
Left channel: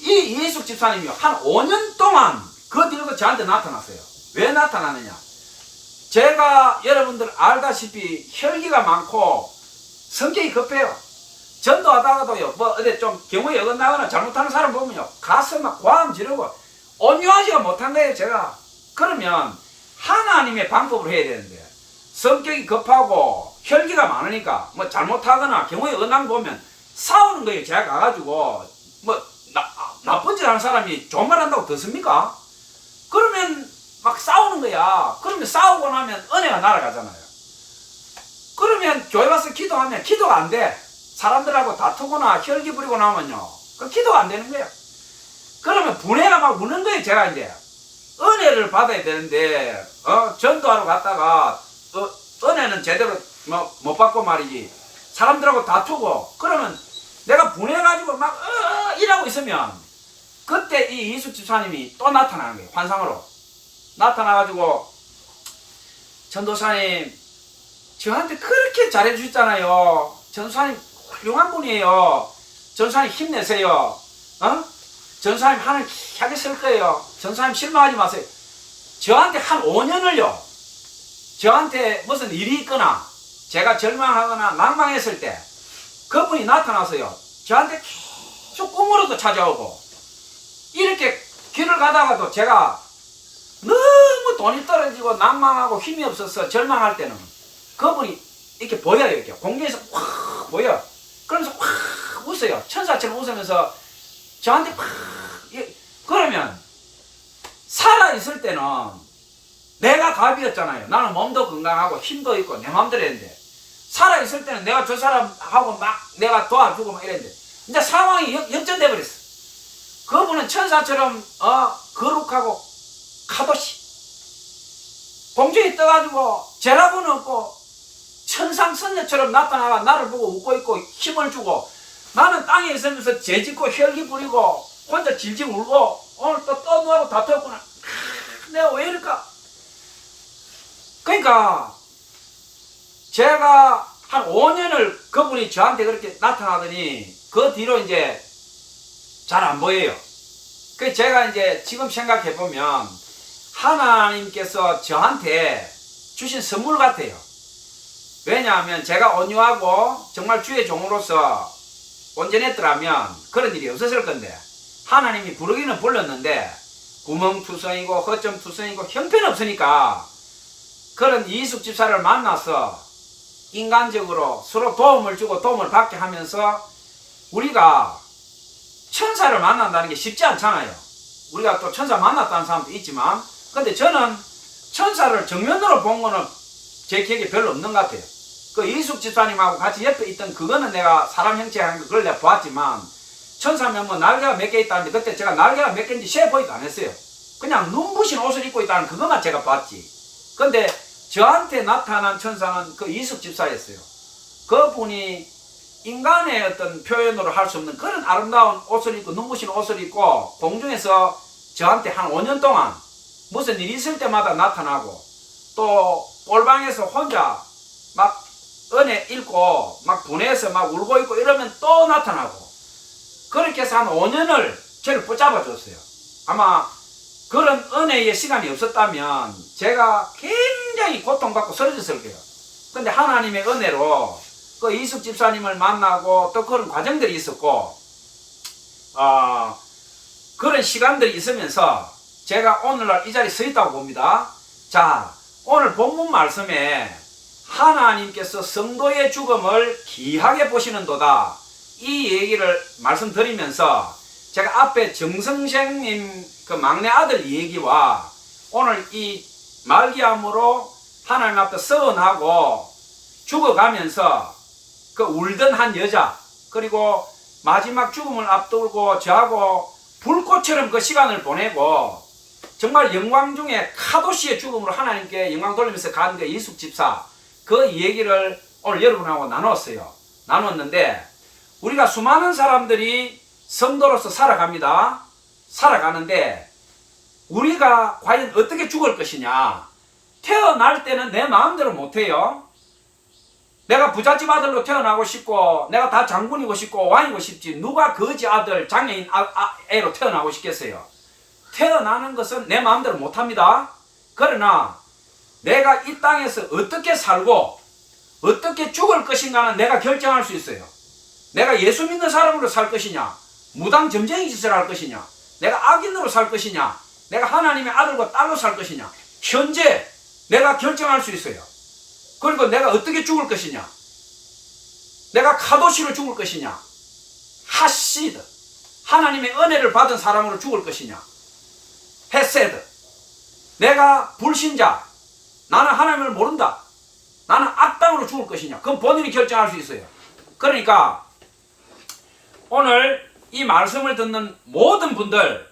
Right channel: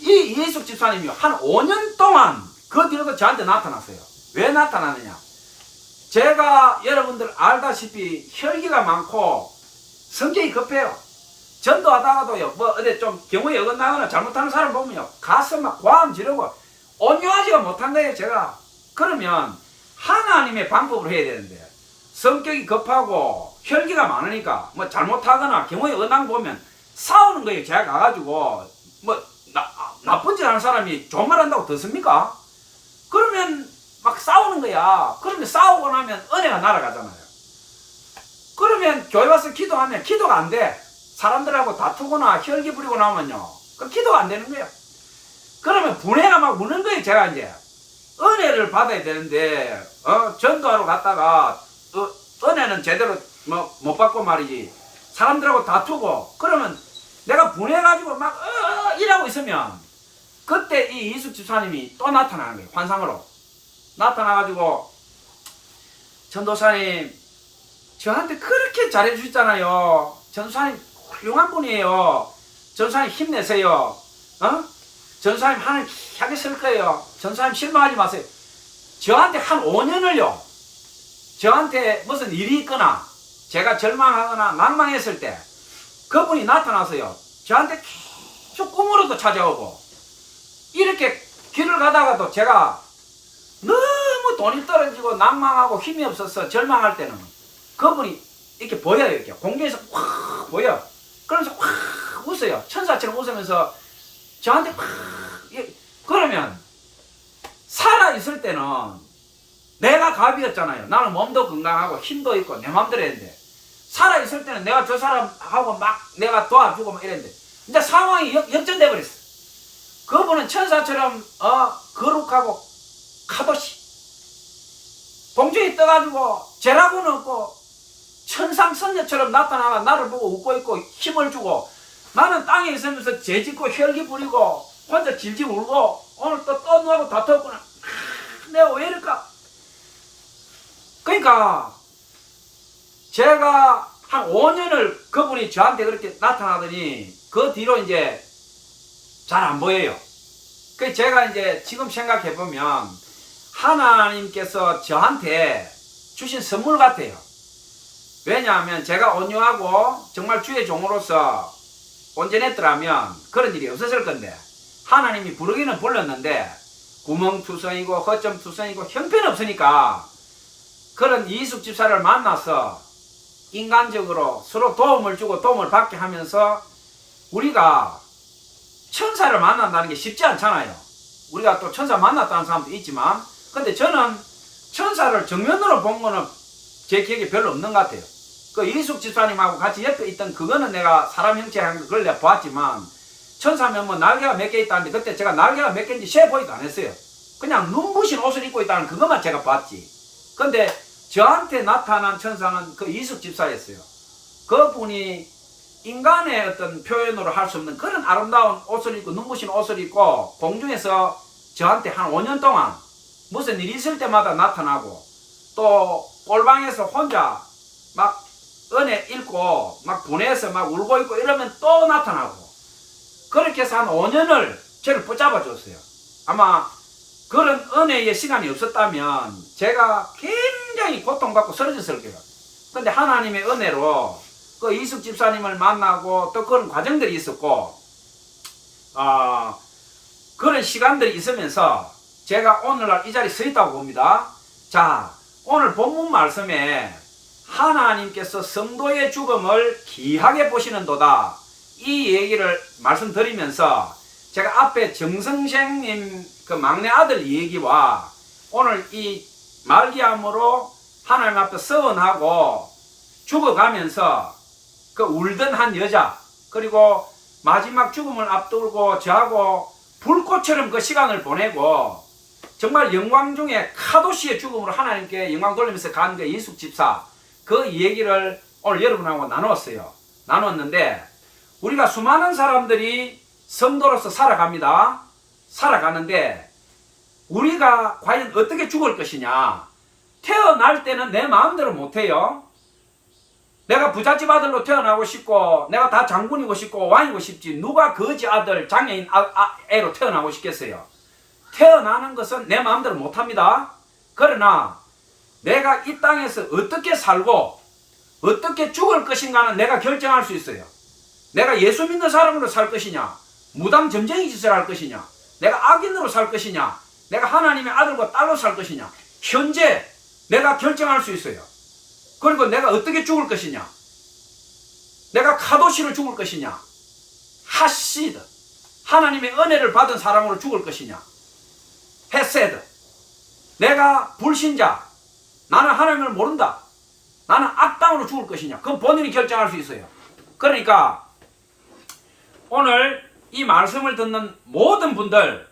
이 이해숙 집사님이 한 5년 동안 그 뒤로도 저한테 나타났어요. 왜 나타나느냐? 제가 여러분들 알다시피 혈기가 많고 성격이 급해요. 전도하다가도요, 뭐 어디 좀 경우에 어긋나거나 잘못하는 사람 보면요, 가서 막 과음 지르고 온유하지가 못한 거예요, 제가. 그러면 하나님의 방법으로 해야 되는데 성격이 급하고 혈기가 많으니까 뭐 잘못하거나 경우에 어긋난 거 보면 싸우는 거예요. 제가 가가지고 뭐 나쁜 짓 하는 사람이 좋은 말 한다고 듣습니까? 그러면 막 싸우는 거야. 그러면 싸우고 나면 은혜가 날아가잖아요. 그러면 교회 와서 기도하면 기도가 안 돼. 사람들하고 다투거나 혈기 부리고 나면요, 그 기도가 안 되는 거예요. 그러면 분해가 막 우는 거예요. 제가 이제 은혜를 받아야 되는데 전도하러 갔다가 은혜는 제대로 뭐 못 받고 말이지, 사람들하고 다투고 그러면 내가 분해가지고 막 이러고 있으면 그때 이 이숙 집사님이 또 나타나는 거예요. 환상으로 나타나가지고, 전도사님 저한테 그렇게 잘해주셨잖아요. 전도사님 훌륭한 분이에요. 전도사님 힘내세요. 전도사님 하나님 귀하게 쓸 거예요. 전도사님 실망하지 마세요. 저한테 한 5년을요 저한테 무슨 일이 있거나 제가 절망하거나 낭망했을 때 그분이 나타나서요 저한테 계속 꿈으로도 찾아오고, 이렇게 길을 가다가도 제가 너무 돈이 떨어지고 낭망하고 힘이 없어서 절망할 때는 그분이 이렇게 보여요. 이렇게 공중에서 확 보여. 그러면서 확 웃어요. 천사처럼 웃으면서 저한테 확. 그러면 살아있을 때는 내가 갑이었잖아요. 나는 몸도 건강하고 힘도 있고 내 마음대로 했는데, 살아있을 때는 내가 저 사람하고 막 내가 도와주고 막 이랬는데 이제 상황이 역전돼 버렸어. 그분은 천사처럼 거룩하고 카도시 공중에 떠가지고 죄라고는 없고 천상선녀처럼 나타나가 나를 보고 웃고 있고 힘을 주고, 나는 땅에 있으면서 죄짓고 혈기 부리고 혼자 질질 울고 오늘 또 누구하고 다투었구나. 내가 왜 이럴까? 그러니까 제가 한 5년을 그분이 저한테 그렇게 나타나더니 그 뒤로 이제 잘 안 보여요. 그래서 제가 이제 지금 생각해 보면 하나님께서 저한테 주신 선물 같아요. 왜냐하면 제가 온유하고 정말 주의 종으로서 온전했더라면 그런 일이 없었을 건데, 하나님이 부르기는 불렀는데 구멍투성이고 허점투성이고 형편없으니까 그런 이숙 집사를 만나서 인간적으로 서로 도움을 주고 도움을 받게 하면서 우리가 천사를 만난다는 게 쉽지 않잖아요. 우리가 또 천사 만났다는 사람도 있지만, 근데 저는 천사를 정면으로 본 거는 제 기억에 별로 없는 것 같아요. 그 이숙 집사님하고 같이 옆에 있던 그거는 내가 사람 형체 한 거 그걸 내가 보았지만, 천사면 뭐 날개가 몇 개 있다는데 그때 제가 날개가 몇 개인지 세보지도 안 했어요. 그냥 눈부신 옷을 입고 있다는 그것만 제가 봤지. 근데 저한테 나타난 천사는 그 이숙 집사였어요. 그분이 인간의 어떤 표현으로 할 수 없는 그런 아름다운 옷을 입고 눈부신 옷을 입고 공중에서 저한테 한 5년 동안 무슨 일이 있을 때마다 나타나고, 또 꼴방에서 혼자 막 은혜 읽고 막 분해서 막 울고 있고 이러면 또 나타나고, 그렇게 해서 한 5년을 저를 붙잡아 줬어요. 아마 그런 은혜의 시간이 없었다면 제가 굉장히 고통받고 쓰러졌을 거예요. 근데 하나님의 은혜로 그 이숙 집사님을 만나고 또 그런 과정들이 있었고, 그런 시간들이 있으면서 제가 오늘날 이 자리에 서 있다고 봅니다. 자, 오늘 본문 말씀에 하나님께서 성도의 죽음을 귀하게 보시는도다, 이 얘기를 말씀드리면서 제가 앞에 정성생님 그 막내 아들 얘기와 오늘 이 말기암으로 하나님 앞에 서원하고 죽어가면서 그 울던 한 여자, 그리고 마지막 죽음을 앞두고 저하고 불꽃처럼 그 시간을 보내고 정말 영광 중에 카도시의 죽음으로 하나님께 영광 돌리면서 간 그 이숙 집사, 그 얘기를 오늘 여러분하고 나눴는데, 우리가 수많은 사람들이 성도로서 살아갑니다. 살아가는데 우리가 과연 어떻게 죽을 것이냐. 태어날 때는 내 마음대로 못해요. 내가 부잣집 아들로 태어나고 싶고 내가 다 장군이고 싶고 왕이고 싶지, 누가 거지 아들 장애인 애로 태어나고 싶겠어요. 태어나는 것은 내 마음대로 못합니다. 그러나 내가 이 땅에서 어떻게 살고 어떻게 죽을 것인가는 내가 결정할 수 있어요. 내가 예수 믿는 사람으로 살 것이냐, 무당 점쟁이 짓을 할 것이냐, 내가 악인으로 살 것이냐, 내가 하나님의 아들과 딸로 살 것이냐, 현재 내가 결정할 수 있어요. 그리고 내가 어떻게 죽을 것이냐, 내가 카도시로 죽을 것이냐, 하시드 하나님의 은혜를 받은 사람으로 죽을 것이냐, 헤세드 내가 불신자, 나는 하나님을 모른다, 나는 악당으로 죽을 것이냐, 그건 본인이 결정할 수 있어요. 그러니까 오늘 이 말씀을 듣는 모든 분들,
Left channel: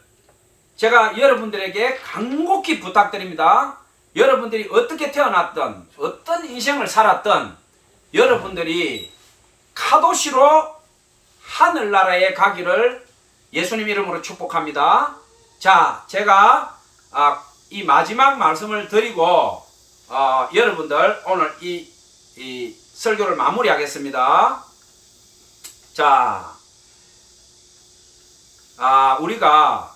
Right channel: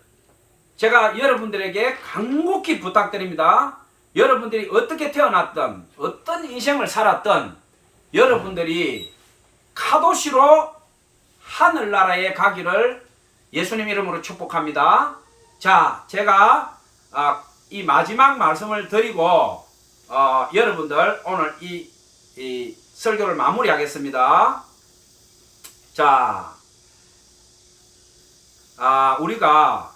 제가 여러분들에게 간곡히 부탁드립니다. 여러분들이 어떻게 태어났든 어떤 인생을 살았든 여러분들이 카도시로 하늘나라에 가기를 예수님 이름으로 축복합니다. 자, 제가 이 마지막 말씀을 드리고 여러분들 오늘 이 설교를 마무리하겠습니다. 자, 우리가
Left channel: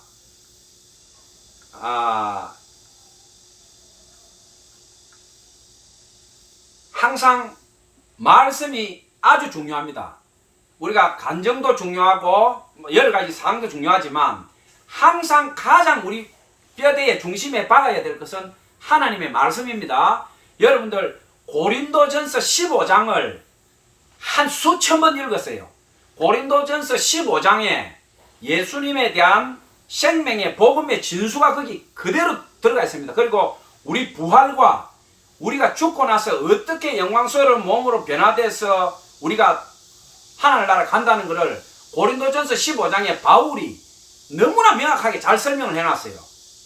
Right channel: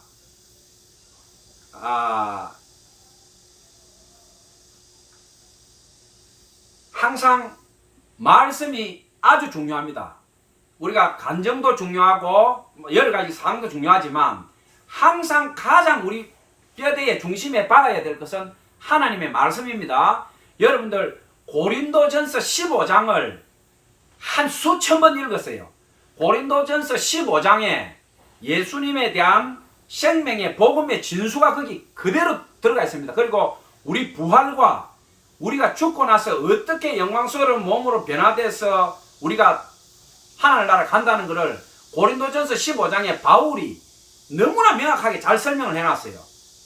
항상 말씀이 아주 중요합니다. 우리가 간정도 중요하고 여러 가지 사항도 중요하지만 항상 가장 우리 뼈대의 중심에 박아야 될 것은 하나님의 말씀입니다. 여러분들 고린도전서 15장을 한 수천 번 읽었어요. 고린도전서 15장에 예수님에 대한 생명의 복음의 진수가 거기 그대로 들어가 있습니다. 그리고 우리 부활과 우리가 죽고 나서 어떻게 영광스러운 몸으로 변화돼서 우리가 하늘나라 간다는 것을 고린도전서 15장에 바울이 너무나 명확하게 잘 설명을 해놨어요.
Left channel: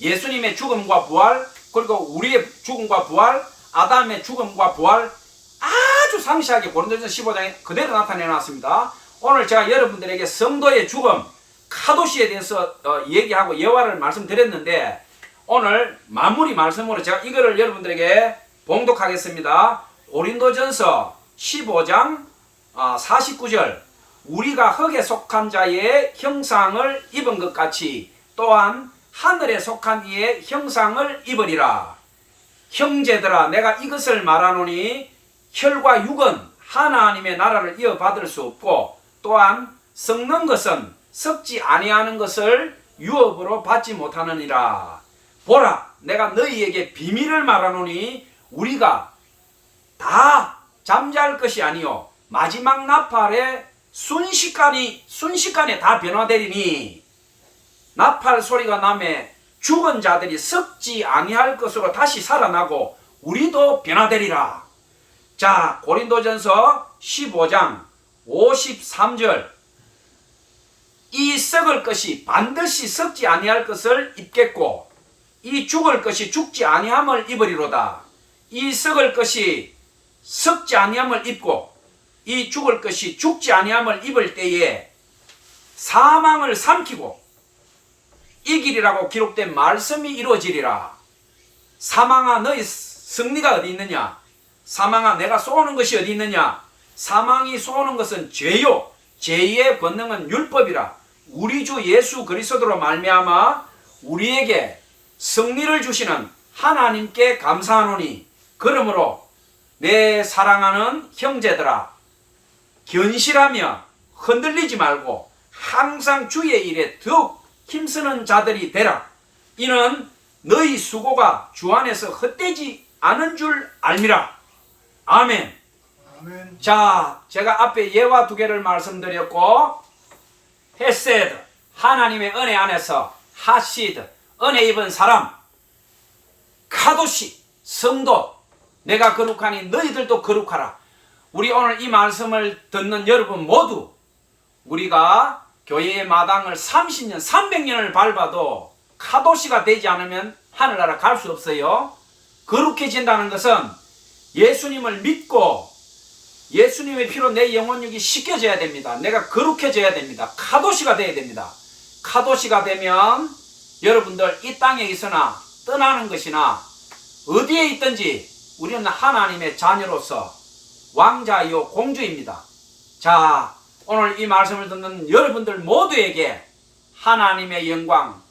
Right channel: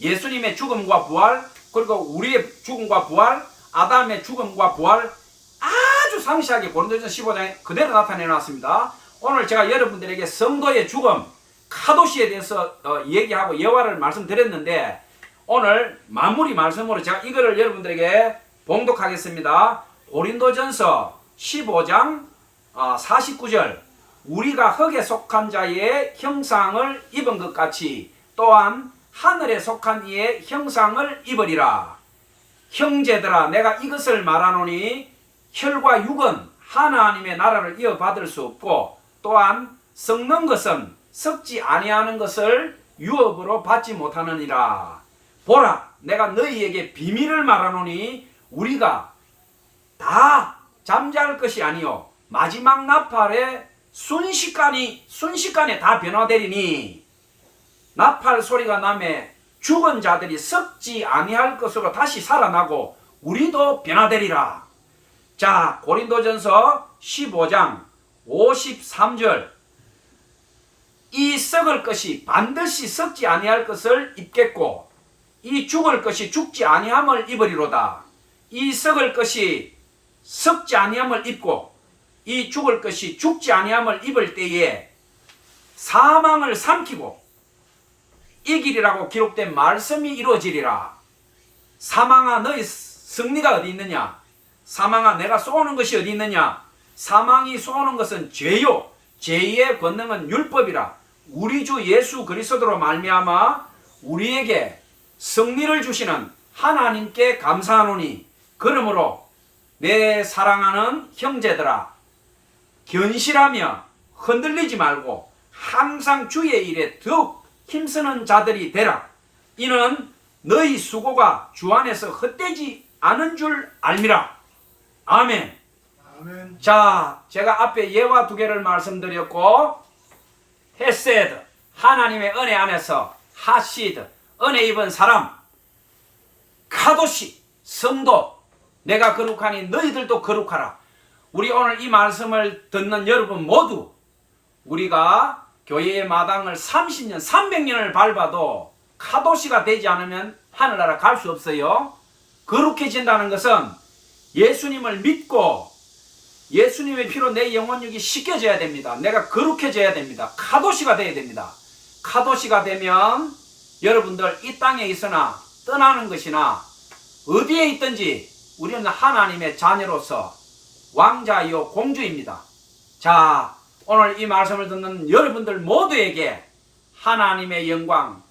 예수님의 죽음과 부활, 그리고 우리의 죽음과 부활, 아담의 죽음과 부활, 아주 상세하게 고린도전서 15장에 그대로 나타내놨습니다. 오늘 제가 여러분들에게 성도의 죽음, 카도시에 대해서 얘기하고 예화를 말씀드렸는데, 오늘 마무리 말씀으로 제가 이거를 여러분들에게 봉독하겠습니다. 고린도전서 15장 49절, 우리가 흙에 속한 자의 형상을 입은 것 같이 또한 하늘에 속한 이의 형상을 입으리라. 형제들아, 내가 이것을 말하노니 혈과 육은 하나님의 나라를 이어받을 수 없고 또한 썩는 것은 썩지 아니하는 것을 유업으로 받지 못하느니라. 보라, 내가 너희에게 비밀을 말하노니 우리가 다 잠잘 것이 아니요 마지막 나팔에 순식간에 다 변화되리니 나팔 소리가 나매 죽은 자들이 썩지 아니할 것으로 다시 살아나고 우리도 변화되리라. 자, 고린도전서 15장 53절. 이 썩을 것이 반드시 썩지 아니할 것을 입겠고 이 죽을 것이 죽지 아니함을 입으리로다. 이 썩을 것이 썩지 아니함을 입고 이 죽을 것이 죽지 아니함을 입을 때에 사망을 삼키고 이기리라고 기록된 말씀이 이루어지리라. 사망아 너희 승리가 어디 있느냐? 사망아 내가 쏘는 것이 어디 있느냐? 사망이 쏘는 것은 죄요 죄의 권능은 율법이라. 우리 주 예수 그리스도로 말미암아 우리에게 승리를 주시는 하나님께 감사하노니 그러므로 내 사랑하는 형제들아 견실하며 흔들리지 말고 항상 주의 일에 더욱 힘쓰는 자들이 되라. 이는 너희 수고가 주 안에서 헛되지 않은 줄 알미라. 아멘. 아멘. 자, 제가 앞에 예와 두 개를 말씀드렸고 헤세드 하나님의 은혜 안에서 하시드 은혜 입은 사람 카도시 성도 내가 거룩하니 너희들도 거룩하라. 우리 오늘 이 말씀을 듣는 여러분 모두 우리가 교회의 마당을 30년 300년을 밟아도 카도시가 되지 않으면 하늘나라 갈 수 없어요. 거룩해진다는 것은 예수님을 믿고 예수님의 피로 내 영혼육이 씻겨져야 됩니다. 내가 거룩해져야 됩니다. 카도시가 돼야 됩니다. 카도시가 되면 여러분들 이 땅에 있으나 떠나는 것이나 어디에 있든지 우리는 하나님의 자녀로서 왕자이요 공주입니다. 자, 오늘 이 말씀을 듣는 여러분들 모두에게 하나님의 영광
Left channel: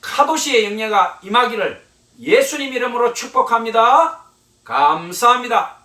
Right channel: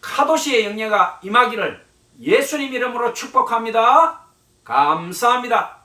카도시의 영예가 임하기를 예수님 이름으로 축복합니다. 감사합니다.